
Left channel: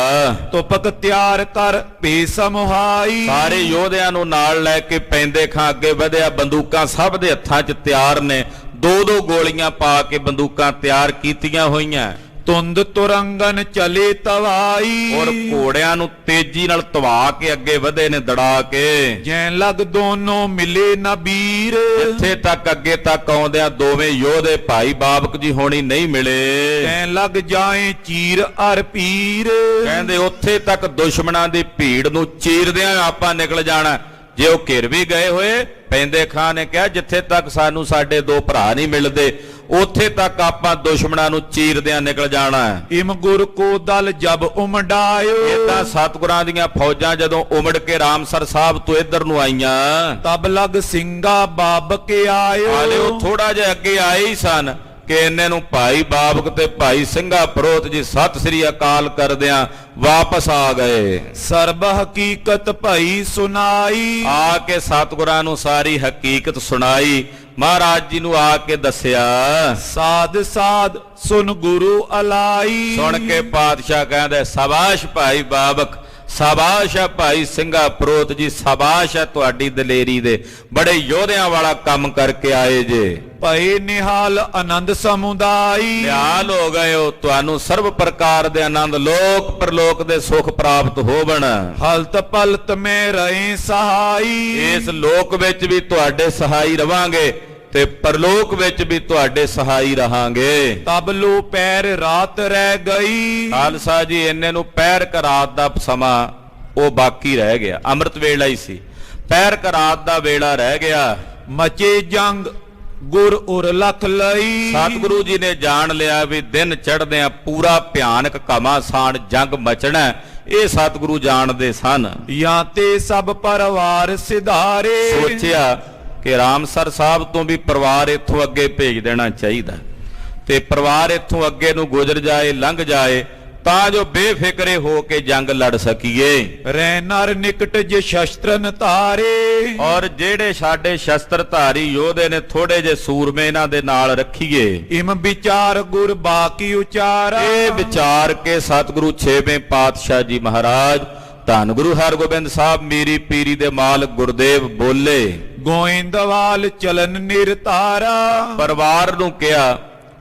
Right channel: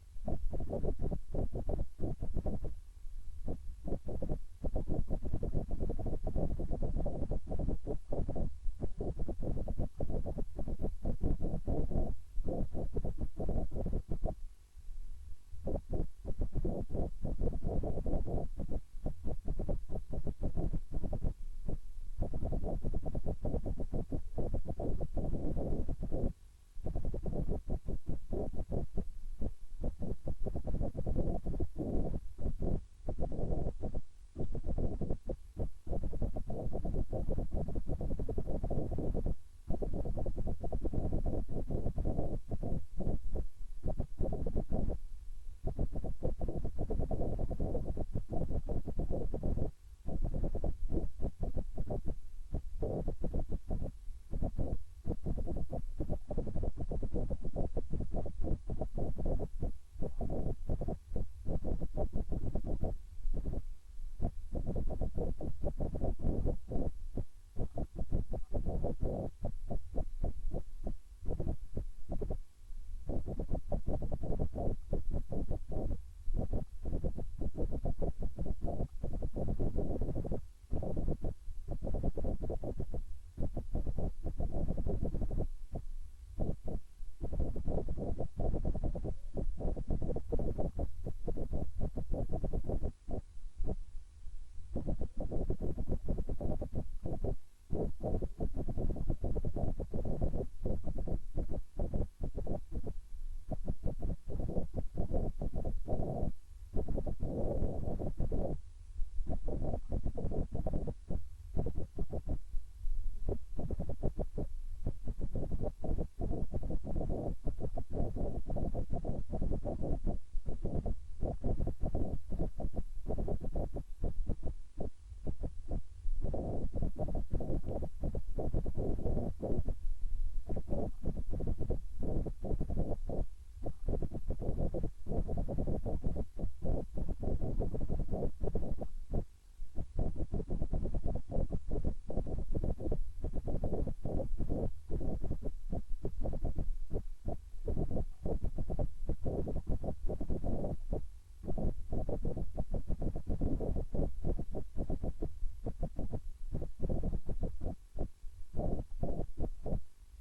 ਤੁਪਕ ਤਿਆਰ ਕਰ ਬੇਸਮਹਾਈ। ਸਾਰੇ ਯੋਧਿਆਂ ਨੂੰ ਨਾਲ ਲੈ ਕੇ ਪੈਂਦੇ ਖਾਂ ਅੱਗੇ ਵਧਿਆ। ਬੰਦੂਕਾਂ ਸਭ ਦੇ ਹੱਥਾਂ 'ਚ ਤਿਆਰ ਨੇ, ਦੋ ਗੋਲੀਆਂ ਪਾ ਕੇ ਬੰਦੂਕਾਂ ਤਿਆਰ ਕੀਤੀਆਂ ਹੋਈਆਂ ਤੁੰਦ ਤੁਰੰਗਨ ਚਲੇ ਤਵਾਈ ਔਰ ਘੋੜਿਆਂ ਨੂੰ ਤੇਜ਼ੀ ਨਾਲ ਧਵਾ ਕੇ ਅੱਗੇ ਵਧੇ ਨੇ ਦੜਾ ਕੇ ਜੈ ਲਗ ਦੋਨੋਂ ਮਿਲੇ ਨਾ ਵੀਰ ਇੱਥੇ ਤੱਕ ਅੱਗੇ ਤੱਕ ਆਉਂਦਿਆਂ ਦੋਵੇਂ ਯੋਧੇ ਭਾਈ ਬਾਬਕ ਜੀ ਹੋਣੀ ਨਹੀਂ ਮਿਲੇ ਜੈ ਲਗ ਜਾਏ ਚੀਰ ਅਰ ਪੀਰ ਕਹਿੰਦੇ ਉੱਥੇ ਤੱਕ ਦੁਸ਼ਮਣਾਂ ਦੀ ਭੀੜ ਨੂੰ ਚੀਰਦਿਆਂ ਆਪਾਂ ਨਿਕਲ ਜਾਣਾ ਜੇ ਉਹ ਘਿਰ ਵੀ ਗਏ ਹੋਏ ਪੈਂਦੇ ਖਾਂ ਨੇ ਕਿਹਾ ਜਿੱਥੇ ਤੱਕ ਸਾਨੂੰ ਸਾਡੇ ਦੋ ਭਰਾ ਨਹੀਂ ਮਿਲਦੇ ਉੱਥੇ ਤੱਕ ਆਪਾਂ ਦੁਸ਼ਮਣਾਂ ਨੂੰ ਚੀਰਦਿਆਂ ਨਿਕਲ ਜਾਣਾ ਇਮ ਗੁਰ ਕੋ ਦਲ ਜਬ ਉਮੜਾਇਓ ਇਦਾਂ ਸਤਿਗੁਰਾਂ ਦੀਆਂ ਫੌਜਾਂ ਜਦੋਂ ਉਮੜ ਕੇ ਰਾਮਸਰ ਸਾਹਿਬ ਤੋਂ ਇੱਧਰ ਨੂੰ ਆਈਆਂ ਤਬ ਲਗ ਸਿੰਘਾ ਬਾਬਕ ਆਇਓ ਹਾਲੇ ਉਹ ਥੋੜਾ ਜਿਹਾ ਅੱਗੇ ਆਏ ਹੀ ਸਨ ਕਿ ਇੰਨੇ ਨੂੰ ਭਾਈ ਬਾਬਕ ਤੇ ਭਾਈ ਸਿੰਘਾ ਪ੍ਰੋਤ ਜੀ ਸਤਿ ਸ੍ਰੀ ਅਕਾਲ ਕਰਦਿਆਂ ਵਾਪਸ ਆ ਗਏ ਸਰਬ ਹਕੀਕਤ ਭਈ ਸੁਨਾਈ ਆ ਕੇ ਸਤਿਗੁਰਾਂ ਨੂੰ ਸਾਰੀ ਹਕੀਕਤ ਸੁਣਾਈ ਮਹਾਰਾਜ ਜੀ ਨੂੰ ਆ ਕੇ ਦੱਸਿਆ ਸਾਧ ਸਾਧ ਸੁਨ ਗੁਰੂ ਅਲਾਈ ਸੁਣ ਕੇ ਪਾਤਸ਼ਾਹ ਕਹਿੰਦੇ ਸ਼ਾਬਾਸ਼ ਭਾਈ ਬਾਬਕ ਸ਼ਾਬਾਸ਼ ਹੈ ਭਾਈ ਸਿੰਘਾ ਪ੍ਰੋਤ ਜੀ ਸ਼ਾਬਾਸ਼ ਹੈ ਤੁਹਾਡੀ ਦਲੇਰੀ ਦੇ ਬੜੇ ਯੋਧਿਆਂ ਵਾਲਾ ਕੰਮ ਕਰਕੇ ਆਏ ਜੇ ਭਏ ਨਿਹਾਲ ਆਨੰਦ ਸਮੁਦਾਈ ਨਿਹਾਲ ਹੋ ਗਏ ਹੋ ਤੁਹਾਨੂੰ ਸਰਬ ਪ੍ਰਕਾਰ ਦੇ ਆਨੰਦ ਲੋਕ ਪਰਲੋਕ ਦੇ ਸੁਖ ਪ੍ਰਾਪਤ ਹੋਵਣ ਹਲਤ ਪਲਤ ਮੈਂ ਰਹੇ ਸਹਾਈ ਇਸ ਲੋਕ ਵਿੱਚ ਵੀ ਤੁਹਾਡੇ ਸਹਾਈ ਰਵਾਂਗੇ ਤੇ ਪਰਲੋਕ ਵਿੱਚ ਵੀ ਤੁਹਾਡੇ ਸਹਾਈ ਰਹਾਂਗੇ ਤਬ ਲੋ ਪੈਰ ਰਾਤ ਰਹਿ ਗਈ ਖਾਲਸਾ ਜੀ ਇੰਨੇ ਨੂੰ ਪੈਰ ਕ ਰਾਤ ਦਾ ਸਮਾਂ ਉਹ ਬਾਕੀ ਰਹਿ ਗਿਆ ਅੰਮ੍ਰਿਤ ਵੇਲਾ ਹੀ ਸੀ ਪੈਰ ਕ ਰਾਤ ਦਾ ਵੇਲਾ ਰਹਿ ਗਿਆ ਮਚੇ ਜੰਗ ਗੁਰ ਉਰ ਲਖ ਲਈ ਸਤਿਗੁਰੂ ਜੀ ਨੇ ਜਾਣ ਲਿਆ ਵੀ ਦਿਨ ਚੜ੍ਹਦਿਆਂ ਪੂਰਾ ਭਿਆਨਕ ਘਮਾਸਾਨ ਜੰਗ ਮਚਣਾ ਇਹ ਸਤਿਗੁਰੂ ਜਾਣਦੇ ਸਨ ਜਾਂ ਤੇ ਸਭ ਪਰਿਵਾਰ ਸਿਧਾਰੇ ਸੋਚਿਆ ਕਿ ਰਾਮਸਰ ਸਾਹਿਬ ਤੋਂ ਵੀ ਪਰਿਵਾਰ ਇੱਥੋਂ ਅੱਗੇ ਭੇਜ ਦੇਣਾ ਚਾਹੀਦਾ ਤੇ ਪਰਿਵਾਰ ਇੱਥੋਂ ਅੱਗੇ ਨੂੰ ਗੁਜ਼ਰ ਜਾਏ ਲੰਘ ਜਾਏ ਤਾਂ ਜੋ ਬੇਫਿਕਰੇ ਹੋ ਕੇ ਜੰਗ ਲੜ ਸਕੀਏ ਰਹਿ ਨਰ ਨਿਕਟ ਜੇ ਸ਼ਸਤਰਨ ਧਾਰੇ ਔਰ ਜਿਹੜੇ ਸਾਡੇ ਸ਼ਸਤਰ ਧਾਰੀ ਯੋਧੇ ਨੇ ਥੋੜੇ ਜੇ ਸੂਰਮੇ ਇਹਨਾਂ ਦੇ ਨਾਲ ਰੱਖੀਏ ਇਮ ਵਿਚਾਰ ਗੁਰ ਬਾਕੀ ਉਚਾਰਾ ਇਹ ਵਿਚਾਰ ਕੇ ਸਤਿਗੁਰੂ ਛੇਵੇਂ ਪਾਤਸ਼ਾਹ ਜੀ ਮਹਾਰਾਜ ਧੰਨ ਗੁਰੂ ਹਰਗੋਬਿੰਦ ਸਾਹਿਬ ਮੀਰੀ ਪੀਰੀ ਦੇ ਮਾਲਕ ਗੁਰਦੇਵ ਬੋਲੇ ਗੋਇੰਦਵਾਲ ਚਲਨ ਨਿਰਤਾਰਾ ਪਰਿਵਾਰ ਨੂੰ ਕਿਹਾ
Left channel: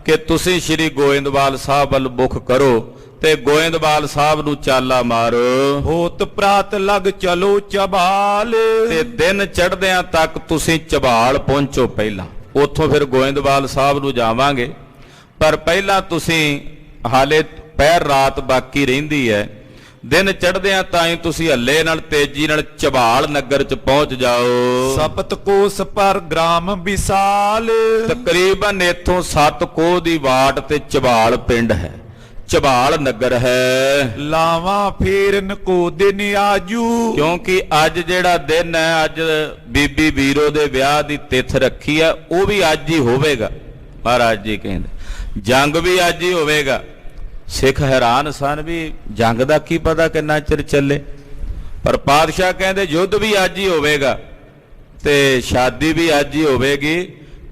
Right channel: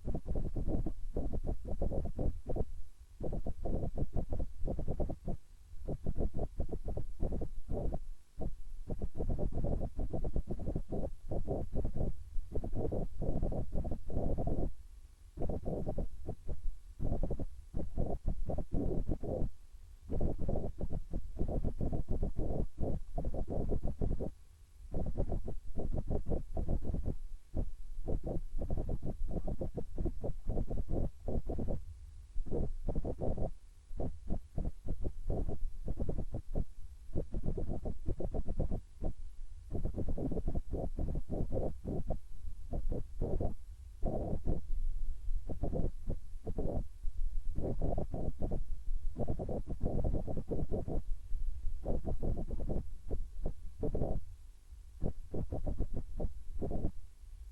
ਕਿ ਤੁਸੀਂ ਸ੍ਰੀ ਗੋਇੰਦਵਾਲ ਸਾਹਿਬ ਵੱਲ ਮੁਖ ਕਰੋ ਤੇ ਗੋਇੰਦਵਾਲ ਸਾਹਿਬ ਨੂੰ ਚਾਲਾ ਮਾਰੋ ਹੋਤ ਪ੍ਰਾਤ ਲਗ ਚਲੋ ਚਬਾਲ ਤੇ ਦਿਨ ਚੜ੍ਹਦਿਆਂ ਤੱਕ ਤੁਸੀਂ ਚਬਾਲ ਪਹੁੰਚੋ ਪਹਿਲਾਂ ਉੱਥੋਂ ਫਿਰ ਗੋਇੰਦਵਾਲ ਸਾਹਿਬ ਨੂੰ ਜਾਵਾਂਗੇ ਪਰ ਪਹਿਲਾਂ ਤੁਸੀਂ ਹਾਲੇ ਪਹਿਰ ਰਾਤ ਬਾਕੀ ਰਹਿੰਦੀ ਹੈ ਦਿਨ ਚੜ੍ਹਦਿਆਂ ਤਾਂ ਹੀ ਤੁਸੀਂ ਹੱਲੇ ਨਾਲ ਤੇਜ਼ੀ ਨਾਲ ਚਬਾਲ ਨਗਰ ਚ ਪਹੁੰਚ ਜਾਓ ਸਪਤ ਕੋਸ ਪਰ ਗ੍ਰਾਮ ਵਿਸਾਲ ਤਕਰੀਬਨ ਇੱਥੋਂ 7 ਕੋਹ ਦੀ ਵਾਟ ਤੇ ਚਬਾਲ ਪਿੰਡ ਹੈ ਚਬਾਲ ਨਗਰ ਹੈ ਲਾਵਾਂ ਫੇਰਨ ਕੋ ਦਿਨ ਆਜੂ ਕਿਉਂਕਿ ਅੱਜ ਜਿਹੜਾ ਦਿਨ ਹੈ ਅੱਜ ਬੀਬੀ ਵੀਰੋ ਦੇ ਵਿਆਹ ਦੀ ਤਿਥ ਰੱਖੀ ਹੈ ਉਹ ਵੀ ਅੱਜ ਹੀ ਹੋਵੇਗਾ ਮਹਾਰਾਜ ਜੀ ਕਹਿੰਦੇ ਜੰਗ ਵੀ ਅੱਜ ਹੀ ਹੋਵੇਗਾ ਸਿੱਖ ਹੈਰਾਨ ਸਨ ਵੀ ਜੰਗ ਦਾ ਕੀ ਪਤਾ ਕਿੰਨਾ ਚਿਰ ਚੱਲੇ ਪਰ ਪਾਤਸ਼ਾਹ ਕਹਿੰਦੇ ਯੁੱਧ ਵੀ ਅੱਜ ਹੀ ਹੋਵੇਗਾ ਤੇ ਸ਼ਾਦੀ ਵੀ ਅੱਜ ਹੀ ਹੋਵੇਗੀ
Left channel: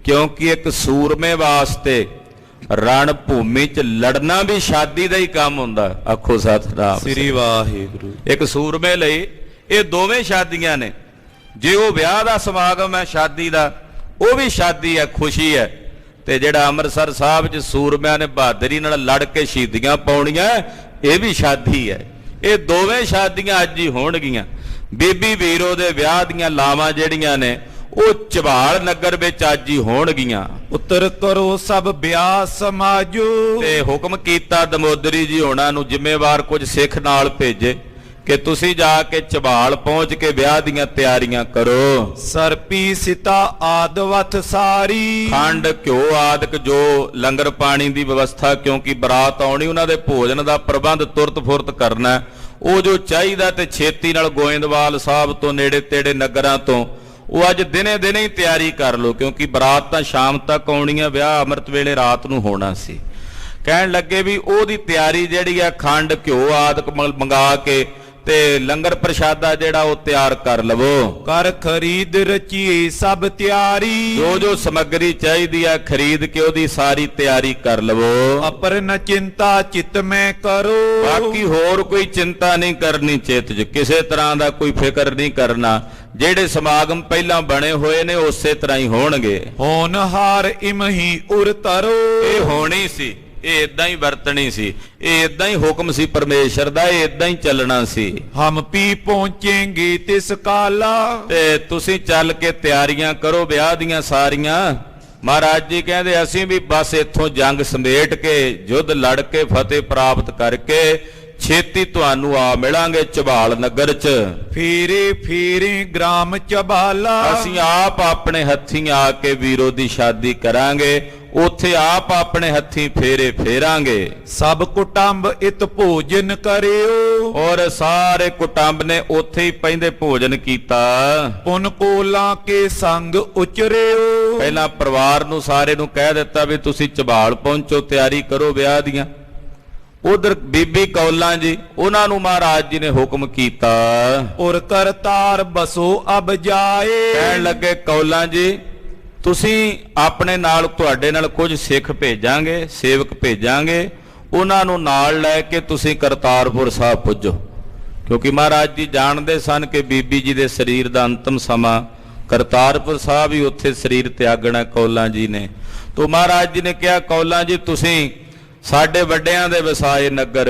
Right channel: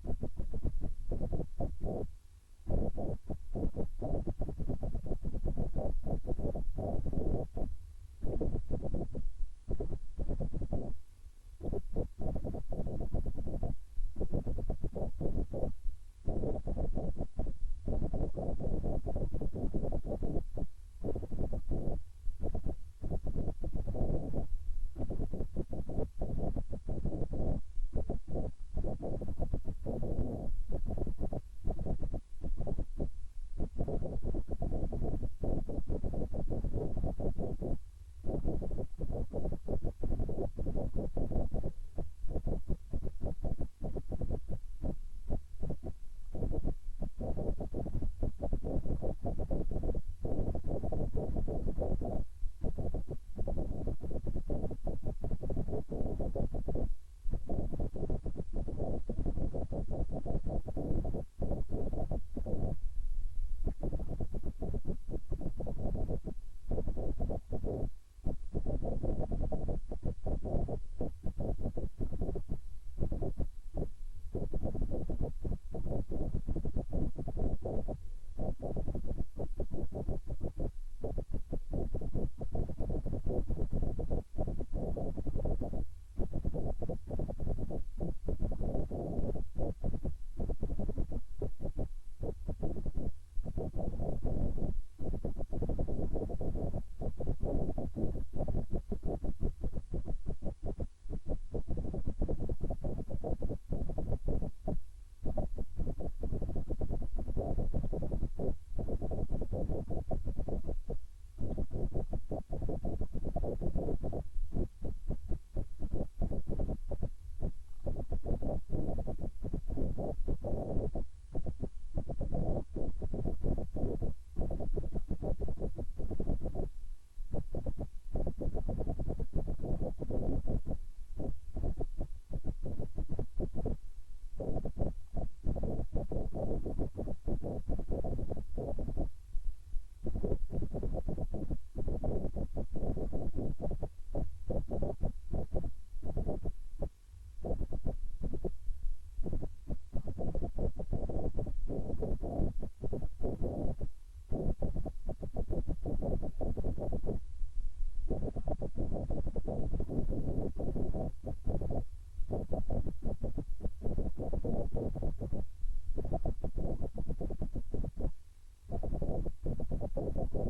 ਕਿਉਂਕਿ ਇੱਕ ਸੂਰਮੇ ਵਾਸਤੇ ਰਣ ਭੂਮੀ 'ਚ ਲੜਨਾ ਵੀ ਸ਼ਾਦੀ ਦਾ ਹੀ ਕੰਮ ਹੁੰਦਾ ਆਖੋ ਸਤਿਨਾਮ ਸ੍ਰੀ ਵਾਹਿਗੁਰੂ ਇੱਕ ਸੂਰਮੇ ਲਈ ਇਹ ਦੋਵੇਂ ਸ਼ਾਦੀਆਂ ਨੇ ਜੇ ਉਹ ਵਿਆਹ ਦਾ ਸਮਾਗਮ ਹੈ ਸ਼ਾਦੀ ਦਾ ਉਹ ਵੀ ਸ਼ਾਦੀ ਹੈ ਖੁਸ਼ੀ ਹੈ ਤੇ ਜਿਹੜਾ ਅੰਮ੍ਰਿਤਸਰ ਸਾਹਿਬ 'ਚ ਸੂਰਮਿਆਂ ਨੇ ਬਹਾਦਰੀ ਨਾਲ ਲੜ ਕੇ ਸ਼ਹੀਦੀਆਂ ਪਾਉਣੀਆਂ ਇਹ ਵੀ ਸ਼ਾਦੀ ਹੈ ਇਹ ਦੋਵੇਂ ਸ਼ਾਦੀਆਂ ਅੱਜ ਹੀ ਹੋਣਗੀਆਂ ਬੀਬੀ ਵੀਰੋ ਦੇ ਵਿਆਹ ਦੀਆਂ ਲਾਵਾਂ ਜਿਹੜੀਆਂ ਨੇ ਉਹ ਚਬਾਲ ਨਗਰ ਵਿੱਚ ਅੱਜ ਹੀ ਹੋਣਗੀਆਂ ਉਤਰ ਕਰੋ ਸਭ ਵਿਆਹ ਸਮਾਜੋ ਤੇ ਹੁਕਮ ਕੀਤਾ ਦਮੋਦਰੀ ਜੀ ਹੋਣਾ ਨੂੰ ਜ਼ਿੰਮੇਵਾਰ ਕੁਝ ਸਿੱਖ ਨਾਲ ਭੇਜੇ ਕਿ ਤੁਸੀਂ ਜਾ ਕੇ ਚਬਾਲ ਪਹੁੰਚ ਕੇ ਵਿਆਹ ਦੀਆਂ ਤਿਆਰੀਆਂ ਕਰੋ ਸਰਪੀ ਸਿਤਾ ਆਦਵਤ ਸਾਰੀ ਖੰਡ ਘਿਓ ਆਦਿਕ ਜੋ ਲੰਗਰ ਪਾਣੀ ਦੀ ਵਿਵਸਥਾ ਕਿਉਂਕਿ ਬਰਾਤ ਆਉਣੀ ਉਹਨਾਂ ਦੇ ਭੋਜਨ ਦਾ ਪ੍ਰਬੰਧ ਤੁਰਤ ਫੁਰਤ ਕਰਨਾ ਉਹ ਜੋ ਚਾਹੀਦਾ ਤੇ ਛੇਤੀ ਨਾਲ ਗੋਇੰਦਵਾਲ ਸਾਹਿਬ ਤੋਂ ਨੇੜੇ ਤੇੜੇ ਨਗਰਾਂ ਤੋਂ ਉਹ ਅੱਜ ਦਿਨੇ ਦਿਨੇ ਹੀ ਤਿਆਰੀ ਕਰ ਲਓ ਕਿਉਂਕਿ ਬਰਾਤ ਤਾਂ ਸ਼ਾਮ ਤੱਕ ਆਉਣੀ ਹੈ ਵਿਆਹ ਅੰਮ੍ਰਿਤ ਵੇਲੇ ਰਾਤ ਨੂੰ ਹੋਣਾ ਸੀ ਕਹਿਣ ਲੱਗੇ ਵੀ ਉਹਦੀ ਤਿਆਰੀ ਜਿਹੜੀ ਆ ਖੰਡ ਘਿਓ ਆਦਿਕ ਮੰਗਾ ਕੇ ਤੇ ਲੰਗਰ ਪ੍ਰਸ਼ਾਦਾ ਜਿਹੜਾ ਉਹ ਤਿਆਰ ਕਰ ਲਵੋ। ਕਰ ਖਰੀਦ ਰਚੀਏ ਸਭ ਤਿਆਰੀ, ਜੋ ਜੋ ਸਮੱਗਰੀ ਚਾਹੀਦੀ ਆ ਖਰੀਦ ਕੇ ਉਹਦੀ ਸਾਰੀ ਤਿਆਰੀ ਕਰ ਲਵੋ। ਅਪਰ ਨ ਚਿੰਤਾ ਚਿਤ ਮੈਂ ਕਰੋ, ਬਾਕੀ ਹੋਰ ਕੋਈ ਚਿੰਤਾ ਨਹੀਂ ਕਰਨੀ, ਚਿੱਤ 'ਚ ਕਿਸੇ ਤਰ੍ਹਾਂ ਦਾ ਕੋਈ ਫਿਕਰ ਨਹੀਂ ਕਰਨਾ। ਜਿਹੜੇ ਸਮਾਗਮ ਪਹਿਲਾਂ ਬਣੇ ਹੋਏ ਨੇ ਉਸੇ ਤਰ੍ਹਾਂ ਹੀ ਹੋਣਗੇ। ਹੋਨਹਾਰ ਇਮਹੀ ਉਰ ਤਰੋ, ਇਹ ਹੋਣੀ ਸੀ, ਇਹ ਇਦਾਂ ਹੀ ਵਰਤਣੀ ਸੀ, ਇਹ ਇਦਾਂ ਹੀ ਹੁਕਮ ਸੀ ਪਰਮੇਸ਼ਰ ਦਾ, ਇਹ ਇਦਾਂ ਹੀ ਚੱਲਣਾ ਸੀ। ਹਮ ਪੀ ਪਹੁੰਚेंगे ਤਿਸ ਕਾਲਾ, ਤੇ ਤੁਸੀਂ ਚੱਲ ਕੇ ਤਿਆਰੀਆਂ ਕਰੋ ਵਿਆਹ ਦੀਆਂ ਸਾਰੀਆਂ। ਮਹਾਰਾਜ ਜੀ ਕਹਿੰਦੇ ਅਸੀਂ ਵੀ ਬਸ ਇੱਥੋਂ ਜੰਗ ਸਮੇਟ ਕੇ ਯੁੱਧ ਲੜ ਕੇ ਫਤਿਹ ਪ੍ਰਾਪਤ ਕਰਕੇ ਛੇਤੀ ਤੁਹਾਨੂੰ ਆ ਮਿਲਾਂਗੇ ਝਬਾਲ ਨਗਰ 'ਚ। ਫੇਰੇ ਫੇਰੇ ਗ੍ਰਾਮ ਚਬਾਲਾ, ਅਸੀਂ ਆਪ ਆਪਣੇ ਹੱਥੀਂ ਆ ਕੇ ਵੀਰੋ ਦੀ ਸ਼ਾਦੀ ਕਰਾਂਗੇ, ਉੱਥੇ ਆਪ ਆਪਣੇ ਹੱਥੀਂ ਫੇਰੇ ਫੇਰਾਂਗੇ। ਸਭ ਕੁਟੰਬ ਇਤ ਭੋਜਨ ਕਰਿਓ, ਔਰ ਸਾਰੇ ਕੁਟੰਬ ਨੇ ਉੱਥੇ ਹੀ ਪੈਂਦੇ ਭੋਜਨ ਕੀਤਾ। ਪੁਨ ਕੋਲਾਂ ਕੇ ਸੰਗ ਉਚਰਿਓ, ਪਹਿਲਾਂ ਪਰਿਵਾਰ ਨੂੰ ਸਾਰੇ ਨੂੰ ਕਹਿ ਦਿੱਤਾ ਵੀ ਤੁਸੀਂ ਝਬਾਲ ਪਹੁੰਚੋ, ਤਿਆਰੀ ਕਰੋ ਵਿਆਹ ਦੀਆਂ। ਉਧਰ ਬੀਬੀ ਕੌਲਾਂ ਜੀ, ਉਹਨਾਂ ਨੂੰ ਮਹਾਰਾਜ ਜੀ ਨੇ ਹੁਕਮ ਕੀਤਾ। ਔਰ ਕਰਤਾਰ ਬਸੋ ਅਬ ਜਾਏ, ਕਹਿਣ ਲੱਗੇ ਕੌਲਾਂ ਜੀ ਤੁਸੀਂ ਆਪਣੇ ਨਾਲ, ਤੁਹਾਡੇ ਨਾਲ ਕੁਝ ਸਿੱਖ ਭੇਜਾਂਗੇ, ਸੇਵਕ ਭੇਜਾਂਗੇ, ਉਹਨਾਂ ਨੂੰ ਨਾਲ ਲੈ ਕੇ ਤੁਸੀਂ ਕਰਤਾਰਪੁਰ ਸਾਹਿਬ ਪੁੱਜੋ। ਕਿਉਂਕਿ ਮਹਾਰਾਜ ਜੀ ਜਾਣਦੇ ਸਨ ਕਿ ਬੀਬੀ ਜੀ ਦੇ ਸਰੀਰ ਦਾ ਅੰਤਮ ਸਮਾਂ ਕਰਤਾਰਪੁਰ ਸਾਹਿਬ ਹੀ ਉੱਥੇ ਸਰੀਰ ਤਿਆਗਣਾ ਕੌਲਾਂ ਜੀ ਨੇ। ਤੋਂ ਮਹਾਰਾਜ ਜੀ ਨੇ ਕਿਹਾ ਕੌਲਾਂ ਜੀ ਤੁਸੀਂ ਸਾਡੇ ਵੱਡਿਆਂ ਦੇ ਵਸਾਏ ਨਗਰ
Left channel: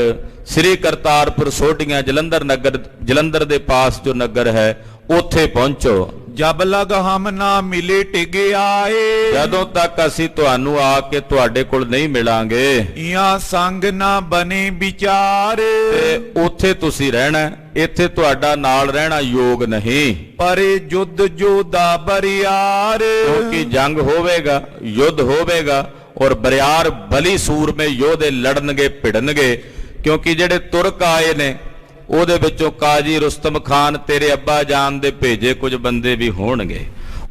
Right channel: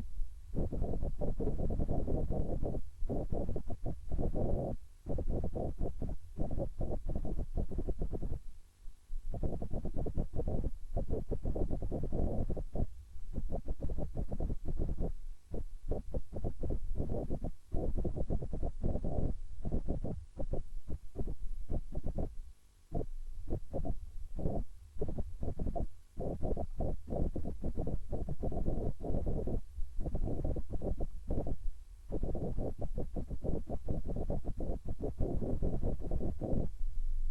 ਸ੍ਰੀ ਕਰਤਾਰਪੁਰ ਸੋਢੀਆਂ ਜਲੰਧਰ ਨਗਰ, ਜਲੰਧਰ ਦੇ ਪਾਸ ਜੋ ਨਗਰ ਹੈ ਉੱਥੇ ਪਹੁੰਚੋ। ਜਬ ਲਗ ਹਮ ਨਾ ਮਿਲੇ ਟਿਗੇ ਆਏ, ਜਦੋਂ ਤੱਕ ਅਸੀਂ ਤੁਹਾਨੂੰ ਆ ਕੇ ਤੁਹਾਡੇ ਕੋਲ ਨਹੀਂ ਮਿਲਾਂਗੇ ਇਹਾਂ ਸੰਗ ਨਾ ਬਨੇ ਵਿਚਾਰ, ਤੇ ਉੱਥੇ ਤੁਸੀਂ ਰਹਿਣਾ, ਇੱਥੇ ਤੁਹਾਡਾ ਨਾਲ ਰਹਿਣਾ ਯੋਗ ਨਹੀਂ। ਪਰੇ ਜੁੱਧ ਜੋਦਾ ਬਰਿਆਰ, ਕਿਉਂਕਿ ਜੰਗ ਹੋਵੇਗਾ, ਯੁੱਧ ਹੋਵੇਗਾ ਔਰ ਬਰਿਆਰ ਬਲੀ ਸੂਰਮੇ ਯੋਧੇ ਲੜਨਗੇ ਭਿੜਨਗੇ। ਕਿਉਂਕਿ ਜਿਹੜੇ ਤੁਰਕ ਆਏ ਨੇ ਉਹਦੇ ਵਿੱਚੋਂ ਕਾਜੀ ਰੁਸਤਮ ਖਾਨ ਤੇਰੇ ਅੱਬਾ ਜਾਨ ਦੇ ਭੇਜੇ ਕੁਝ ਬੰਦੇ ਵੀ ਹੋਣਗੇ,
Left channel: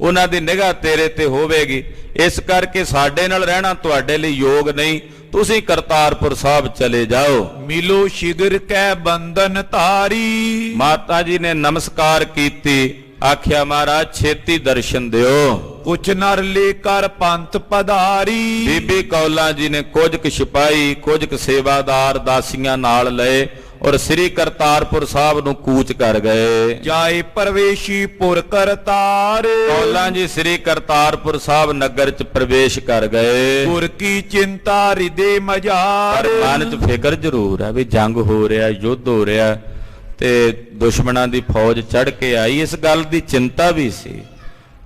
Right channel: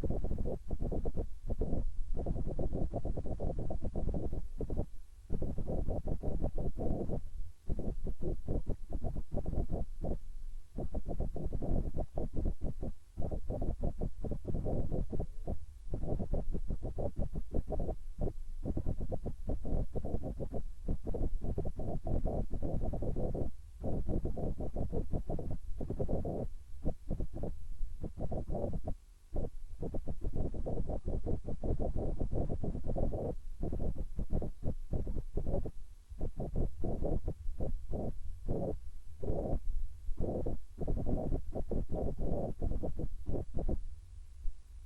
ਉਹਨਾਂ ਦੀ ਨਿਗਾਹ ਤੇਰੇ ਤੇ ਹੋਵੇਗੀ। ਇਸ ਕਰਕੇ ਸਾਡੇ ਨਾਲ ਰਹਿਣਾ ਤੁਹਾਡੇ ਲਈ ਯੋਗ ਨਹੀਂ, ਤੁਸੀਂ ਕਰਤਾਰਪੁਰ ਸਾਹਿਬ ਚਲੇ ਜਾਓ। ਮਿਲੋ ਸ਼ਿਗਰ ਕੈ ਬੰਧਨ ਤਾਰੀ, ਮਾਤਾ ਜੀ ਨੇ ਨਮਸਕਾਰ ਕੀਤੀ, ਆਖਿਆ ਮਹਾਰਾਜ ਛੇਤੀ ਦਰਸ਼ਨ ਦਿਓ। ਕੁਛ ਨਰ ਲੈ ਕਰ ਪੰਥ ਪਧਾਰੀ, ਬੀਬੀ ਕੌਲਾਂ ਜੀ ਨੇ ਕੁਝ ਕੁ ਸਿਪਾਹੀ, ਕੁਝ ਕੁ ਸੇਵਾਦਾਰ ਦਾਸੀਆਂ ਨਾਲ ਲਏ ਔਰ ਸ੍ਰੀ ਕਰਤਾਰਪੁਰ ਸਾਹਿਬ ਨੂੰ ਕੂਚ ਕਰ ਗਏ। ਜਾਏ ਪ੍ਰਵੇਸ਼ੀ ਪੁਰ ਕਰਤਾਰ, ਕੌਲਾਂ ਜੀ ਸ੍ਰੀ ਕਰਤਾਰਪੁਰ ਸਾਹਿਬ ਨਗਰ 'ਚ ਪ੍ਰਵੇਸ਼ ਕਰ ਗਏ। ਪੁਰ ਕੀ ਚਿੰਤਾ ਹਿਰਦੇ ਮਝਾਰ, ਪਰ ਮਨ 'ਚ ਫਿਕਰ ਜ਼ਰੂਰ ਹੈ ਵੀ ਜੰਗ ਹੋ ਰਿਹਾ, ਯੁੱਧ ਹੋ ਰਿਹਾ ਤੇ ਦੁਸ਼ਮਣਾਂ ਦੀ ਫੌਜ ਚੜ੍ਹ ਕੇ ਆਈ, ਇਸ ਗੱਲ ਦੀ ਚਿੰਤਾ ਵੀ ਸੀ।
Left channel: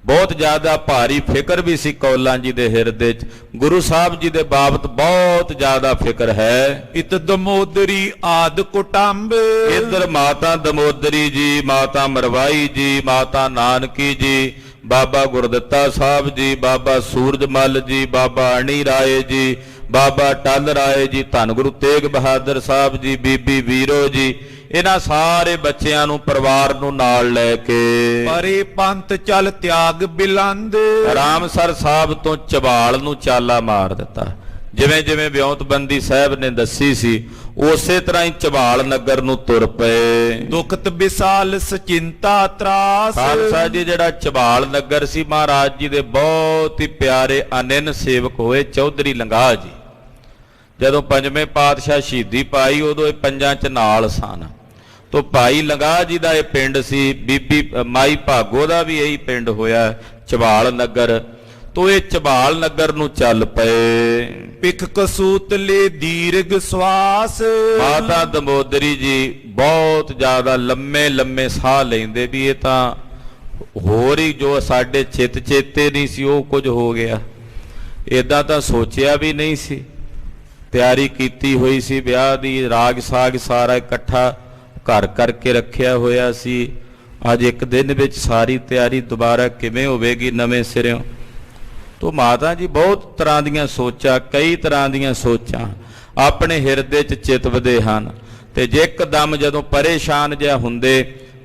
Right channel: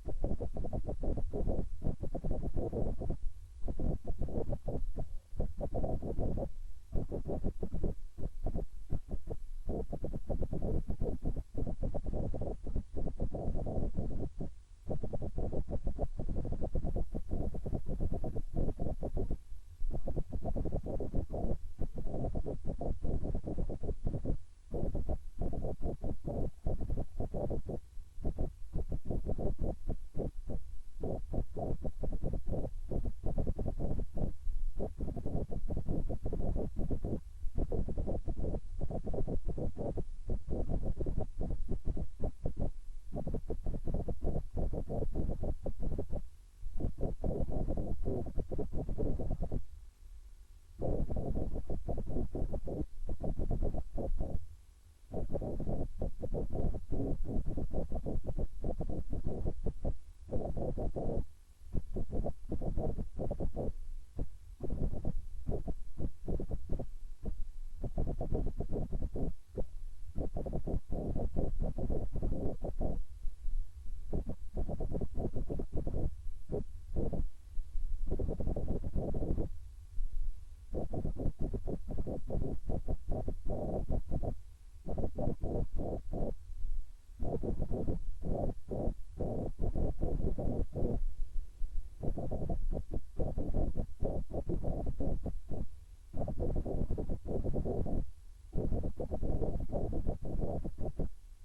ਬਹੁਤ ਜ਼ਿਆਦਾ ਭਾਰੀ ਫਿਕਰ ਵੀ ਸੀ ਕੌਲਾਂ ਜੀ ਦੇ ਹਿਰਦੇ 'ਚ, ਗੁਰੂ ਸਾਹਿਬ ਜੀ ਦੇ ਬਾਬਤ ਬਹੁਤ ਜ਼ਿਆਦਾ ਫਿਕਰ ਹੈ। ਇਤ ਦਮੋਦਰੀ ਆਦ ਕੁਟੰਬ, ਇੱਧਰ ਮਾਤਾ ਦਮੋਦਰੀ ਜੀ, ਮਾਤਾ ਮਰਵਾਈ ਜੀ, ਮਾਤਾ ਨਾਨਕੀ ਜੀ, ਬਾਬਾ ਗੁਰਦਿੱਤਾ ਸਾਹਿਬ ਜੀ, ਬਾਬਾ ਸੂਰਜਮਲ ਜੀ, ਬਾਬਾ ਅਣੀ ਰਾਏ ਜੀ, ਬਾਬਾ ਟੱਲ ਰਾਏ ਜੀ, ਧੰਨ ਗੁਰੂ ਤੇਗ ਬਹਾਦਰ ਸਾਹਿਬ ਜੀ, ਬੀਬੀ ਵੀਰੋ ਜੀ, ਇਹਨਾਂ ਸਾਰੇ ਬੱਚਿਆਂ ਨੂੰ ਪਰਿਵਾਰ ਨੂੰ ਨਾਲ ਲੈ ਕੇ ਪਰੇ ਪੰਥ ਚੱਲ ਤਿਆਗ ਬਿਲੰਦ, ਰਾਮਸਰ ਸਾਹਿਬ ਤੋਂ ਝਬਾਲ ਨੂੰ ਚਾਲਾ ਮਾਰ ਦਿੱਤਾ। ਜਿਵੇਂ ਜਿਵੇਂ ਵਿਉਂਤਬੰਦੀ ਸਾਹਿਬ ਨੇ ਦੱਸੀ ਸੀ ਉਸੇ ਤਰ੍ਹਾਂ ਹੀ ਝਬਾਲ ਨਗਰ ਨੂੰ ਤੁਰ ਪਏ। ਦੁਖਤ ਵਿਸਾਲ ਸਚਿੰਤਾ ਤਰਾਸ, ਖਾਲਸਾ ਜੀ ਜਿਹੜਾ ਝਬਾਲ ਨਗਰ ਸੀ ਮਹਾਰਾਜ ਜੀ ਦੇ ਬਹੁਤ ਹੀ ਪਿਆਰੇ ਅਨੰਨ ਸੇਵਕ ਹੋਏ ਚੌਧਰੀ ਲੰਗਾਹ ਜੀ। ਜਦੋਂ ਪੰਜਵੇਂ ਪਾਤਸ਼ਾਹ ਸ਼ਹੀਦੀ ਪਾਈ ਉਦੋਂ ਇਹ ਪੰਜਾਂ 'ਚ ਨਾਲ ਸਨ। ਤੋ ਭਾਈ ਲੰਗਾਹ ਜੀ ਦਾ ਇਹ ਪਿੰਡ ਸੀ, ਬੀਬੀ ਮਾਈ ਭਾਗੋ ਦਾ ਵੀ ਇਹੀ ਪਿੰਡ ਹੋਇਆ ਝਬਾਲ ਨਗਰ। ਤੋ ਇਹ ਝਬਾਲ ਨਗਰ ਨੂੰ ਚੱਲ ਪਏ। ਪਿਖ ਕਸੂਤ ਲੈ ਦੀਰਘ ਸਵਾਸ, ਮਾਤਾ ਦਮੋਦਰੀ ਜੀ ਬਹੁਤ ਜ਼ਿਆਦਾ ਲੰਮੇ ਲੰਮੇ ਸਾਹ ਲੈਂਦੇ ਵੀ ਇਹ ਤਾਂ ਹੋਰ ਹੀ ਜੋ ਸਾਡੇ ਚਿੱਤ ਚੇਤੇ ਨਹੀਂ ਸੀ ਉਹ ਕੁਝ ਹੋ ਗਿਆ। ਏਦਾਂ ਤਾਂ ਸੋਚਿਆ ਵੀ ਨਹੀਂ ਸੀ, ਤਿਆਰੀ ਕੀਤੀ ਹੋਈ ਸੀ ਵਿਆਹ ਦੀ, ਰਾਗ ਸਾਗ ਸਾਰਾ ਇਕੱਠਾ ਘਰ ਕਰਕੇ ਰੱਖਿਆ ਹੋਇਆ ਸੀ। ਅੱਜ ਇੱਕ ਦਿਨ ਵਿੱਚ ਸਾਰੀ ਤਿਆਰੀ ਦੁਬਾਰਾ ਕਿਵੇਂ ਹੋਵੇਗੀ ਨਵੇਂ ਸਿਰਿਓਂ। ਤੋ ਮਾਤਾ ਜੀ ਬਹੁਤ ਤਰ੍ਹਾਂ ਦੀਆਂ ਸੋਚਾਂ, ਕਈ ਤਰ੍ਹਾਂ ਦੀਆਂ ਸੋਚਾਂ ਆਪਣੇ ਹਿਰਦੇ 'ਚ ਚਿਤਵਦੇ ਹਨ। ਤੇ ਜੇ ਇੱਕਦਮ ਜਦੋਂ ਪਰੇਸ਼ਾਨ ਜਿਹਾ ਹੁੰਦੇ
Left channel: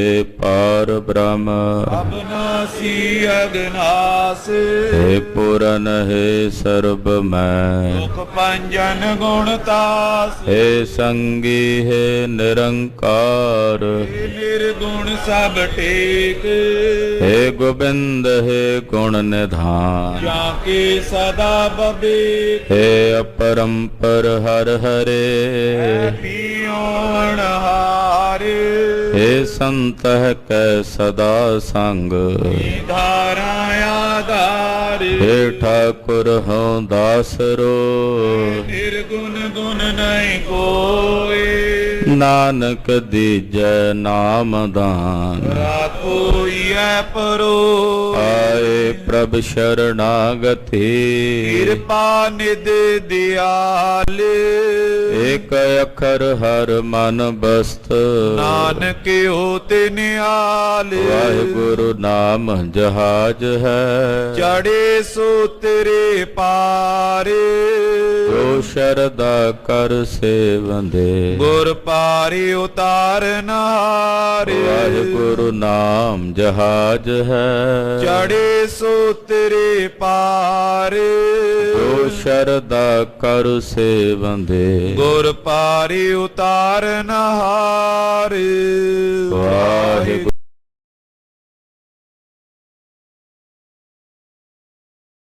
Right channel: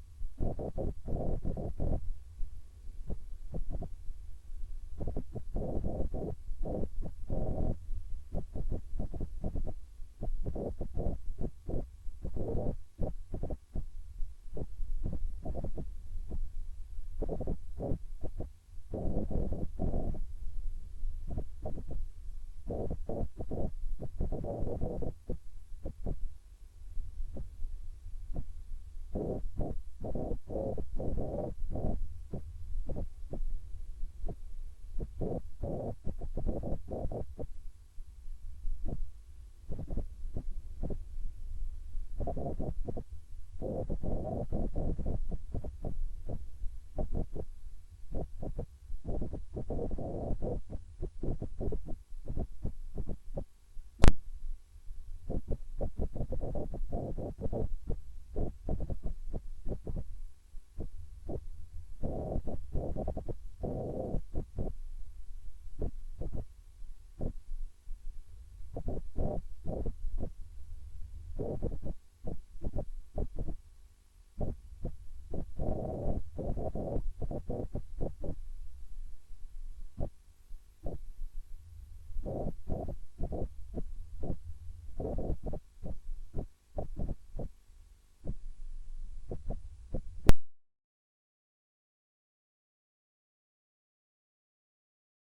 हे पार ब्रह्म अबनासी अगनास हे पूरन हे सर्व मैं दुख पंजन गुण तास हे संगी हे निरंकार हे निर्गुण सब टेक हे गोविंद हे गुण निधान जाके सदा बबेक हे अपरंपर हर हरे पियोण हारे हे संत कै सदा संग धारा आधार हे ठाकुर हूँ दासरो निर्गुण गुण नहीं कोई नानक दीजै नाम दान राखोई परो आए प्रभ शरणागति कृपा निध दयाल एक अखर हर मन बस्त नानक होते निहाल वाहिगुरु नाम जहाज है चढ़े सो तेरे पारे जो शरदा कर सेवंदे गुर पारी उतारन हारे वाहिगुरु नाम जहाज है चढ़े सो तेरे पारे जो शरदा कर सेवंदे गुर पारी उतारन हारे